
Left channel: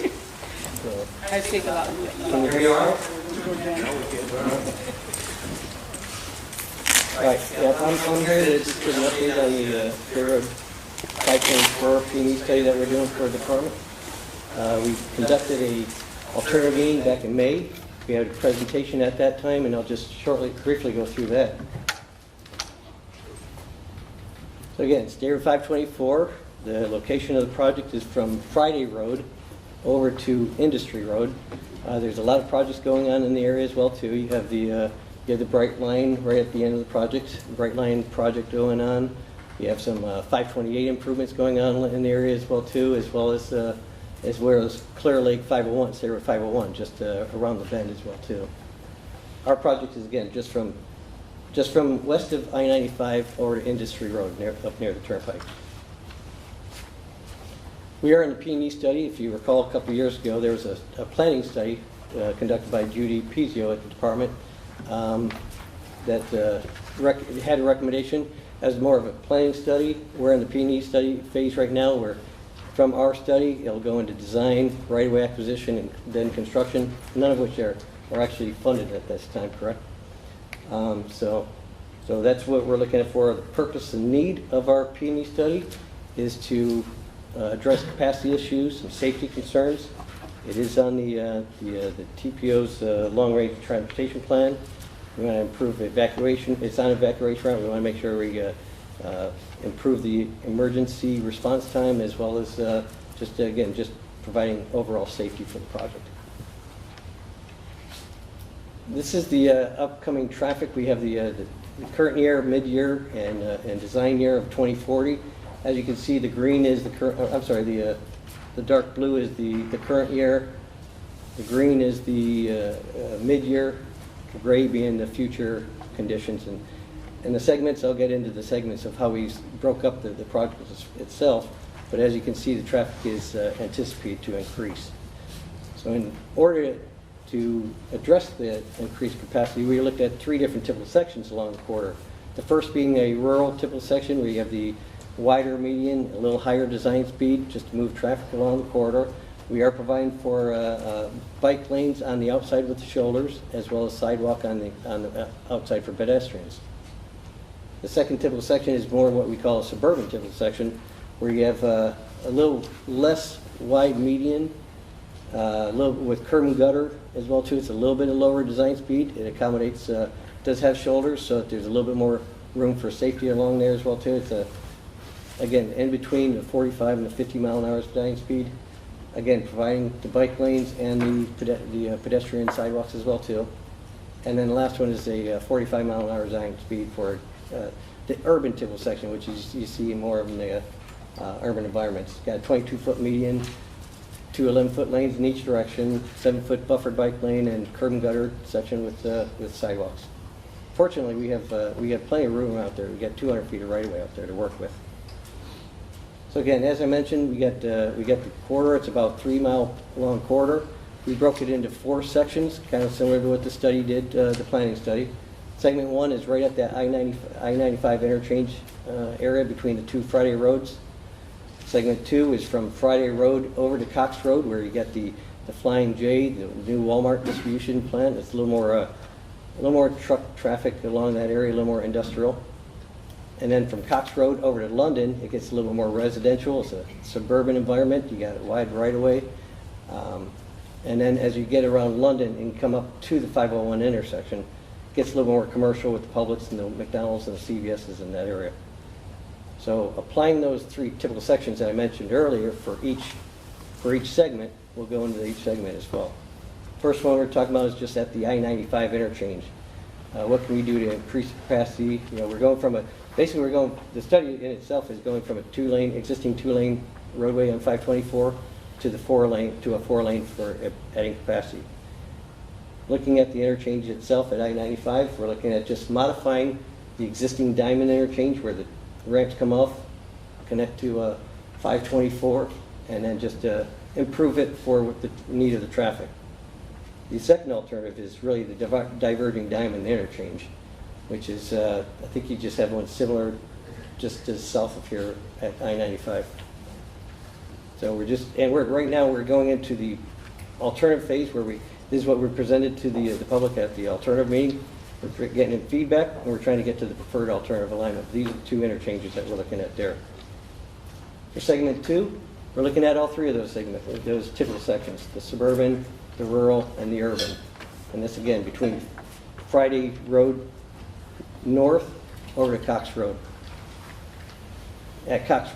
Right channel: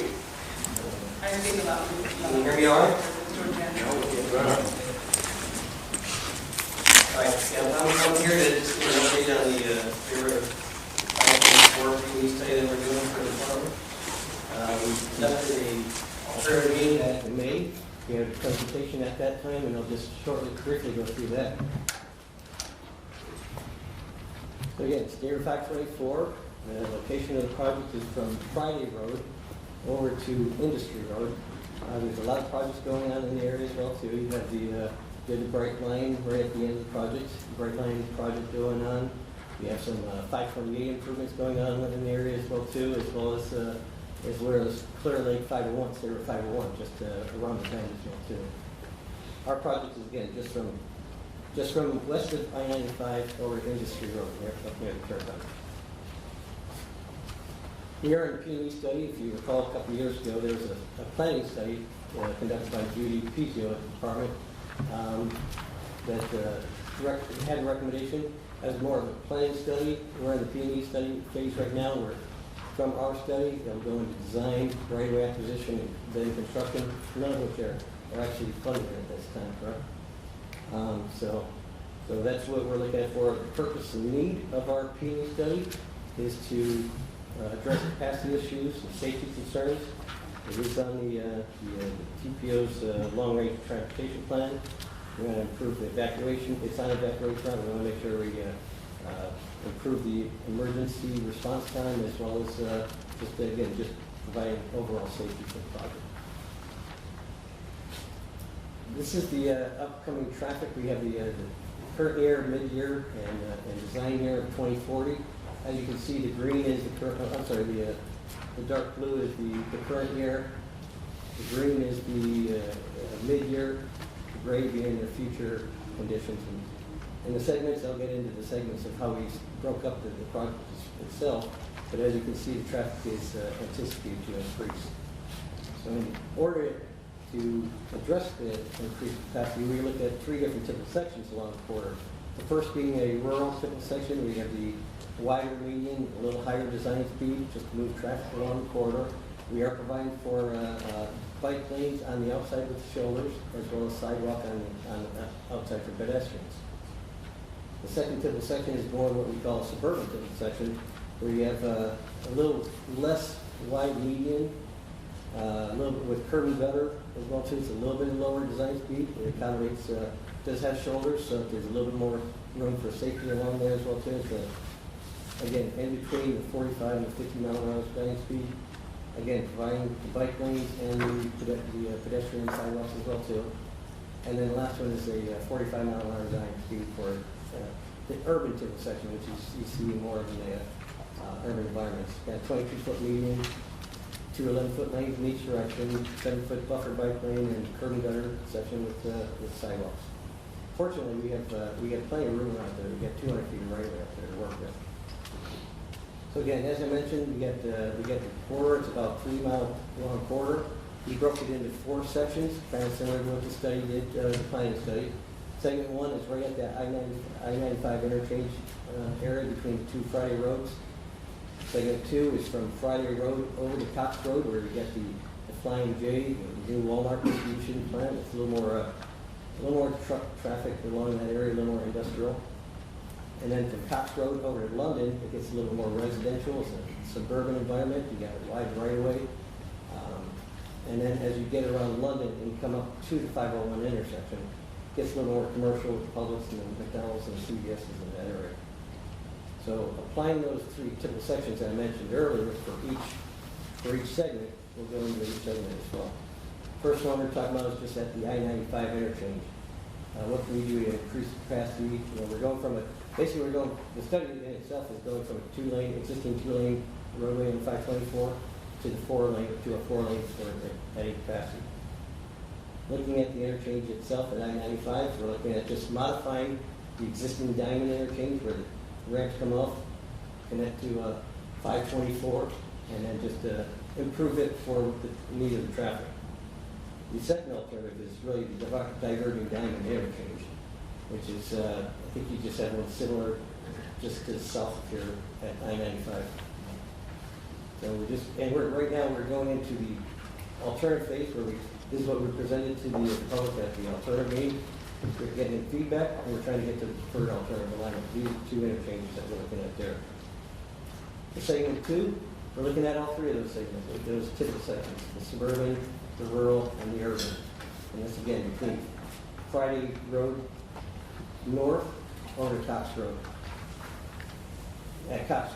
I see a lot. Can you hear me all right? No, we can't. All right, I'm here to just give an update on the Florida 524 PD study that we're doing for the department. We conducted an alternative meeting back in May. We had a presentation at that time, and I'll just briefly go through that. So again, it's State Road 524. The location of the project is from Friday Road over to Industry Road. There's a lot of projects going on in the area as well too. You have the You have the Bright Line right at the end of the project, Bright Line project going on. You have some 528 improvements going on in the area as well too, as well as Clear Lake 501, Sarah 501, just around the bend as well too. Our project is again just from west of I-95 over to Industry Road, up near the Turnpike. We are in the PD&E study. If you recall, a couple of years ago, there was a planning study conducted by Judy Pizio at the department that had a recommendation. As more of a planning study, we're in the PD&E study phase right now. Where from our study, it'll go into design, right-of-way acquisition, and then construction. None of which are actually funded at this time, correct? So that's what we're looking at for. The purpose and need of our PD&E study is to address capacity issues and safety concerns. It is on the TPO's long-range transportation plan. We want to improve evacuation. It's on evacuation route. We want to make sure we improve the emergency response time, as well as just providing overall safety for the project. This is the upcoming traffic. We have the current year, mid-year, and design year of 2040. As you can see, the green is the current. The dark blue is the current year. The green is the mid-year. The gray being the future conditions. And the segments, I'll get into the segments of how we broke up the project itself. But as you can see, the traffic is anticipated to increase. So in order to address the increased capacity, we looked at 3 different typical sections along the corridor. The first being a rural typical section. We have the wider median, a little higher design speed, just to move traffic along the corridor. We are providing for bike lanes on the outside with the shoulders, as well as sidewalk on the outside for pedestrians. The second typical section is more what we call a suburban typical section, where you have a little less wide median, a little with curb and gutter as well too. It's a little bit of lower design speed. It accommodates, does have shoulders, so there's a little bit more room for safety along there as well too. It's again in between the 45 and the 50 mile an hour design speed. Again, providing the bike lanes and the pedestrian sidewalks as well too. And then the last one is a 45 mile an hour design speed for the urban typical section, which you see more of in the urban environments. Got 22-foot median, 2 11-foot lanes in each direction, 7-foot buffered bike lane, and curb and gutter section with sidewalks. Fortunately, we have plenty of room out there. We got 200 feet of right of way out there to work with. So again, as I mentioned, we got the corridor. It's about 3 mile long corridor. We broke it into 4 sections, kind of similar to what the study did, the planning study. Segment 1 is right at that I-95 interchange area between the 2 Friday roads. Segment 2 is from Friday Road over to Cox Road, where you get the Flying J, the new Walmart distribution plant. It's a little more truck traffic along that area, a little more industrial. And then from Cox Road over to London, it gets a little more residential. It's a suburban environment. You got a wide right-of-way. And then as you get around London and come up to the 501 intersection, it gets a little more commercial with the Publix and the McDonald's and the CVS's in that area. So applying those 3 typical sections that I mentioned earlier for each segment, we'll go into each segment as well. First one we're talking about is just at the I-95 interchange. What can we do to increase capacity? We're going from the study in itself is going from a existing 2-lane roadway on 524 to a 4-lane for adding capacity. Looking at the interchange itself at I-95, we're looking at just modifying the existing diamond interchange where the ramps come off, connect to 524, and then just improve it for the need of the traffic. The second alternative is really the diverging diamond interchange, which is, I think you just had one similar just to south of here at I-95. So right now we're going into the alternative phase where this is what we presented to the public at the alternative meeting. We're getting feedback, and we're trying to get to the preferred alternative alignment. These are 2 interchanges that we're looking at there. For segment 2, we're looking at all 3 of those segments, those typical sections, the suburban, the rural, and the urban. And this again between Friday Road north over to Cox Road.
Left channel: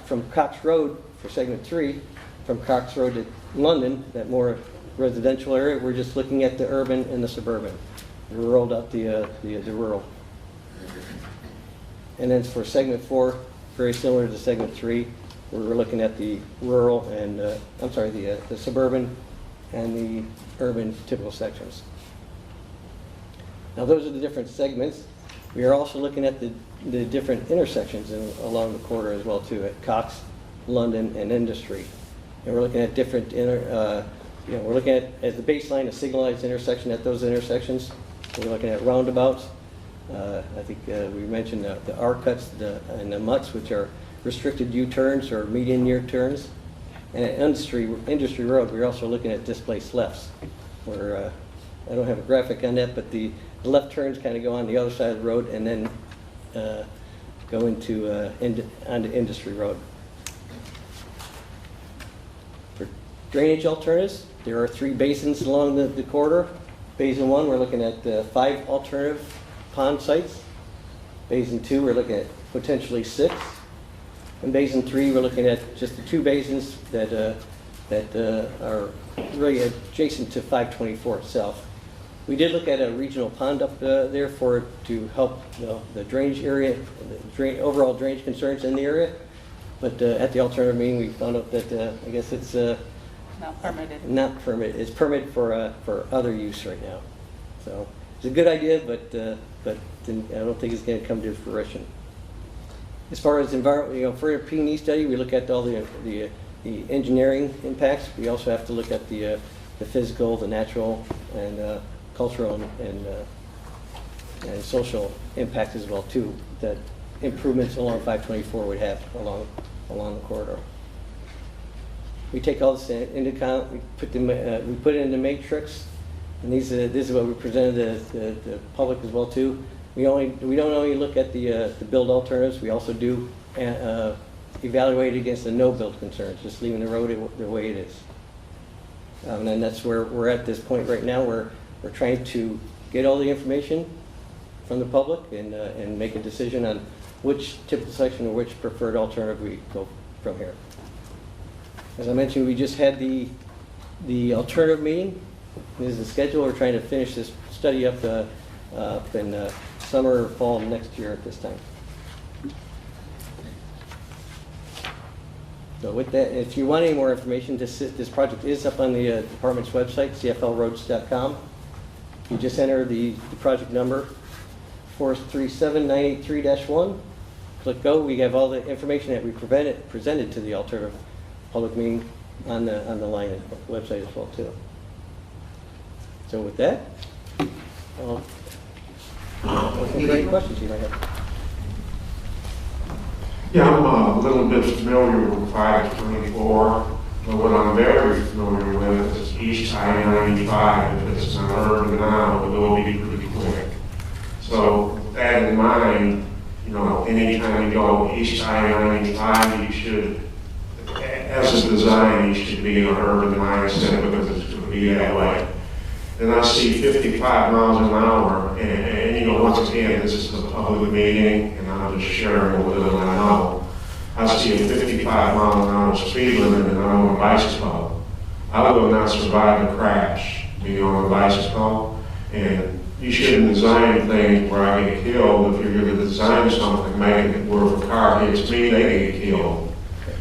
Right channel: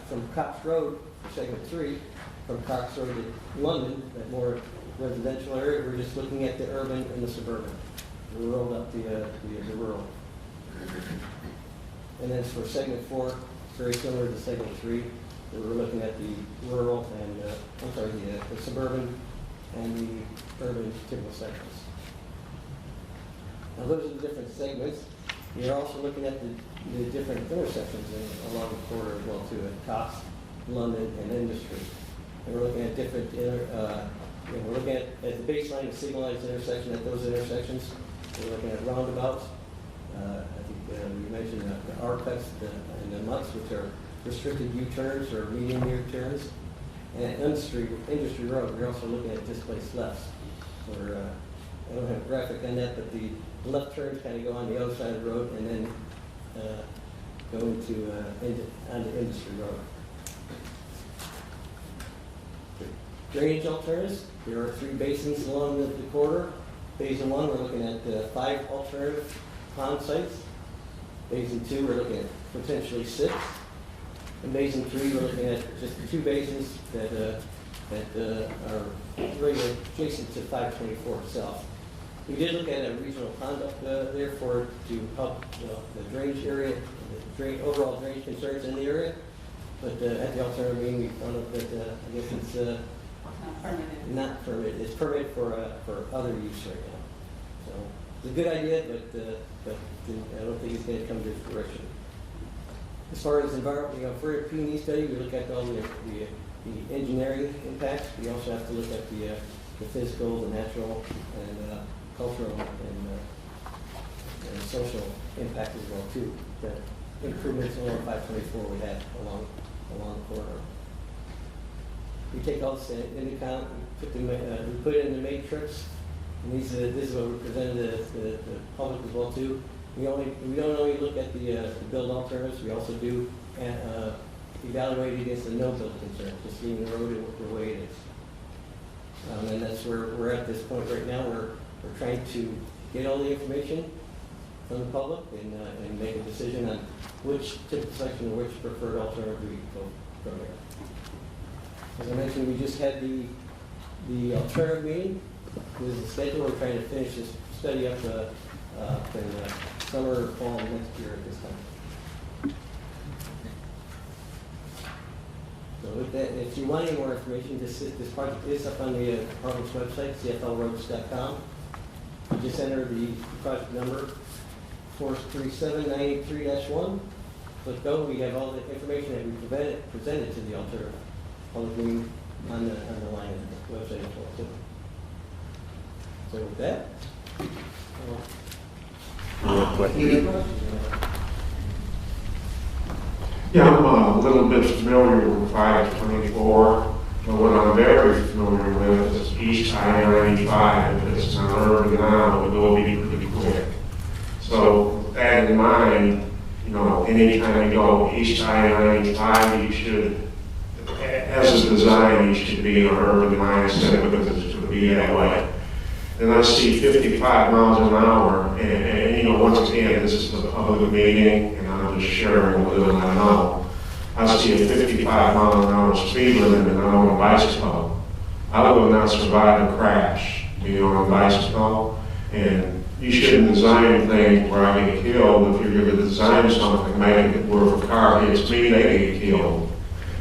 From Cox Road for segment 3, from Cox Road to London, that more residential area, we're just looking at the urban and the suburban. rolled out the rural. And then for segment 4, very similar to segment 3, we're looking at the rural and, the suburban and the urban typical sections. Now those are the different segments. We are also looking at the different intersections along the corridor as well too, at Cox, London, and Industry. And we're looking at different, we're looking at the baseline, a signalized intersection at those intersections. We're looking at roundabouts. I think we mentioned the R-cuts and the mutts, which are restricted U-turns or median near turns. And at Industry Road, we're also looking at displaced lefts. Where, I don't have a graphic on that, but the left turns kind of go on the other side of the road and then go onto Industry Road. For drainage alternatives, there are 3 basins along the corridor. Basin 1, we're looking at 5 alternative pond sites. Basin 2, we're looking at potentially 6. And Basin 3, we're looking at just the 2 basins that are really adjacent to 524 itself. We did look at a regional pond up there to help the drainage area, overall drainage concerns in the area. But at the alternative meeting, we found out that I guess it's Not permitted. not permitted. It's permitted for other use right now. So it's a good idea, but I don't think it's going to come to fruition. As far as environment, for a P&E study, we look at all the engineering impacts. We also have to look at the physical, the natural, and cultural and social impact as well too. That improvements along 524 would have along the corridor. We take all this into account. We put it in the matrix, and this is what we presented the public as well too. We don't only look at the build alternatives. We also do evaluate against the no build concerns, just leaving the road the way it is. And that's where we're at this point right now. We're trying to get all the information from the public and make a decision on which typical section or which preferred alternative we go from here. As I mentioned, we just had the alternative meeting. This is the schedule. We're trying to finish this study up in summer or fall next year at this time. So with that, if you want any more information, this project is up on the department's website, cflroads.com. You just enter the project number 437983-1. Click go. We have all the information that we presented to the alternative public meeting on the line at the website as well too. So with that, any questions you might have? Yeah, I'm a little bit familiar with 524, but what I'm very familiar with is East I-95. If it's an urban now, it will be pretty quick. So with that in mind, anytime you go East I-95, you should, as a design, you should be in an urban mindset because it's going to be that way. And I see 55 miles an hour, and once again, this is a public meeting, and I'm just sharing a little I know. I see a 55 mile an hour speed limit, and I'm on a bicycle. I will not survive a crash being on a bicycle, and you shouldn't design things where I get killed. If you're going to design something, make it where if a car hits me, they get killed.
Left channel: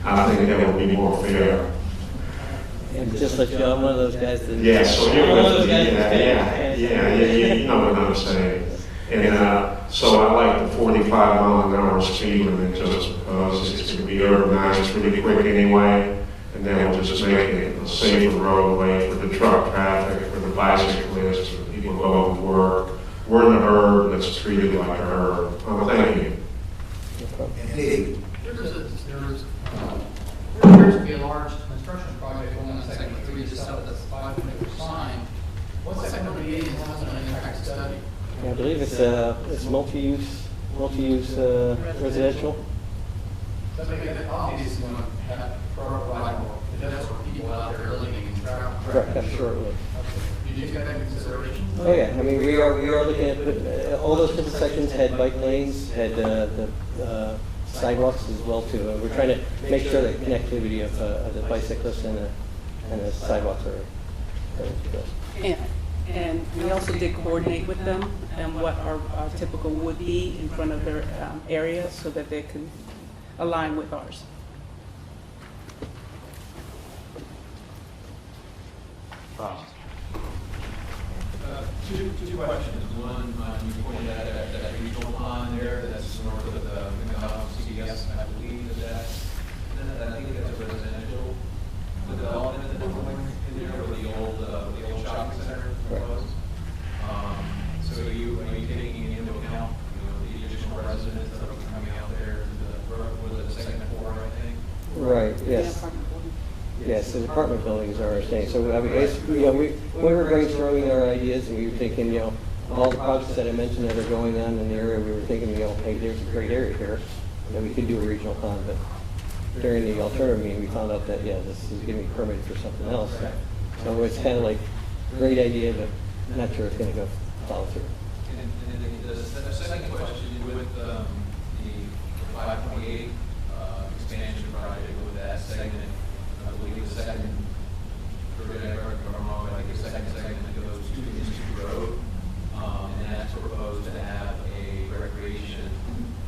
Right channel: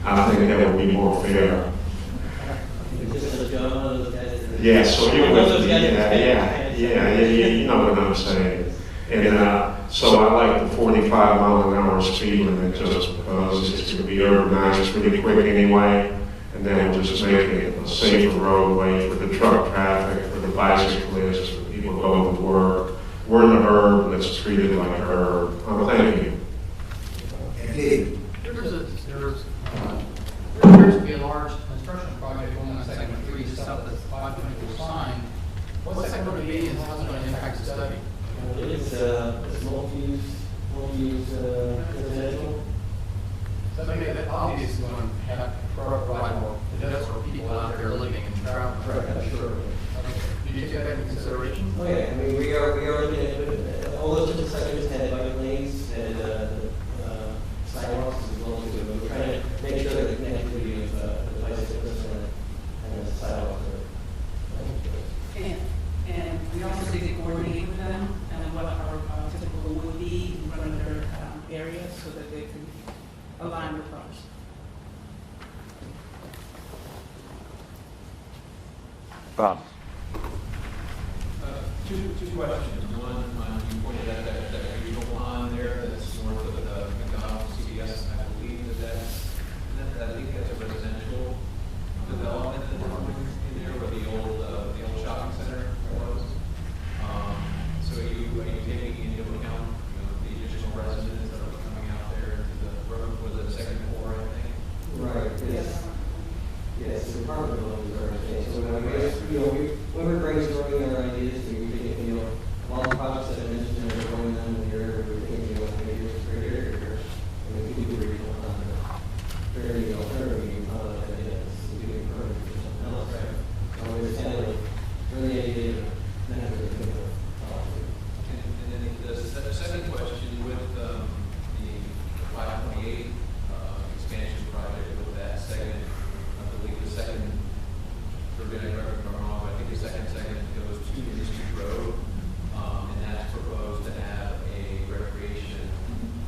I think that would be more fair. Just like one of those guys. Yeah, so you're with me. Yeah, you know what I'm saying. And so I like the 45 mile an hour speed limit just because it's going to be urbanized pretty quick anyway, and then we'll just make it a safer roadway for the truck traffic, for the bicyclists, for people going to work. We're in the urb, let's treat it like a urb. Thank you. There appears to be a large construction project going on second and previous south that's 500 sign. What's that going to be and how is it going to impact the study? I believe it's multi-use residential. So that obviously is going to have arrival for people out there living and traveling. Correct, sure. Okay. Do you take that into consideration? Oh yeah, I mean we are looking at all those different sections had bike lanes, had the sidewalks as well too. We're trying to make sure the connectivity of the bicyclists and the sidewalks are. And we also did coordinate with them and what our typical would be in front of their area so that they could align with ours. Bob? Two questions. One, you pointed out that regional pond there that's north of the McDonald's CVS. I believe I think that's a residential development that's going in there where the old shopping center was. So are you taking into account, the additional residents that will be coming out there to the road? Was it second floor, I think? Right, yes. Yes, the apartment buildings are okay. So I mean, we're brainstorming our ideas, and we're thinking, all the projects that I mentioned that are going on in the area, we were thinking, hey, there's a great area here. We could do a regional pond, but during the alternative meeting, we found out that, this is getting permitted for something else. So it's kind of like, really the idea of not sure it's going to go follow through. And then the second question with the 528 expansion project with that segment, I believe the second, forget if I'm wrong, I think the second segment goes to Industry Road, and that's proposed to have a recreation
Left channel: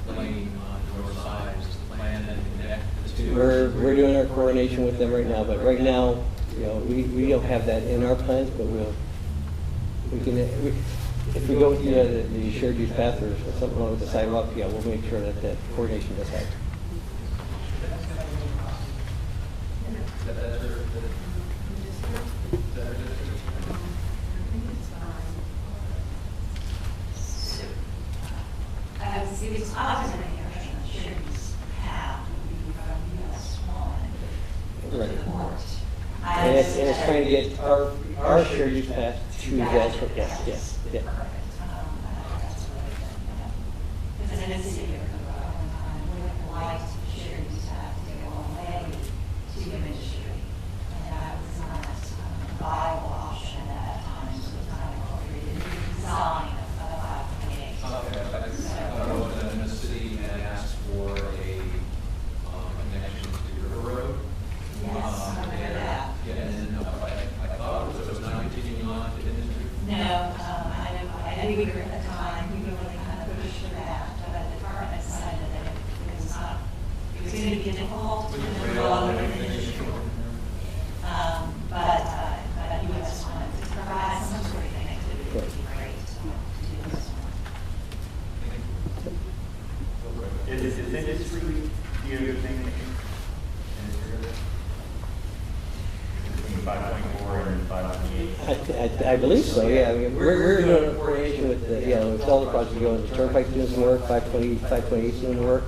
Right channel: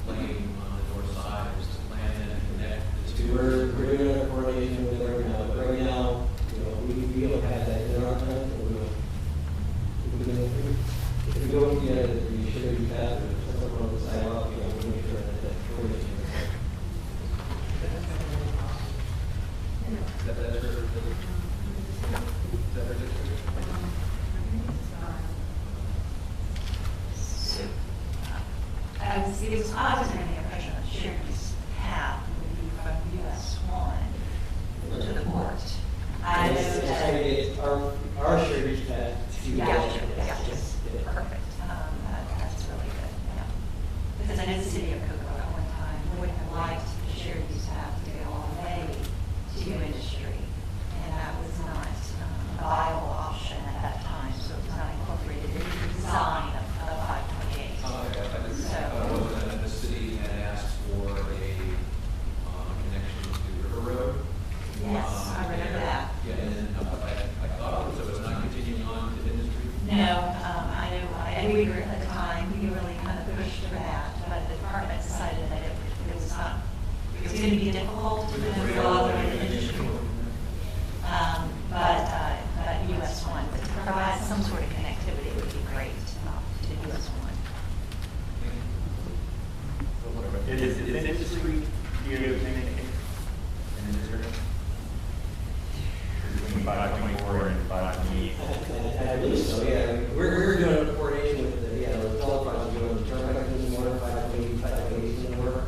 lane on the north side. Is the plan and connect the two? We're doing our coordination with them right now, but right now, we don't have that in our plans, but we can, if we don't, the shared use path or something on the sidewalk, we'll make sure that coordination is there. That's her. I was under the impression that shared use path would be from US 1 to the port. It's trying to get our shared use path to Gotcha. the Yes. yeah. Perfect. Because I did see here, I would have liked shared use path to go all the way to industry, and that was not a viable option at that time, so it's not appropriate design of 528. Okay, I thought it was that the city had asked for a connection to River Road. Yes, I remember that. Yeah, and then I thought so it's not continuing on to industry? No, I knew we were at the time, we really kind of pushed for that, but the department decided that it was not, it was going to be difficult to With the go all the rail way and to everything. industry. But US 1 to provide some sort of connectivity would be great to US 1. Is industry DOT making industry between 5.4 and 5.8? I believe so, yeah. I mean, we're doing a coordination with the all the projects, the turnpike doing work, 5.8 doing work.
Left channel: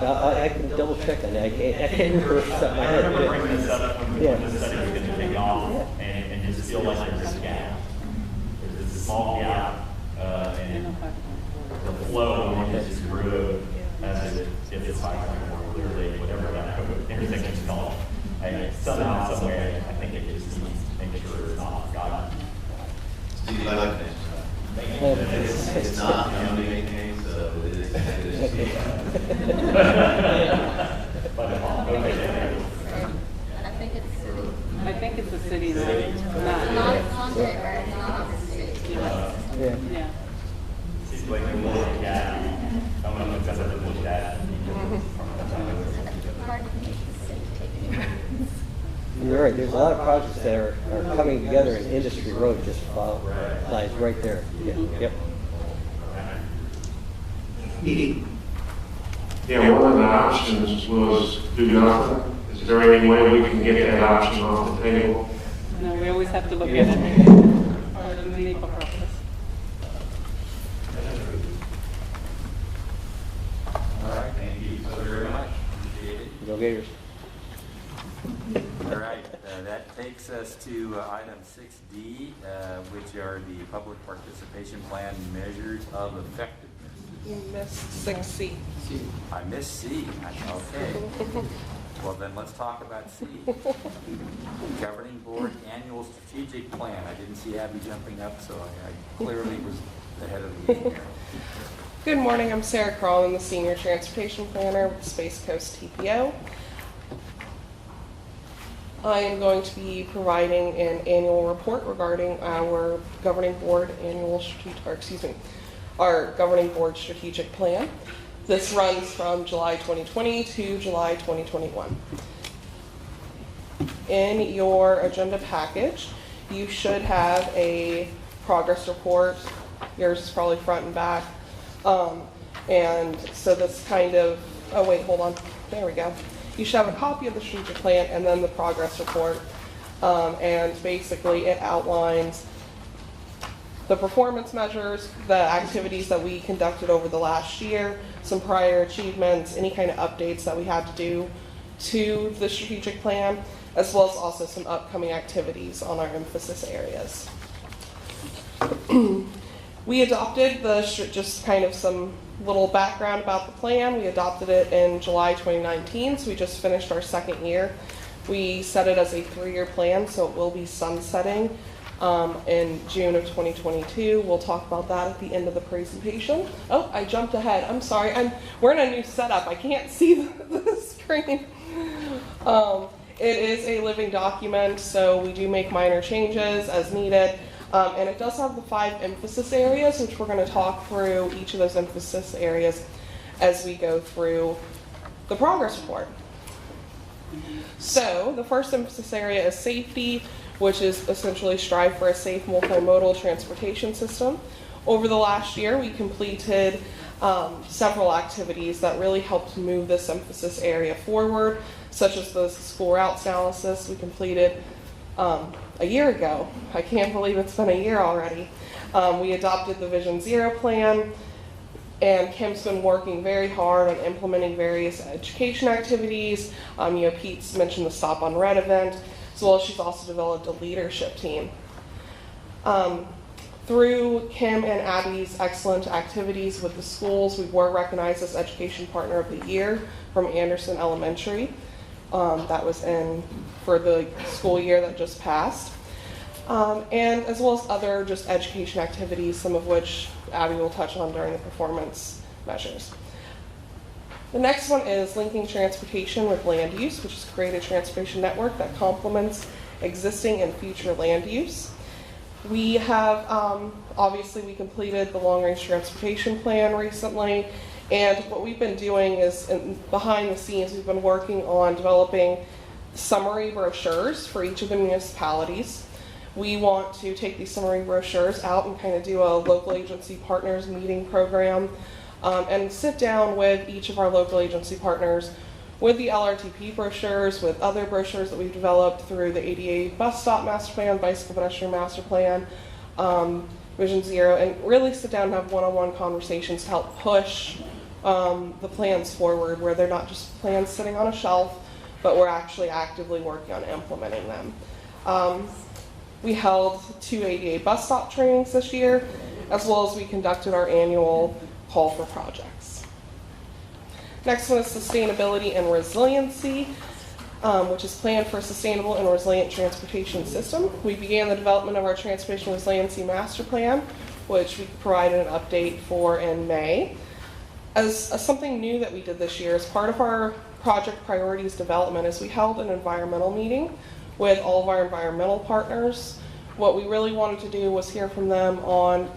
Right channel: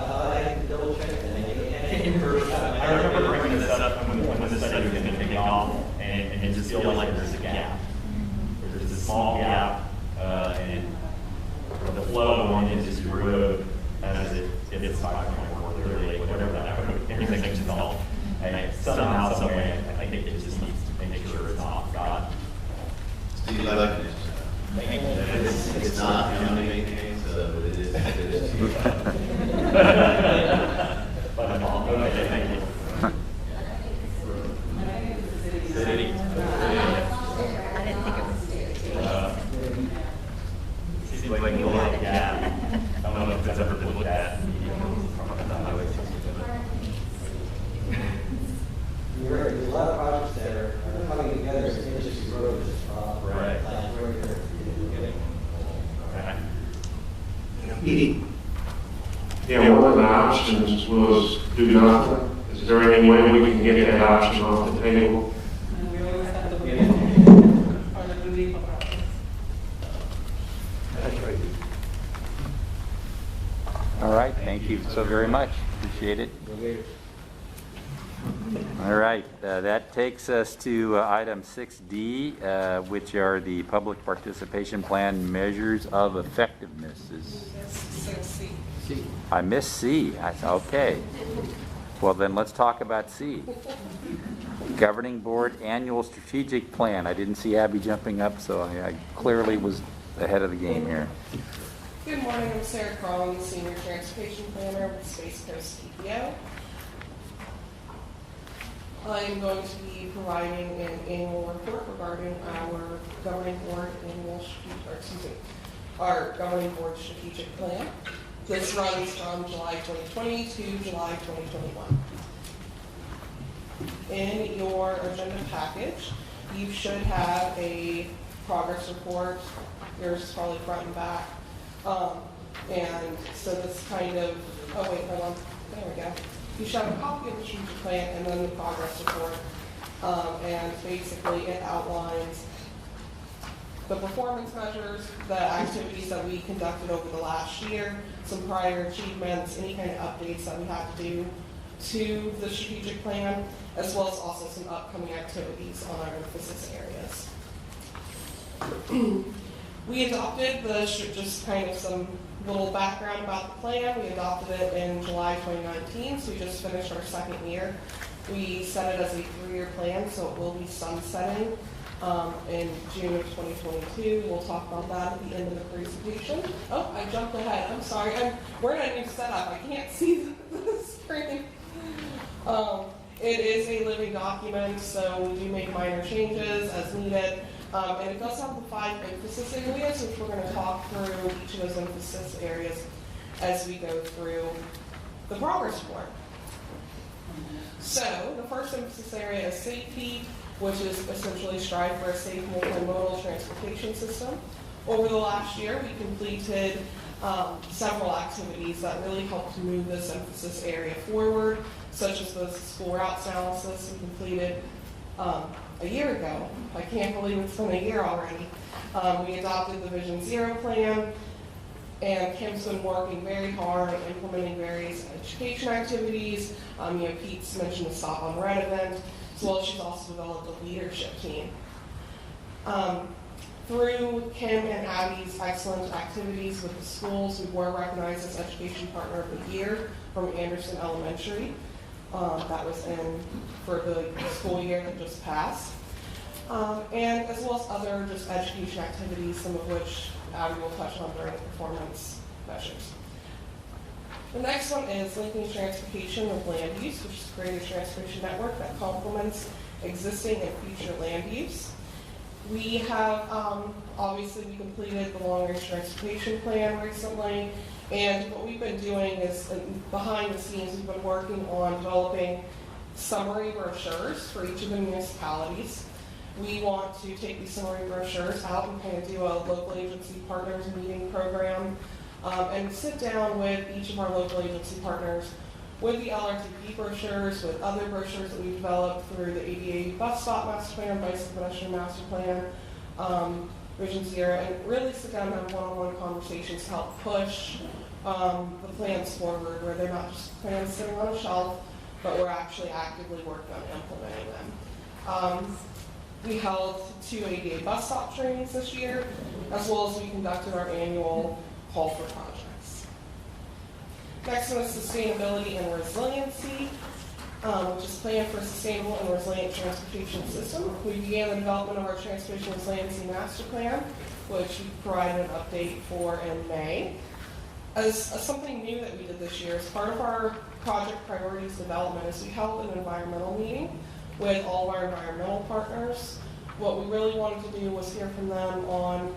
I can double check that. I can't remember. I remember bringing this up when this study was going to take off, and just feel like there's a gap. There's this small gap, and the flow on Industry Road, as if it's 5.4 clearly, whatever that intersection is called. And somehow, some way, I think it just needs to make sure it's not forgotten. Steve, I like this. It's not young maintained, so it is too. But okay, thank you. I think it's the city. City. Seems like a little gap. I don't know if it's ever been looked at. You're right, there's a lot of projects that are coming together in Industry Road, just right there. Yep. Yeah, one of the options was do nothing. Is there any way we can get that option off the table? We always have to look at it. Or the legal process. All right, thank you so very much. Appreciate it. Go Gators. All right, that takes us to item 6D, which are the public participation plan measures of effectiveness. C. I missed C. Okay. Well, then let's talk about C. Governing Board Annual Strategic Plan. I didn't see Abby jumping up, so I clearly was ahead of the game here. Good morning, I'm Sarah Kroll, I'm the Senior Transportation Planner with Space Coast TPO. I am going to be providing an annual report regarding our governing board our governing board strategic plan. This runs from July 2020 to July 2021. In your agenda package, you should have a progress report. Yours is probably front and back. And so this kind of, oh wait, hold on. There we go. You should have a copy of the strategic plan and then the progress report. And basically it outlines the performance measures, the activities that we conducted over the last year, some prior achievements, any kind of updates that we had to do to the strategic plan, as well as also some upcoming activities on our emphasis areas. We adopted just kind of some little background about the plan. We adopted it in July 2019, so we just finished our second year. We set it as a 3-year plan, so it will be sunsetting in June of 2022. We'll talk about that at the end of the presentation. Oh, I jumped ahead. I'm sorry. We're in a new setup. I can't see the screen. It is a living document, so we do make minor changes as needed. And it does have the 5 emphasis areas, which we're going to talk through each of those emphasis areas as we go through the progress report. So the first emphasis area is safety, which is essentially strive for a safe multimodal transportation system. Over the last year, we completed several activities that really helped move this emphasis area forward, such as the school routes analysis we completed a year ago. I can't believe it's been a year already. We adopted the Vision Zero plan, and Kim's been working very hard on implementing various education activities. Pete's mentioned the Stop on Red event, as well as she's also developed a leadership team. Through Kim and Abby's excellent activities with the schools, we were recognized as Education Partner of the Year from Anderson Elementary. That was for the school year that just passed. And as well as other just education activities, some of which Abby will touch on during the performance measures. The next one is linking transportation with land use, which is to create a transportation network that complements existing and future land use. We have, obviously we completed the long-range transportation plan recently, and what we've been doing is, behind the scenes, we've been working on developing summary brochures for each of the municipalities. We want to take these summary brochures out and kind of do a local agency partners meeting program and sit down with each of our local agency partners with the LRTP brochures, with other brochures that we've developed through the ADA bus stop master plan, bicycle pedestrian master plan, Vision Zero, and really sit down and have one-on-one conversations to help push the plans forward, where they're not just plans sitting on a shelf, but we're actually actively working on implementing them. We held 2 ADA bus stop trainings this year, as well as we conducted our annual call for projects. Next one is sustainability and resiliency, which is planned for a sustainable and resilient transportation system. We began the development of our transportation resiliency master plan, which we provided an update for in May. As something new that we did this year, as part of our project priorities development, is we held an environmental meeting with all of our environmental partners. What we really wanted to do was hear from them on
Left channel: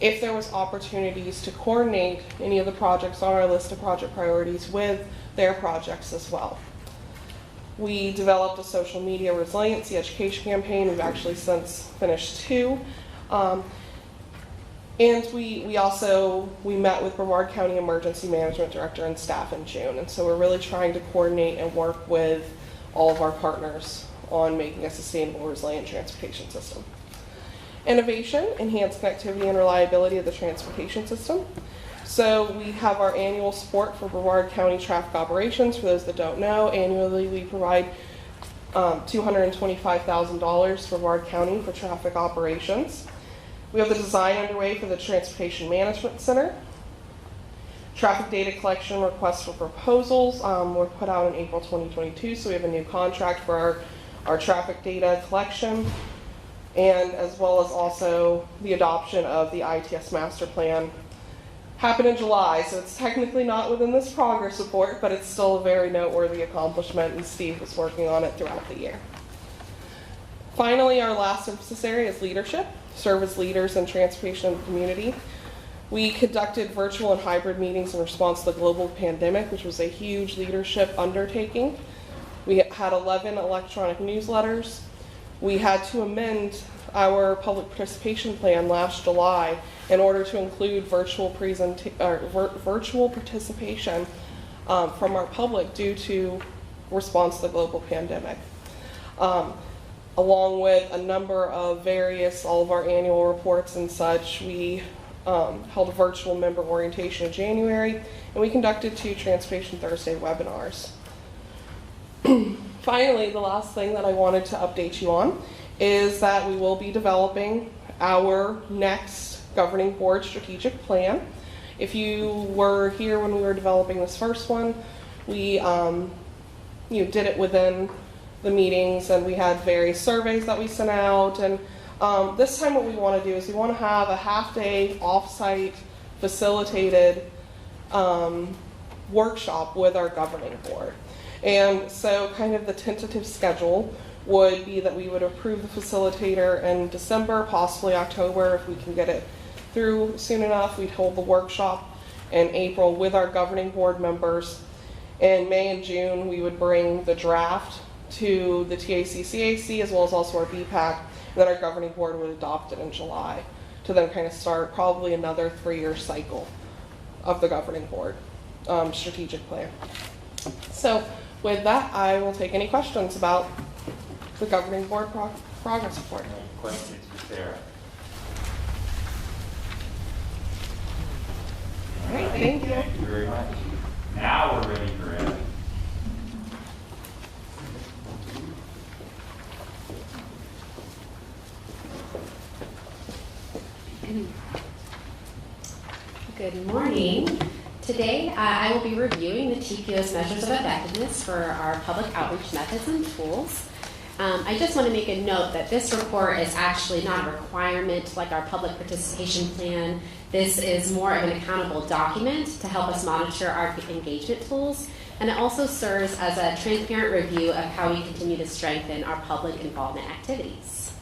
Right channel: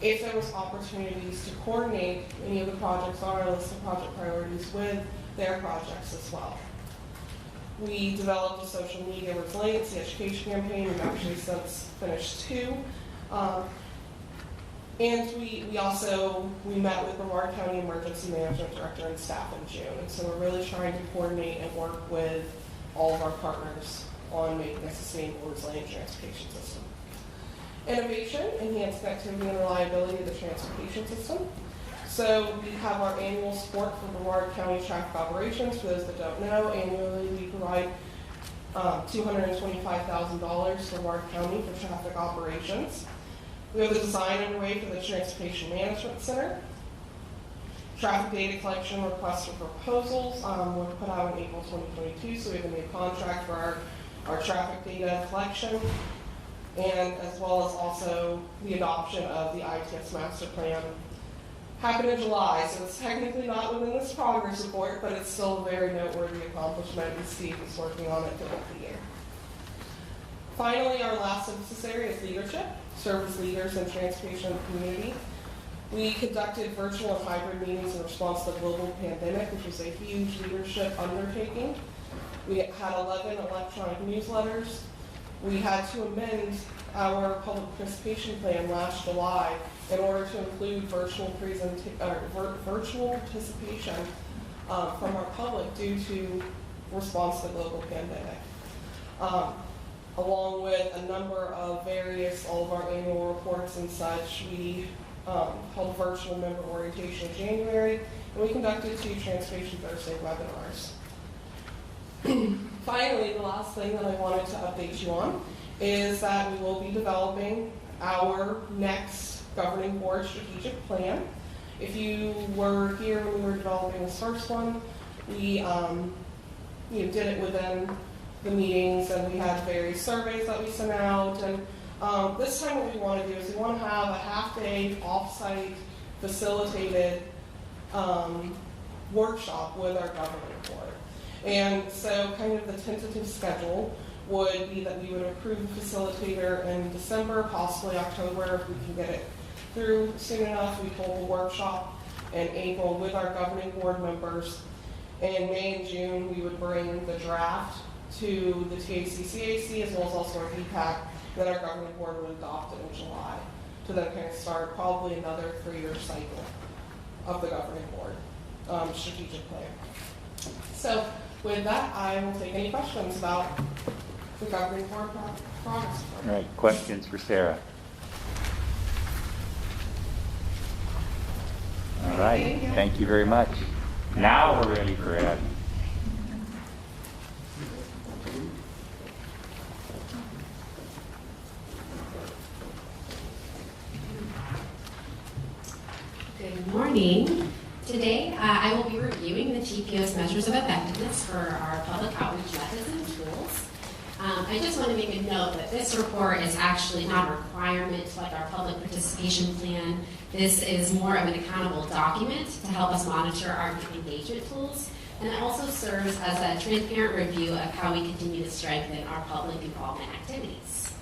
if there was opportunities to coordinate any of the projects on our list of project priorities with their projects as well. We developed a social media resiliency education campaign. We've actually since finished 2. And we met with Brevard County Emergency Management Director and staff in June. And so we're really trying to coordinate and work with all of our partners on making a sustainable, resilient transportation system. Innovation, enhanced connectivity and reliability of the transportation system. So we have our annual support for Brevard County traffic operations. For those that don't know, annually we provide $225,000 for Brevard County for traffic operations. We have the design underway for the Transportation Management Center. Traffic data collection requests for proposals were put out in April 2022, so we have a new contract for our traffic data collection, and as well as also the adoption of the ITS master plan happened in July, so it's technically not within this progress report, but it's still a very noteworthy accomplishment, and Steve was working on it throughout the year. Finally, our last emphasis area is leadership, serve as leaders in transportation in the community. We conducted virtual and hybrid meetings in response to the global pandemic, which was a huge leadership undertaking. We had 11 electronic newsletters. We had to amend our public participation plan last July in order to include virtual participation from our public due to response to the global pandemic. Along with a number of all of our annual reports and such, we held a virtual member orientation in January, and we conducted 2 Transportation Thursday webinars. Finally, the last thing that I wanted to update you on is that we will be developing our next governing board strategic plan. If you were here when we were developing this first one, we did it within the meetings, and we had various surveys that we sent out. And this time what we want to do is we want to have a half-day off-site facilitated workshop with our governing board. And so kind of the tentative schedule would be that we would approve the facilitator in December, possibly October, if we can get it through soon enough. We'd hold the workshop in April with our governing board members. In May and June, we would bring the draft to the TAC-CAC as well as also our BPAC, and then our governing board would adopt it in July to then kind of start probably another 3-year cycle of the governing board strategic plan. So with that, I will take any questions about the governing board progress report. All right, questions for Sarah? All right, thank you very much. Now we're ready for Ed. Good morning. Today, I will be reviewing the TPO's measures of effectiveness for our public outreach methods and tools. I just want to make a note that this report is actually not a requirement like our public participation plan. This is more of an accountable document to help us monitor our engagement tools, and it also serves as a transparent review of how we continue to strengthen our public involvement activities.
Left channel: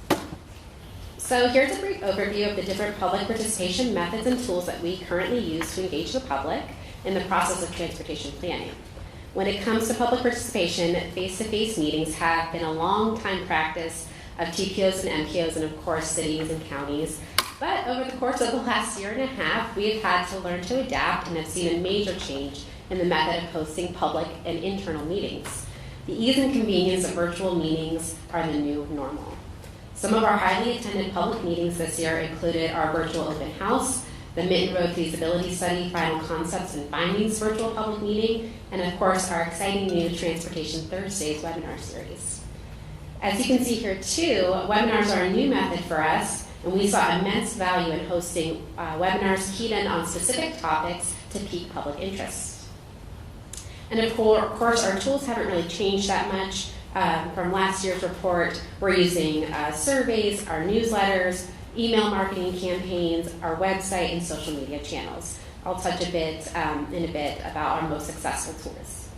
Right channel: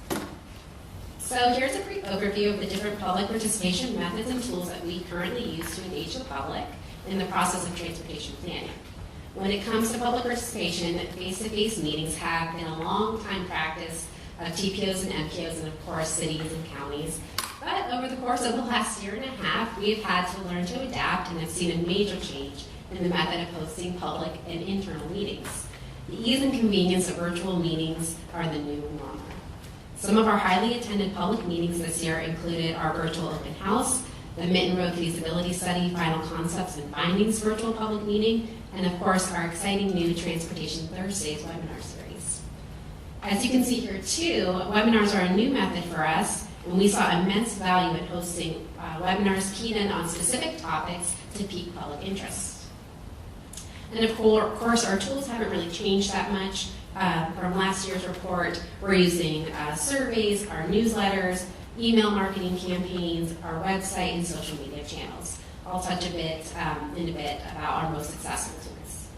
So here's a brief overview of the different public participation methods and tools that we currently use to engage the public in the process of transportation planning. When it comes to public participation, face-to-face meetings have been a long-time practice of TPOs and MPOs and, of course, cities and counties. But over the course of the last year and a half, we have had to learn to adapt and have seen a major change in the method of hosting public and internal meetings. The ease and convenience of virtual meetings are the new normal. Some of our highly attended public meetings this year included our virtual open house, the Minton Road Feasibility Study Final Concepts and Findings virtual public meeting, and of course our exciting new Transportation Thursdays webinar series. As you can see here too, webinars are a new method for us, and we saw immense value in hosting webinars keyed in on specific topics to pique public interest. And of course our tools haven't really changed that much from last year's report. We're using surveys, our newsletters, email marketing campaigns, our website, and social media channels. I'll touch in a bit about our most successful tools.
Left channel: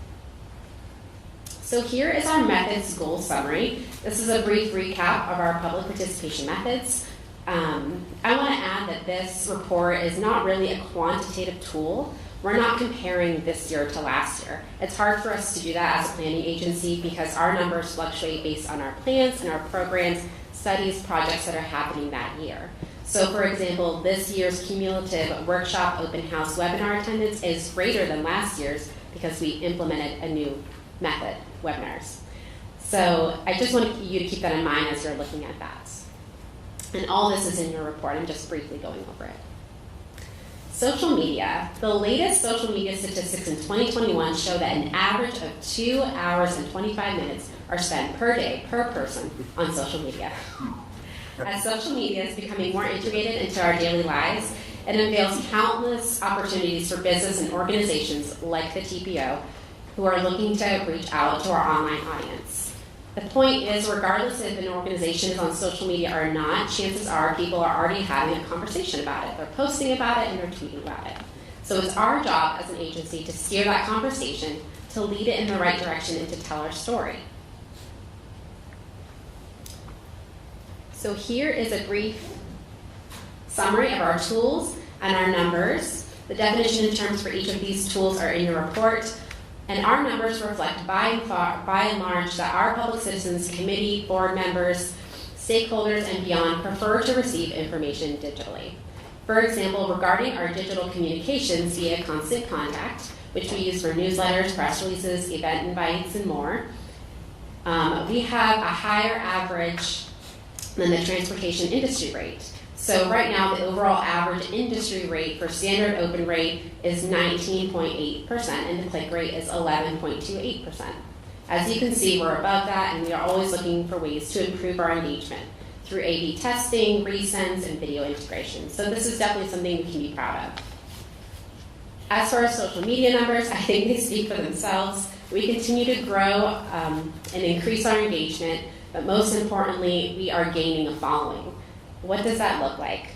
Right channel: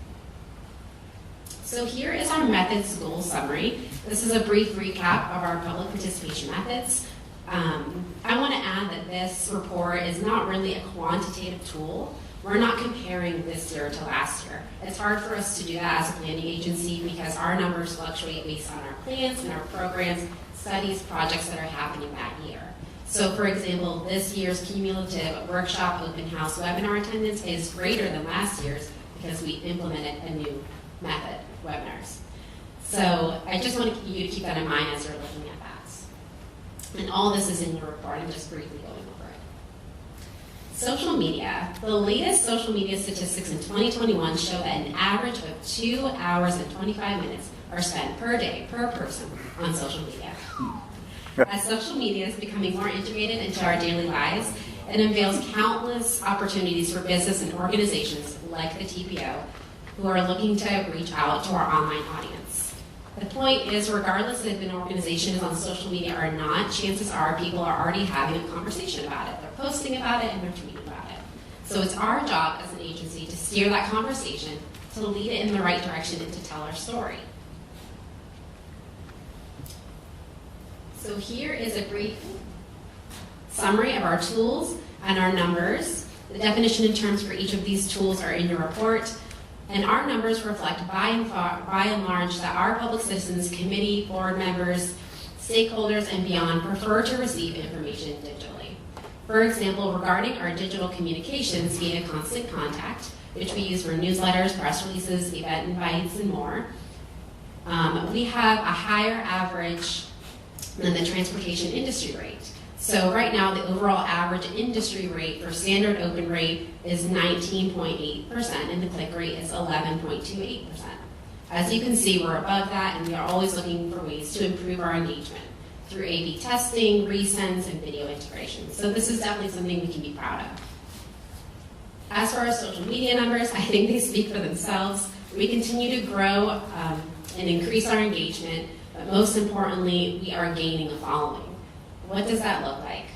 So here is our methods goal summary. This is a brief recap of our public participation methods. I want to add that this report is not really a quantitative tool. We're not comparing this year to last year. It's hard for us to do that as a planning agency because our numbers fluctuate based on our plans and our programs, studies, projects that are happening that year. So for example, this year's cumulative workshop open house webinar attendance is greater than last year's because we implemented a new method, webinars. So I just want you to keep that in mind as you're looking at that. And all this is in your report. I'm just briefly going over it. Social media. The latest social media statistics in 2021 show that an average of 2 hours and 25 minutes are spent per day, per person, on social media. As social media is becoming more integrated into our daily lives, it unveils countless opportunities for business and organizations like the TPO who are looking to reach out to our online audience. The point is, regardless if an organization is on social media or not, chances are people are already having a conversation about it. They're posting about it and they're tweeting about it. So it's our job as an agency to steer that conversation, to lead it in the right direction, and to tell our story. So here is a brief summary of our tools and our numbers. The definition and terms for each of these tools are in your report. And our numbers reflect by and large that our public citizens, committee, board members, stakeholders, and beyond prefer to receive information digitally. For example, regarding our digital communications via Constant Contact, which we use for newsletters, press releases, event invites, and more, we have a higher average than the transportation industry rate. So right now, the overall average industry rate for standard open rate is 19.8%, and the click rate is 11.28%. As you can see, we're above that, and we are always looking for ways to improve our engagement through A/B testing, resends, and video integration. So this is definitely something we can be proud of. As for our social media numbers, I think they speak for themselves. We continue to grow and increase our engagement, but most importantly, we are gaining a following. What does that look like?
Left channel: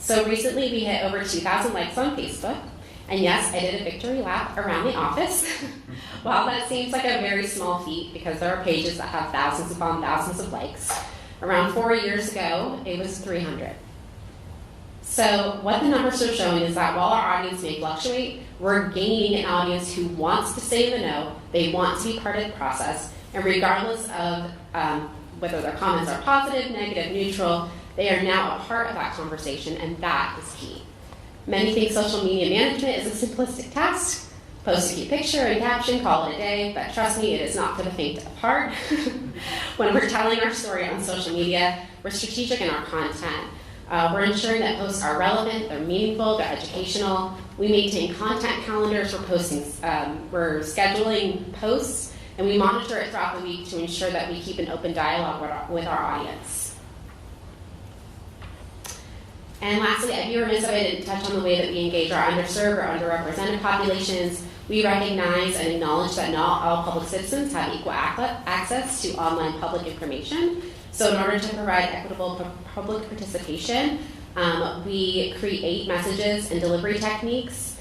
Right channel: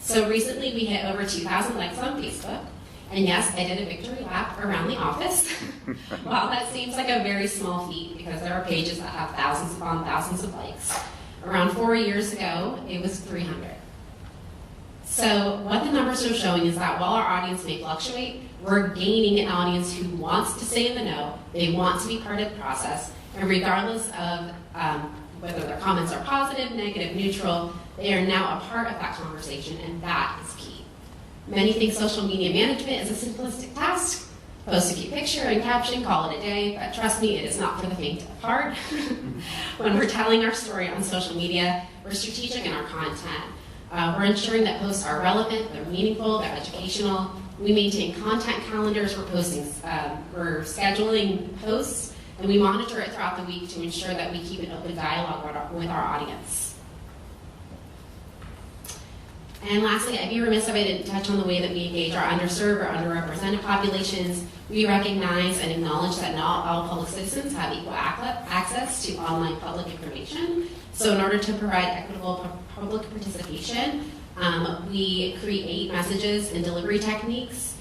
So recently we hit over 2,000 likes on Facebook, and yes, I did a victory lap around the office. While that seems like a very small feat because there are pages that have thousands upon thousands of likes, around 4 years ago, it was 300. So what the numbers are showing is that while our audience may fluctuate, we're gaining an audience who wants to stay in the know, they want to be part of the process, and regardless of whether their comments are positive, negative, neutral, they are now a part of that conversation, and that is key. Many think social media management is a simplistic task. Post a cute picture and caption, call it a day, but trust me, it is not for the faint of heart. When we're telling our story on social media, we're strategic in our content. We're ensuring that posts are relevant, they're meaningful, they're educational. We maintain content calendars, we're scheduling posts, and we monitor it throughout the week to ensure that we keep an open dialogue with our audience. And lastly, I'd be remiss if I didn't touch on the way that we engage our underserved or underrepresented populations. We recognize and acknowledge that not all public citizens have equal access to online public information. So in order to provide equitable public participation, we create messages and delivery techniques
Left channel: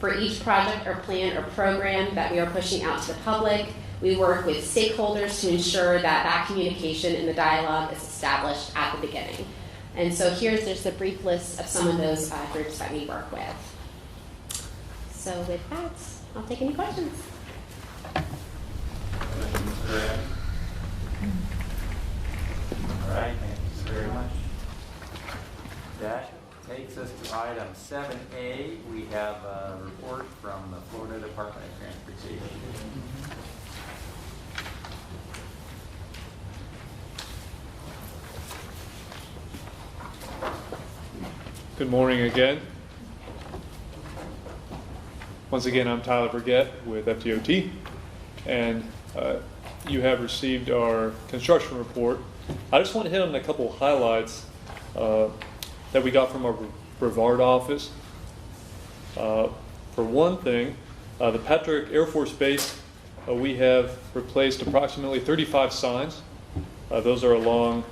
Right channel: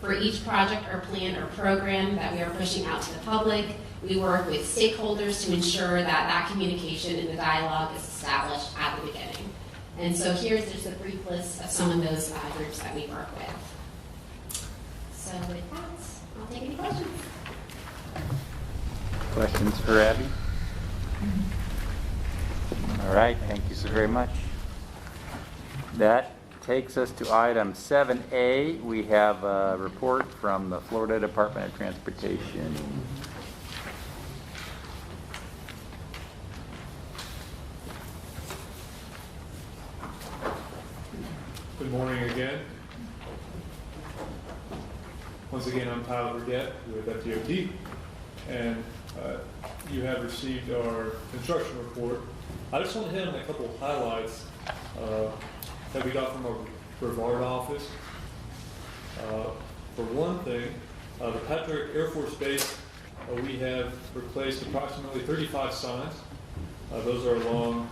for each project or plan or program that we are pushing out to the public. We work with stakeholders to ensure that that communication and the dialogue is established at the beginning. And so here's just a brief list of some of those groups that we work with. So with that, I'll take any questions. Questions for Abby? All right, thank you very much. That takes us to item 7A. We have a report from the Florida Department of Transportation. Good morning again. Once again, I'm Tyler Burgett with FDOT, and you have received our construction report. I just want to hit on a couple of highlights that we got from our Brevard office. For one thing, the Patrick Air Force Base, we have replaced approximately 35 signs. Those are along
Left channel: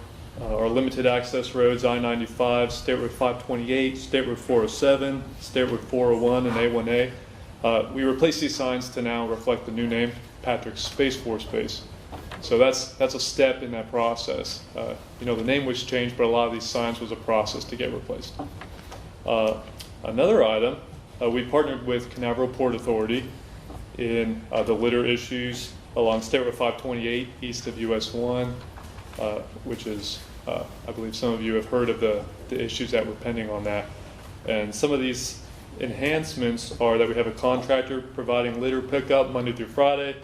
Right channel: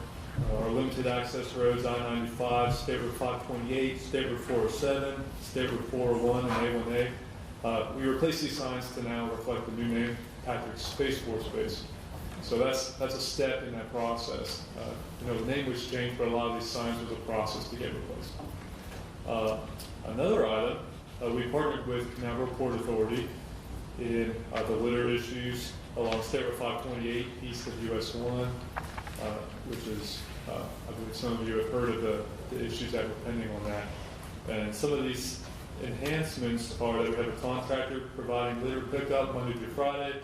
our limited access roads, I-95, State Road 528, State Road 407, State Road 401, and A1A. We replaced these signs to now reflect the new name, Patrick Space Force Base. So that's a step in that process. The name was changed, but a lot of these signs was a process to get replaced. Another item, we partnered with Canaveral Port Authority in the litter issues along State Road 528 east of US 1, which is, I believe some of you have heard of the issues that were pending on that. And some of these enhancements are that we have a contractor providing litter pickup Monday through Friday.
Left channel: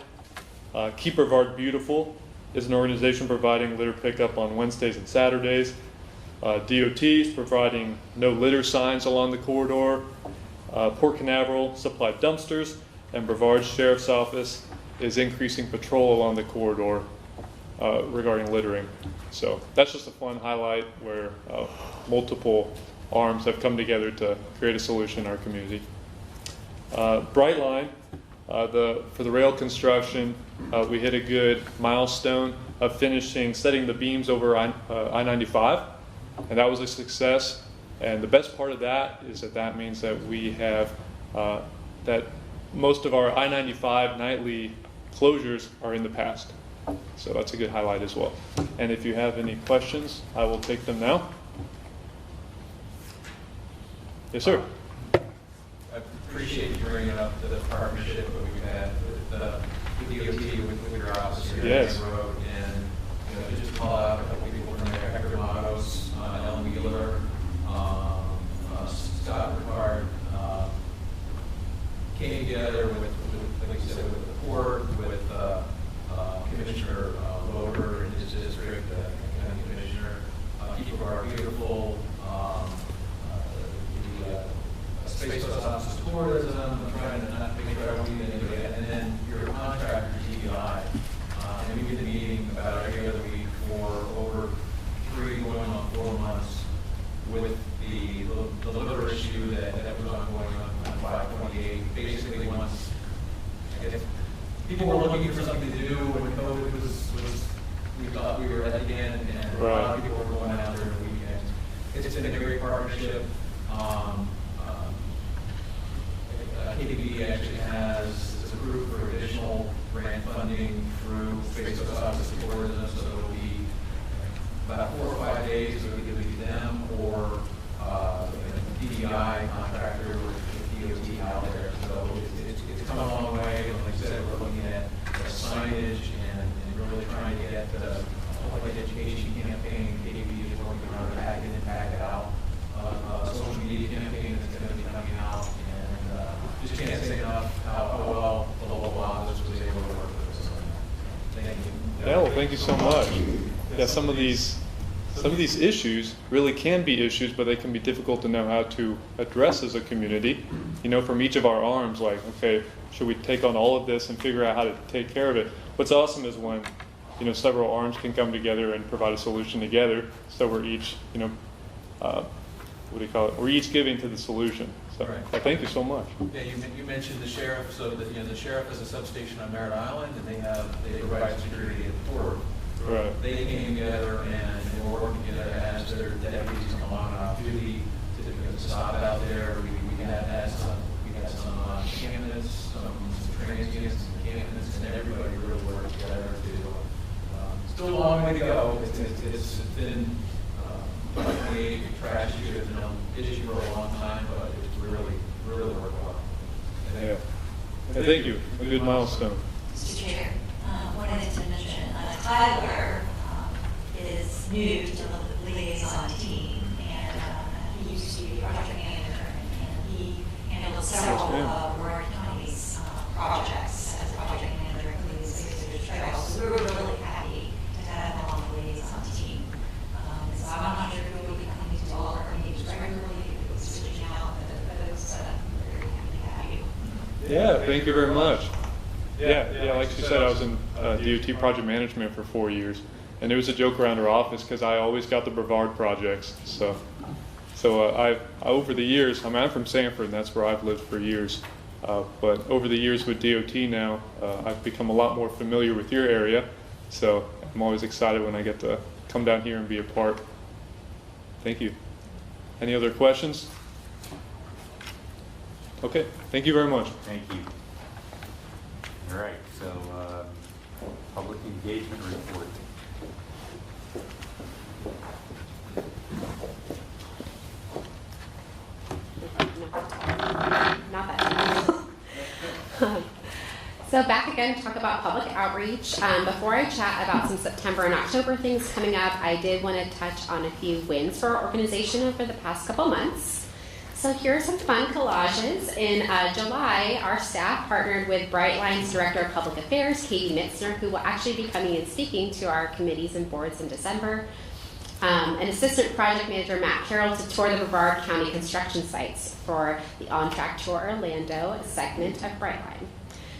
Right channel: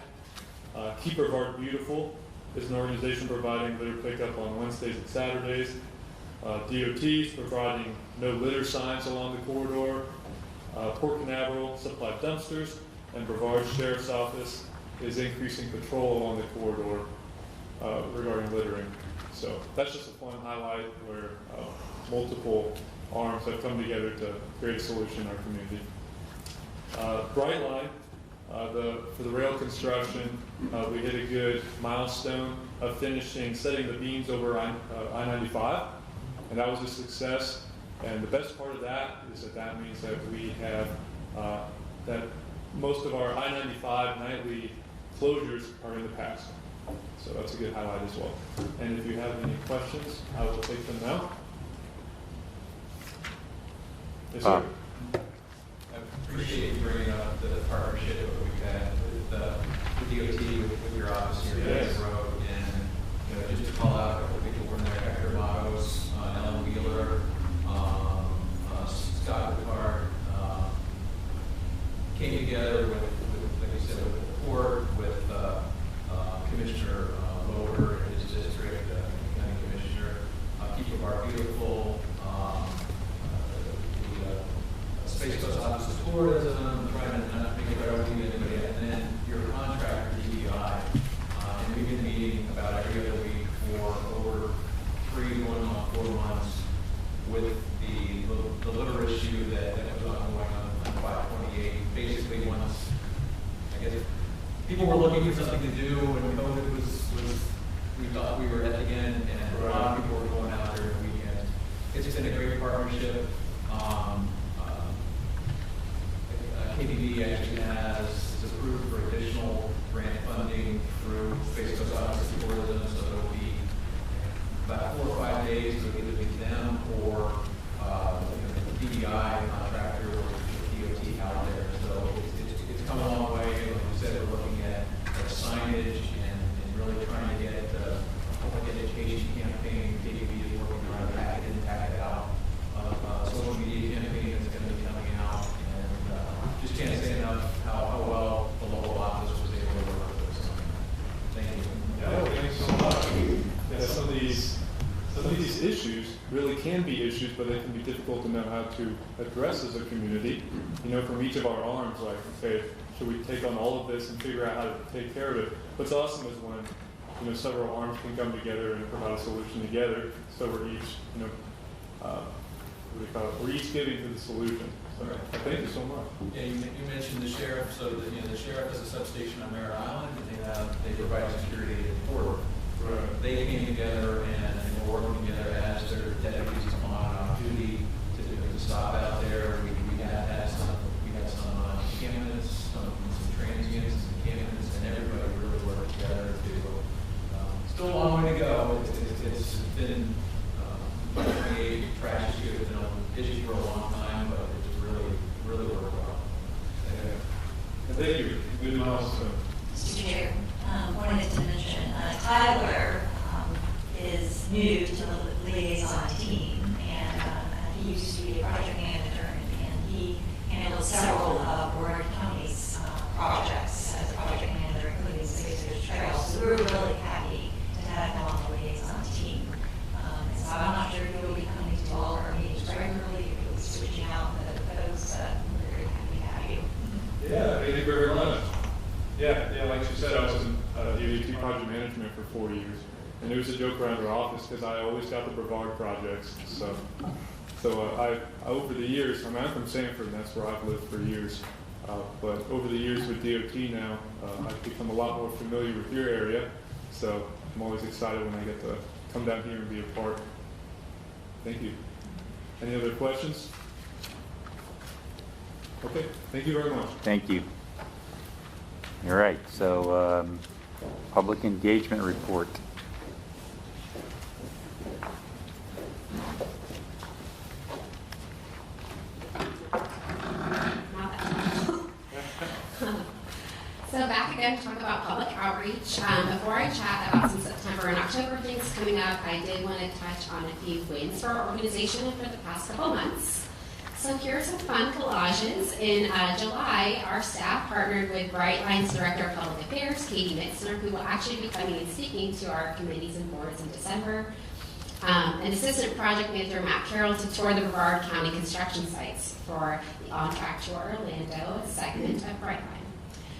Keep Brevard Beautiful is an organization providing litter pickup on Wednesdays and Saturdays. DOT is providing no litter signs along the corridor. Port Canaveral supplied dumpsters, and Brevard Sheriff's Office is increasing patrol along the corridor regarding littering. So that's just a fun highlight where multiple arms have come together to create a solution in our community. Brightline, for the rail construction, we hit a good milestone of setting the beams over I-95, and that was a success. And the best part of that is that means that we have that most of our I-95 nightly closures are in the past. So that's a good highlight as well. And if you have any questions, I will take them now. Yes, sir. I appreciate you bringing up the partnership that we've had with DOT, with your office here Yes. at the road. And, just to call out a couple people from there, Hector Matos, Ellen Wheeler, Scott Ricard, came together with, like you said, with the port, with Commissioner Loder in his district, County Commissioner, Keep of Our Beautiful, the Space Coast Office of Tourism, trying to not make sure I don't leave anybody, and then your contractor, DBI. And we've been meeting about every other week for over 3 going on 4 months with the litter issue that was ongoing on 528. Basically, once, I guess, people were looking for something to do when COVID was we thought we were at the end, and a lot of people were going out during the weekend. It's been a great partnership. KBB actually is approved for additional grant funding through Space Coast Office of Tourism, so it'll be about 4 or 5 days. So it'll either be them or DDI contractor with DOT out there. So it's come a long way. Like you said, we're looking at signage and really trying to get a public education campaign. KBB is working on a Pack It In, Pack It Out social media campaign that's going to be coming out. Just can't say enough how well the local office was able to work with us. Thank you. Oh, thank you so much. Yeah, some of these issues really can be issues, but they can be difficult to know how to address as a community. From each of our arms, like, okay, should we take on all of this and figure out how to take care of it? What's awesome is when, several arms can come together and provide a solution together. So we're each, we're each giving to the solution. So Right. thank you so much. Yeah, you mentioned the sheriff. So the sheriff has a substation on Merritt Island, and they provide security at the port. Right. They came together and were working together as their deputies come on duty to stop out there. We had some encampments, some transients, encampments, and everybody really worked together to. Still a long way to go. It's been 28 trash issue has been an issue for a long time, but it's really worked well. Yeah. Thank you. Good milestone. Mr. Chair, wanted to mention Tyler is new to the liaison team, and he used to be a project manager, and he handled several of Warren County's projects as a project manager, including the Space Coast Trail. So we were really happy to have him on the liaison team. So I'm not sure if he'll be coming to all of our meetings regularly, if he'll be switching out the folks, but we're very happy to have you. Yeah, thank you very much. Yeah, like you said, I was in DOT project management for 4 years, and there was a joke around our office because I always got the Brevard projects. So I over the years, I'm from Sanford, and that's where I've lived for years. But over the years with DOT now, I've become a lot more familiar with your area. So I'm always excited when I get to come down here and be a part. Thank you. Any other questions? Okay, thank you very much. Thank you. All right, so public engagement report. Not that. So back again to talk about public outreach. Before I chat about some September and October things coming up, I did want to touch on a few wins for our organization over the past couple months. So here are some fun collages. In July, our staff partnered with Brightline's Director of Public Affairs, Katie Mitzner, who will actually be coming and speaking to our committees and boards in December. And Assistant Project Manager Matt Carroll to tour the Brevard County construction sites for the On Track to Orlando segment of Brightline.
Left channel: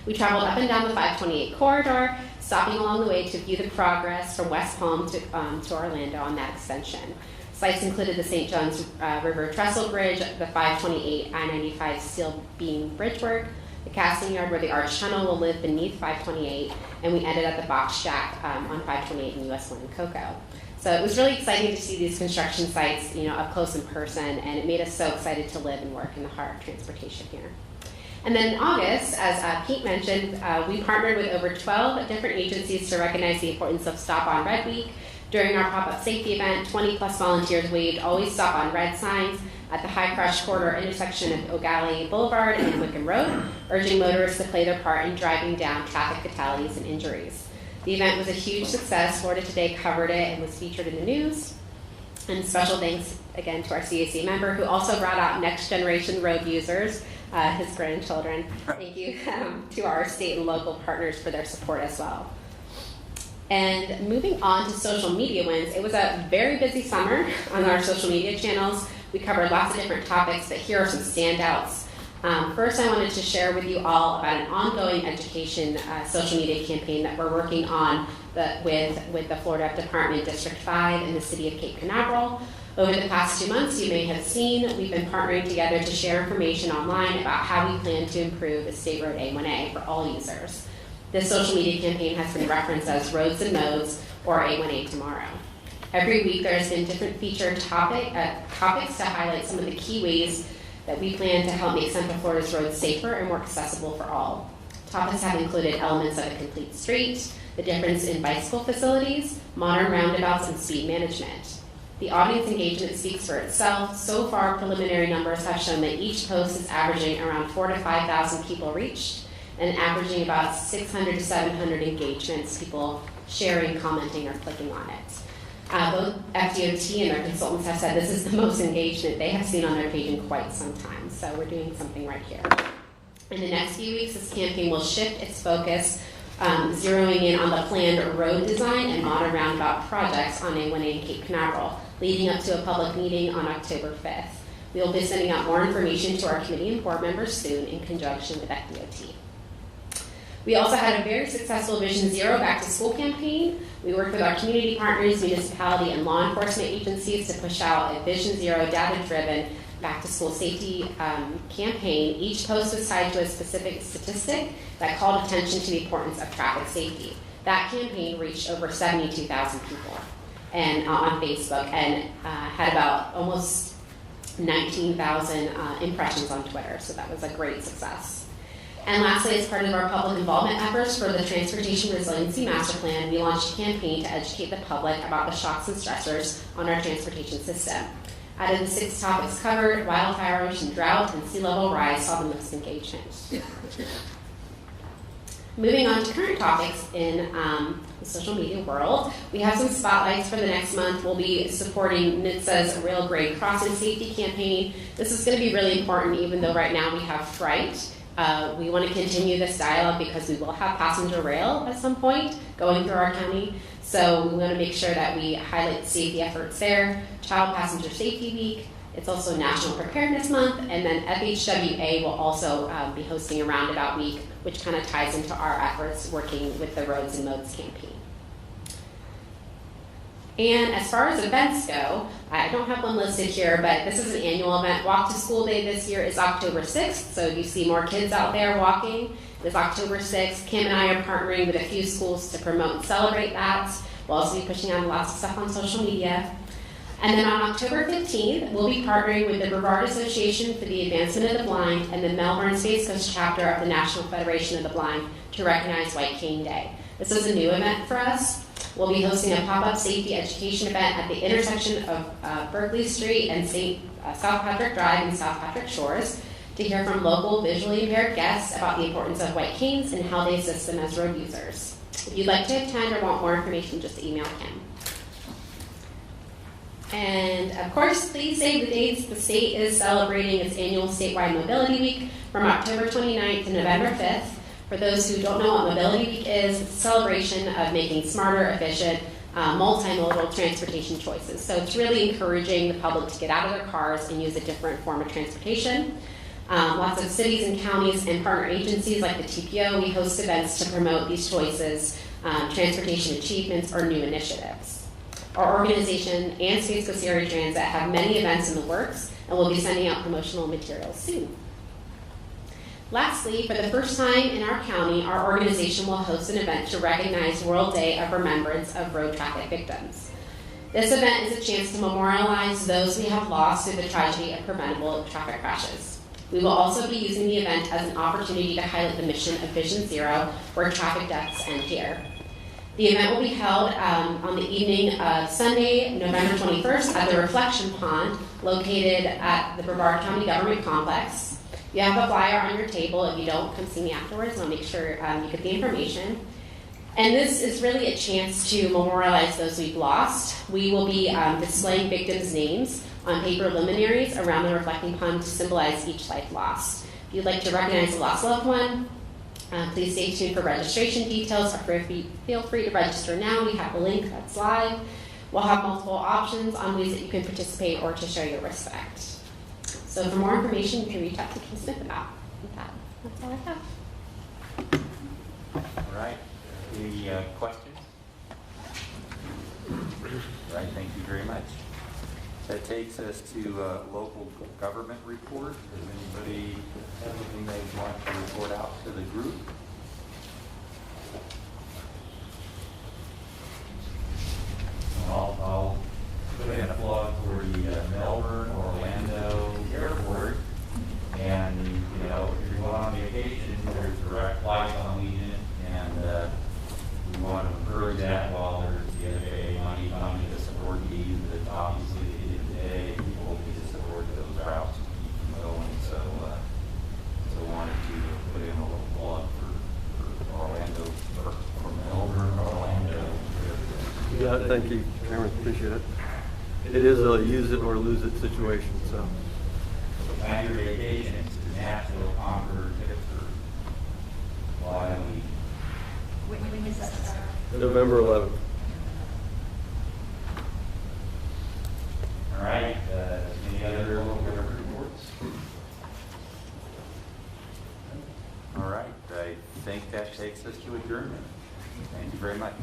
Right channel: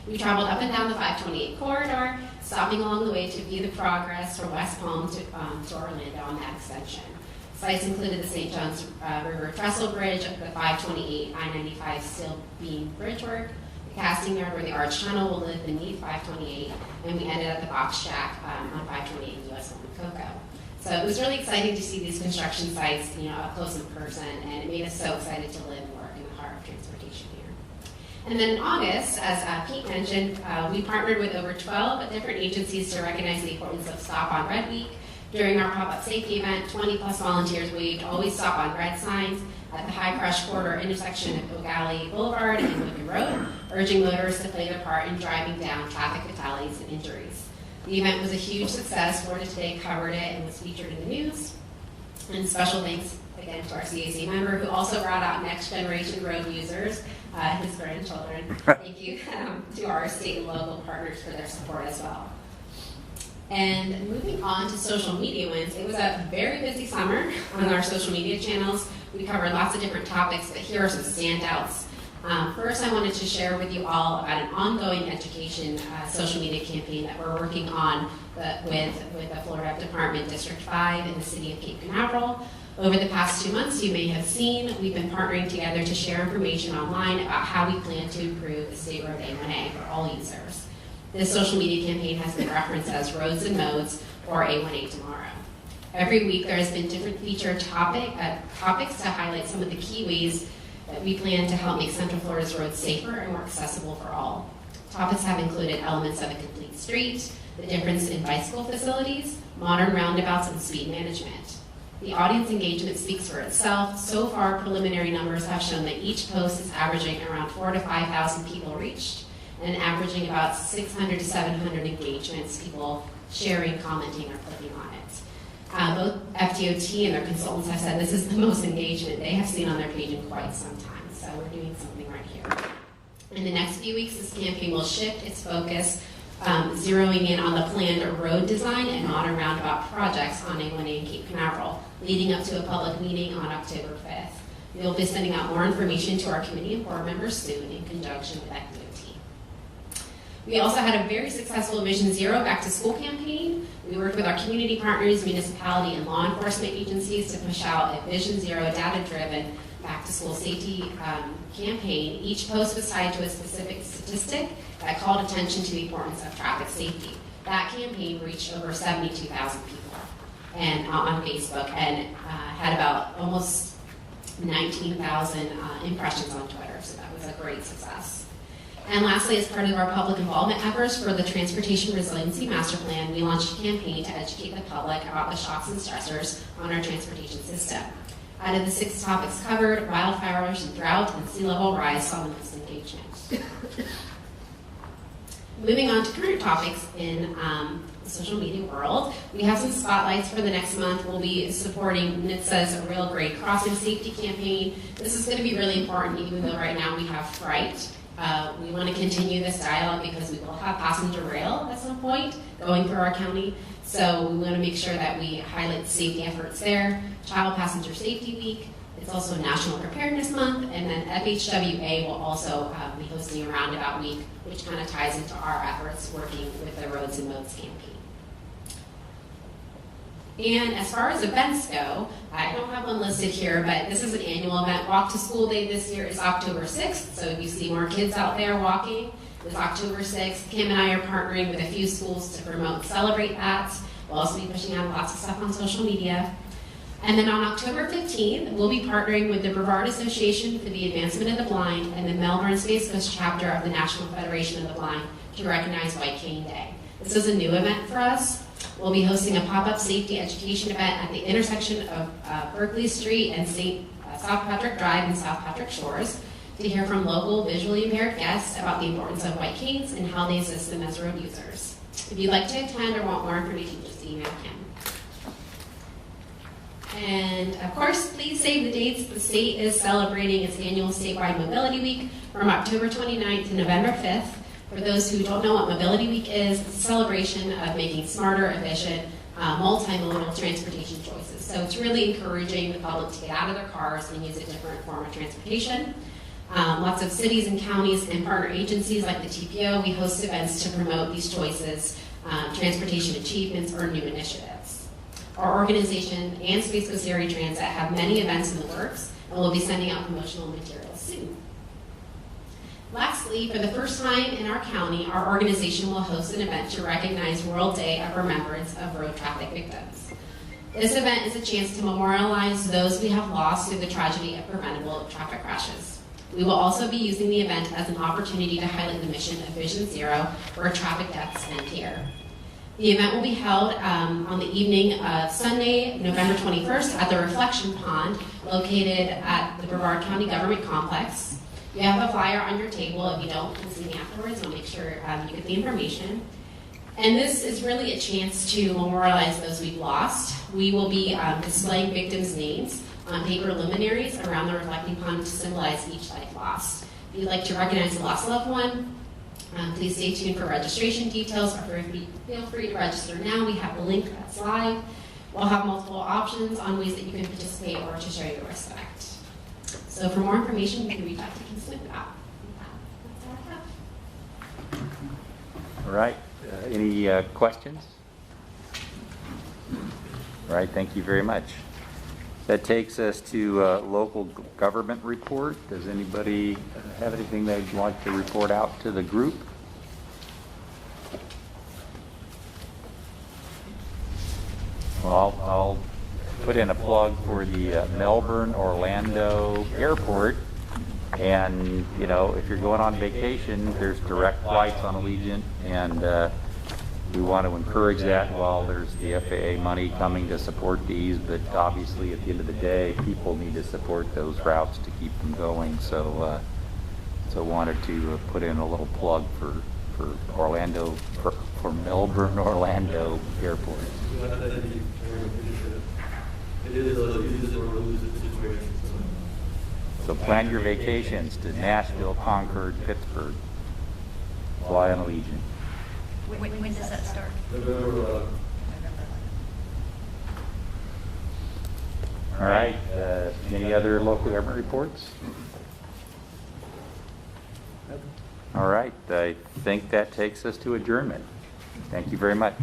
We traveled up and down the 528 corridor, stopping along the way to view the progress from West Palm to Orlando on that extension. Sites included the St. Johns River Trestle Bridge, the 528 I-95 steel beam bridge work, the casting yard where the arch tunnel will live beneath 528, and we ended at the box shack on 528 in US 1 Cocoa. So it was really exciting to see these construction sites, up close in person, and it made us so excited to live and work in the heart of transportation here. And then in August, as Pete mentioned, we partnered with over 12 different agencies to recognize the importance of Stop on Red Week. During our pop-up safety event, 20-plus volunteers waved Always Stop on Red signs at the High Crush Corridor intersection of O'Galley Boulevard and Wickham Road, urging motorists to play their part in driving down traffic fatalities and injuries. The event was a huge success. Florida Today covered it and was featured in the news. And special thanks again to our CAC member who also brought out next generation road users, his grandchildren. Thank you to our state and local partners for their support as well. And moving on to social media wins, it was a very busy summer on our social media channels. We covered lots of different topics, but here are some standouts. First, I wanted to share with you all about an ongoing education social media campaign that we're working on with the Florida Department District 5 in the city of Cape Canaveral. Over the past 2 months, you may have seen, we've been partnering together to share information online about how we plan to improve the State Road A1A for all users. This social media campaign has been referenced as Roads and Modes, or A1A Tomorrow. Every week, there has been different featured topics to highlight some of the key ways that we plan to help make Central Florida's roads safer and more accessible for all. Topics have included elements of a complete street, the difference in bicycle facilities, modern roundabouts, and speed management. The audience engagement speaks for itself. So far, preliminary numbers have shown that each post is averaging around 4,000 to 5,000 people reached, and averaging about 600 to 700 engagements, people sharing, commenting, or clicking on it. Both FDOT and their consultants have said this is the most engagement they have seen on their page in quite some time, so we're doing something right here. In the next few weeks, this campaign will shift its focus, zeroing in on the planned road design and modern roundabout projects on A1A in Cape Canaveral, leading up to a public meeting on October 5th. We will be sending out more information to our committee and board members soon in conjunction with FDOT. We also had a very successful Vision Zero Back to School campaign. We worked with our community partners, municipality, and law enforcement agencies to push out a Vision Zero data-driven back to school safety campaign. Each post was tied to a specific statistic that called attention to the importance of traffic safety. That campaign reached over 72,000 people and on Facebook and had about almost 19,000 impressions on Twitter, so that was a great success. And lastly, as part of our public involvement efforts for the Transportation Resiliency Master Plan, we launched a campaign to educate the public about the shocks and stressors on our transportation system. Out of the 6 topics covered, wildfires and drought and sea level rise saw the most engagement. Moving on to current topics in the social media world, we have some spotlights for the next month. We'll be supporting NHTSA's Rail Grade Crossing Safety Campaign. This is going to be really important, even though right now we have fright. We want to continue this dialogue because we will have passenger rail at some point going through our county. So we want to make sure that we highlight the safety efforts there. Child Passenger Safety Week. It's also National Preparedness Month. And then FHWA will also be hosting a Roundabout Week, which kind of ties into our efforts working with the Roads and Modes campaign. And as far as events go, I don't have one listed here, but this is an annual event. Walk to School Day this year is October 6th, so you see more kids out there walking. It's October 6th. Kim and I are partnering with a few schools to promote and celebrate that. We'll also be pushing out lots of stuff on social media. And then on October 15th, we'll be partnering with the Brevard Association for the Advancement of the Blind and the Melbourne Space Coast chapter of the National Federation of the Blind to recognize White Cane Day. This is a new event for us. We'll be hosting a pop-up safety education event at the intersection of Berkeley Street and South Patrick Drive and South Patrick Shores to hear from local visually impaired guests about the importance of white canes and how they assist them as road users. If you'd like to attend or want more information, just email him. And of course, please save the dates. The state is celebrating its annual statewide Mobility Week from October 29th to November 5th. For those who don't know what Mobility Week is, it's a celebration of making smarter, efficient, multimodal transportation choices. So it's really encouraging the public to get out of their cars and use a different form of transportation. Lots of cities and counties and partner agencies like the TPO, we host events to promote these choices, transportation achievements, or new initiatives. Our organization and Space Coast Area Transit have many events in the works, and we'll be sending out promotional materials soon. Lastly, for the first time in our county, our organization will host an event to recognize World Day of Remembrance of Road Traffic Victims. This event is a chance to memorialize those we have lost through the tragedy of preventable traffic crashes. We will also be using the event as an opportunity to highlight the mission of Vision Zero, where traffic deaths end here. The event will be held on the evening of Sunday, November 21st at the Reflection Pond, located at the Brevard County Government Complex. You have a flyer on your table. If you don't, come see me afterwards. I'll make sure you get the information. And this is really a chance to memorialize those we've lost. We will be displaying victims' names on paper luminaries around the Reflecting Pond to symbolize each life lost. If you'd like to recognize a lost loved one, please stay tuned for registration details, or feel free to register now. We have a link that's live. We'll have multiple options on ways that you can participate or to show your respect. So for more information, you can reach out to King Smith about that. That's all I have. All right. Any questions? All right. Thank you very much. That takes us to local government report. Does anybody have anything they'd like to report out to the group? Well, I'll put in a plug for the Melbourne-Orlando airport. And, you know, if you're going on vacation, there's direct flights on Legion, and we want to encourage that while there's the FAA money coming to support these, but obviously at the end of the day, people need to support those routes to keep them going. So wanted to put in a little plug for Orlando, for Melbourne, Orlando Airport. Yeah, thank you very much, appreciate it. It is a use it or lose it situation, So plan your vacations to Nashville, Concord, Pittsburgh. Fly on Legion. When is that start? November 11th. All right. Any other local government reports? All right. I think that takes us to adjournment. Thank you very much.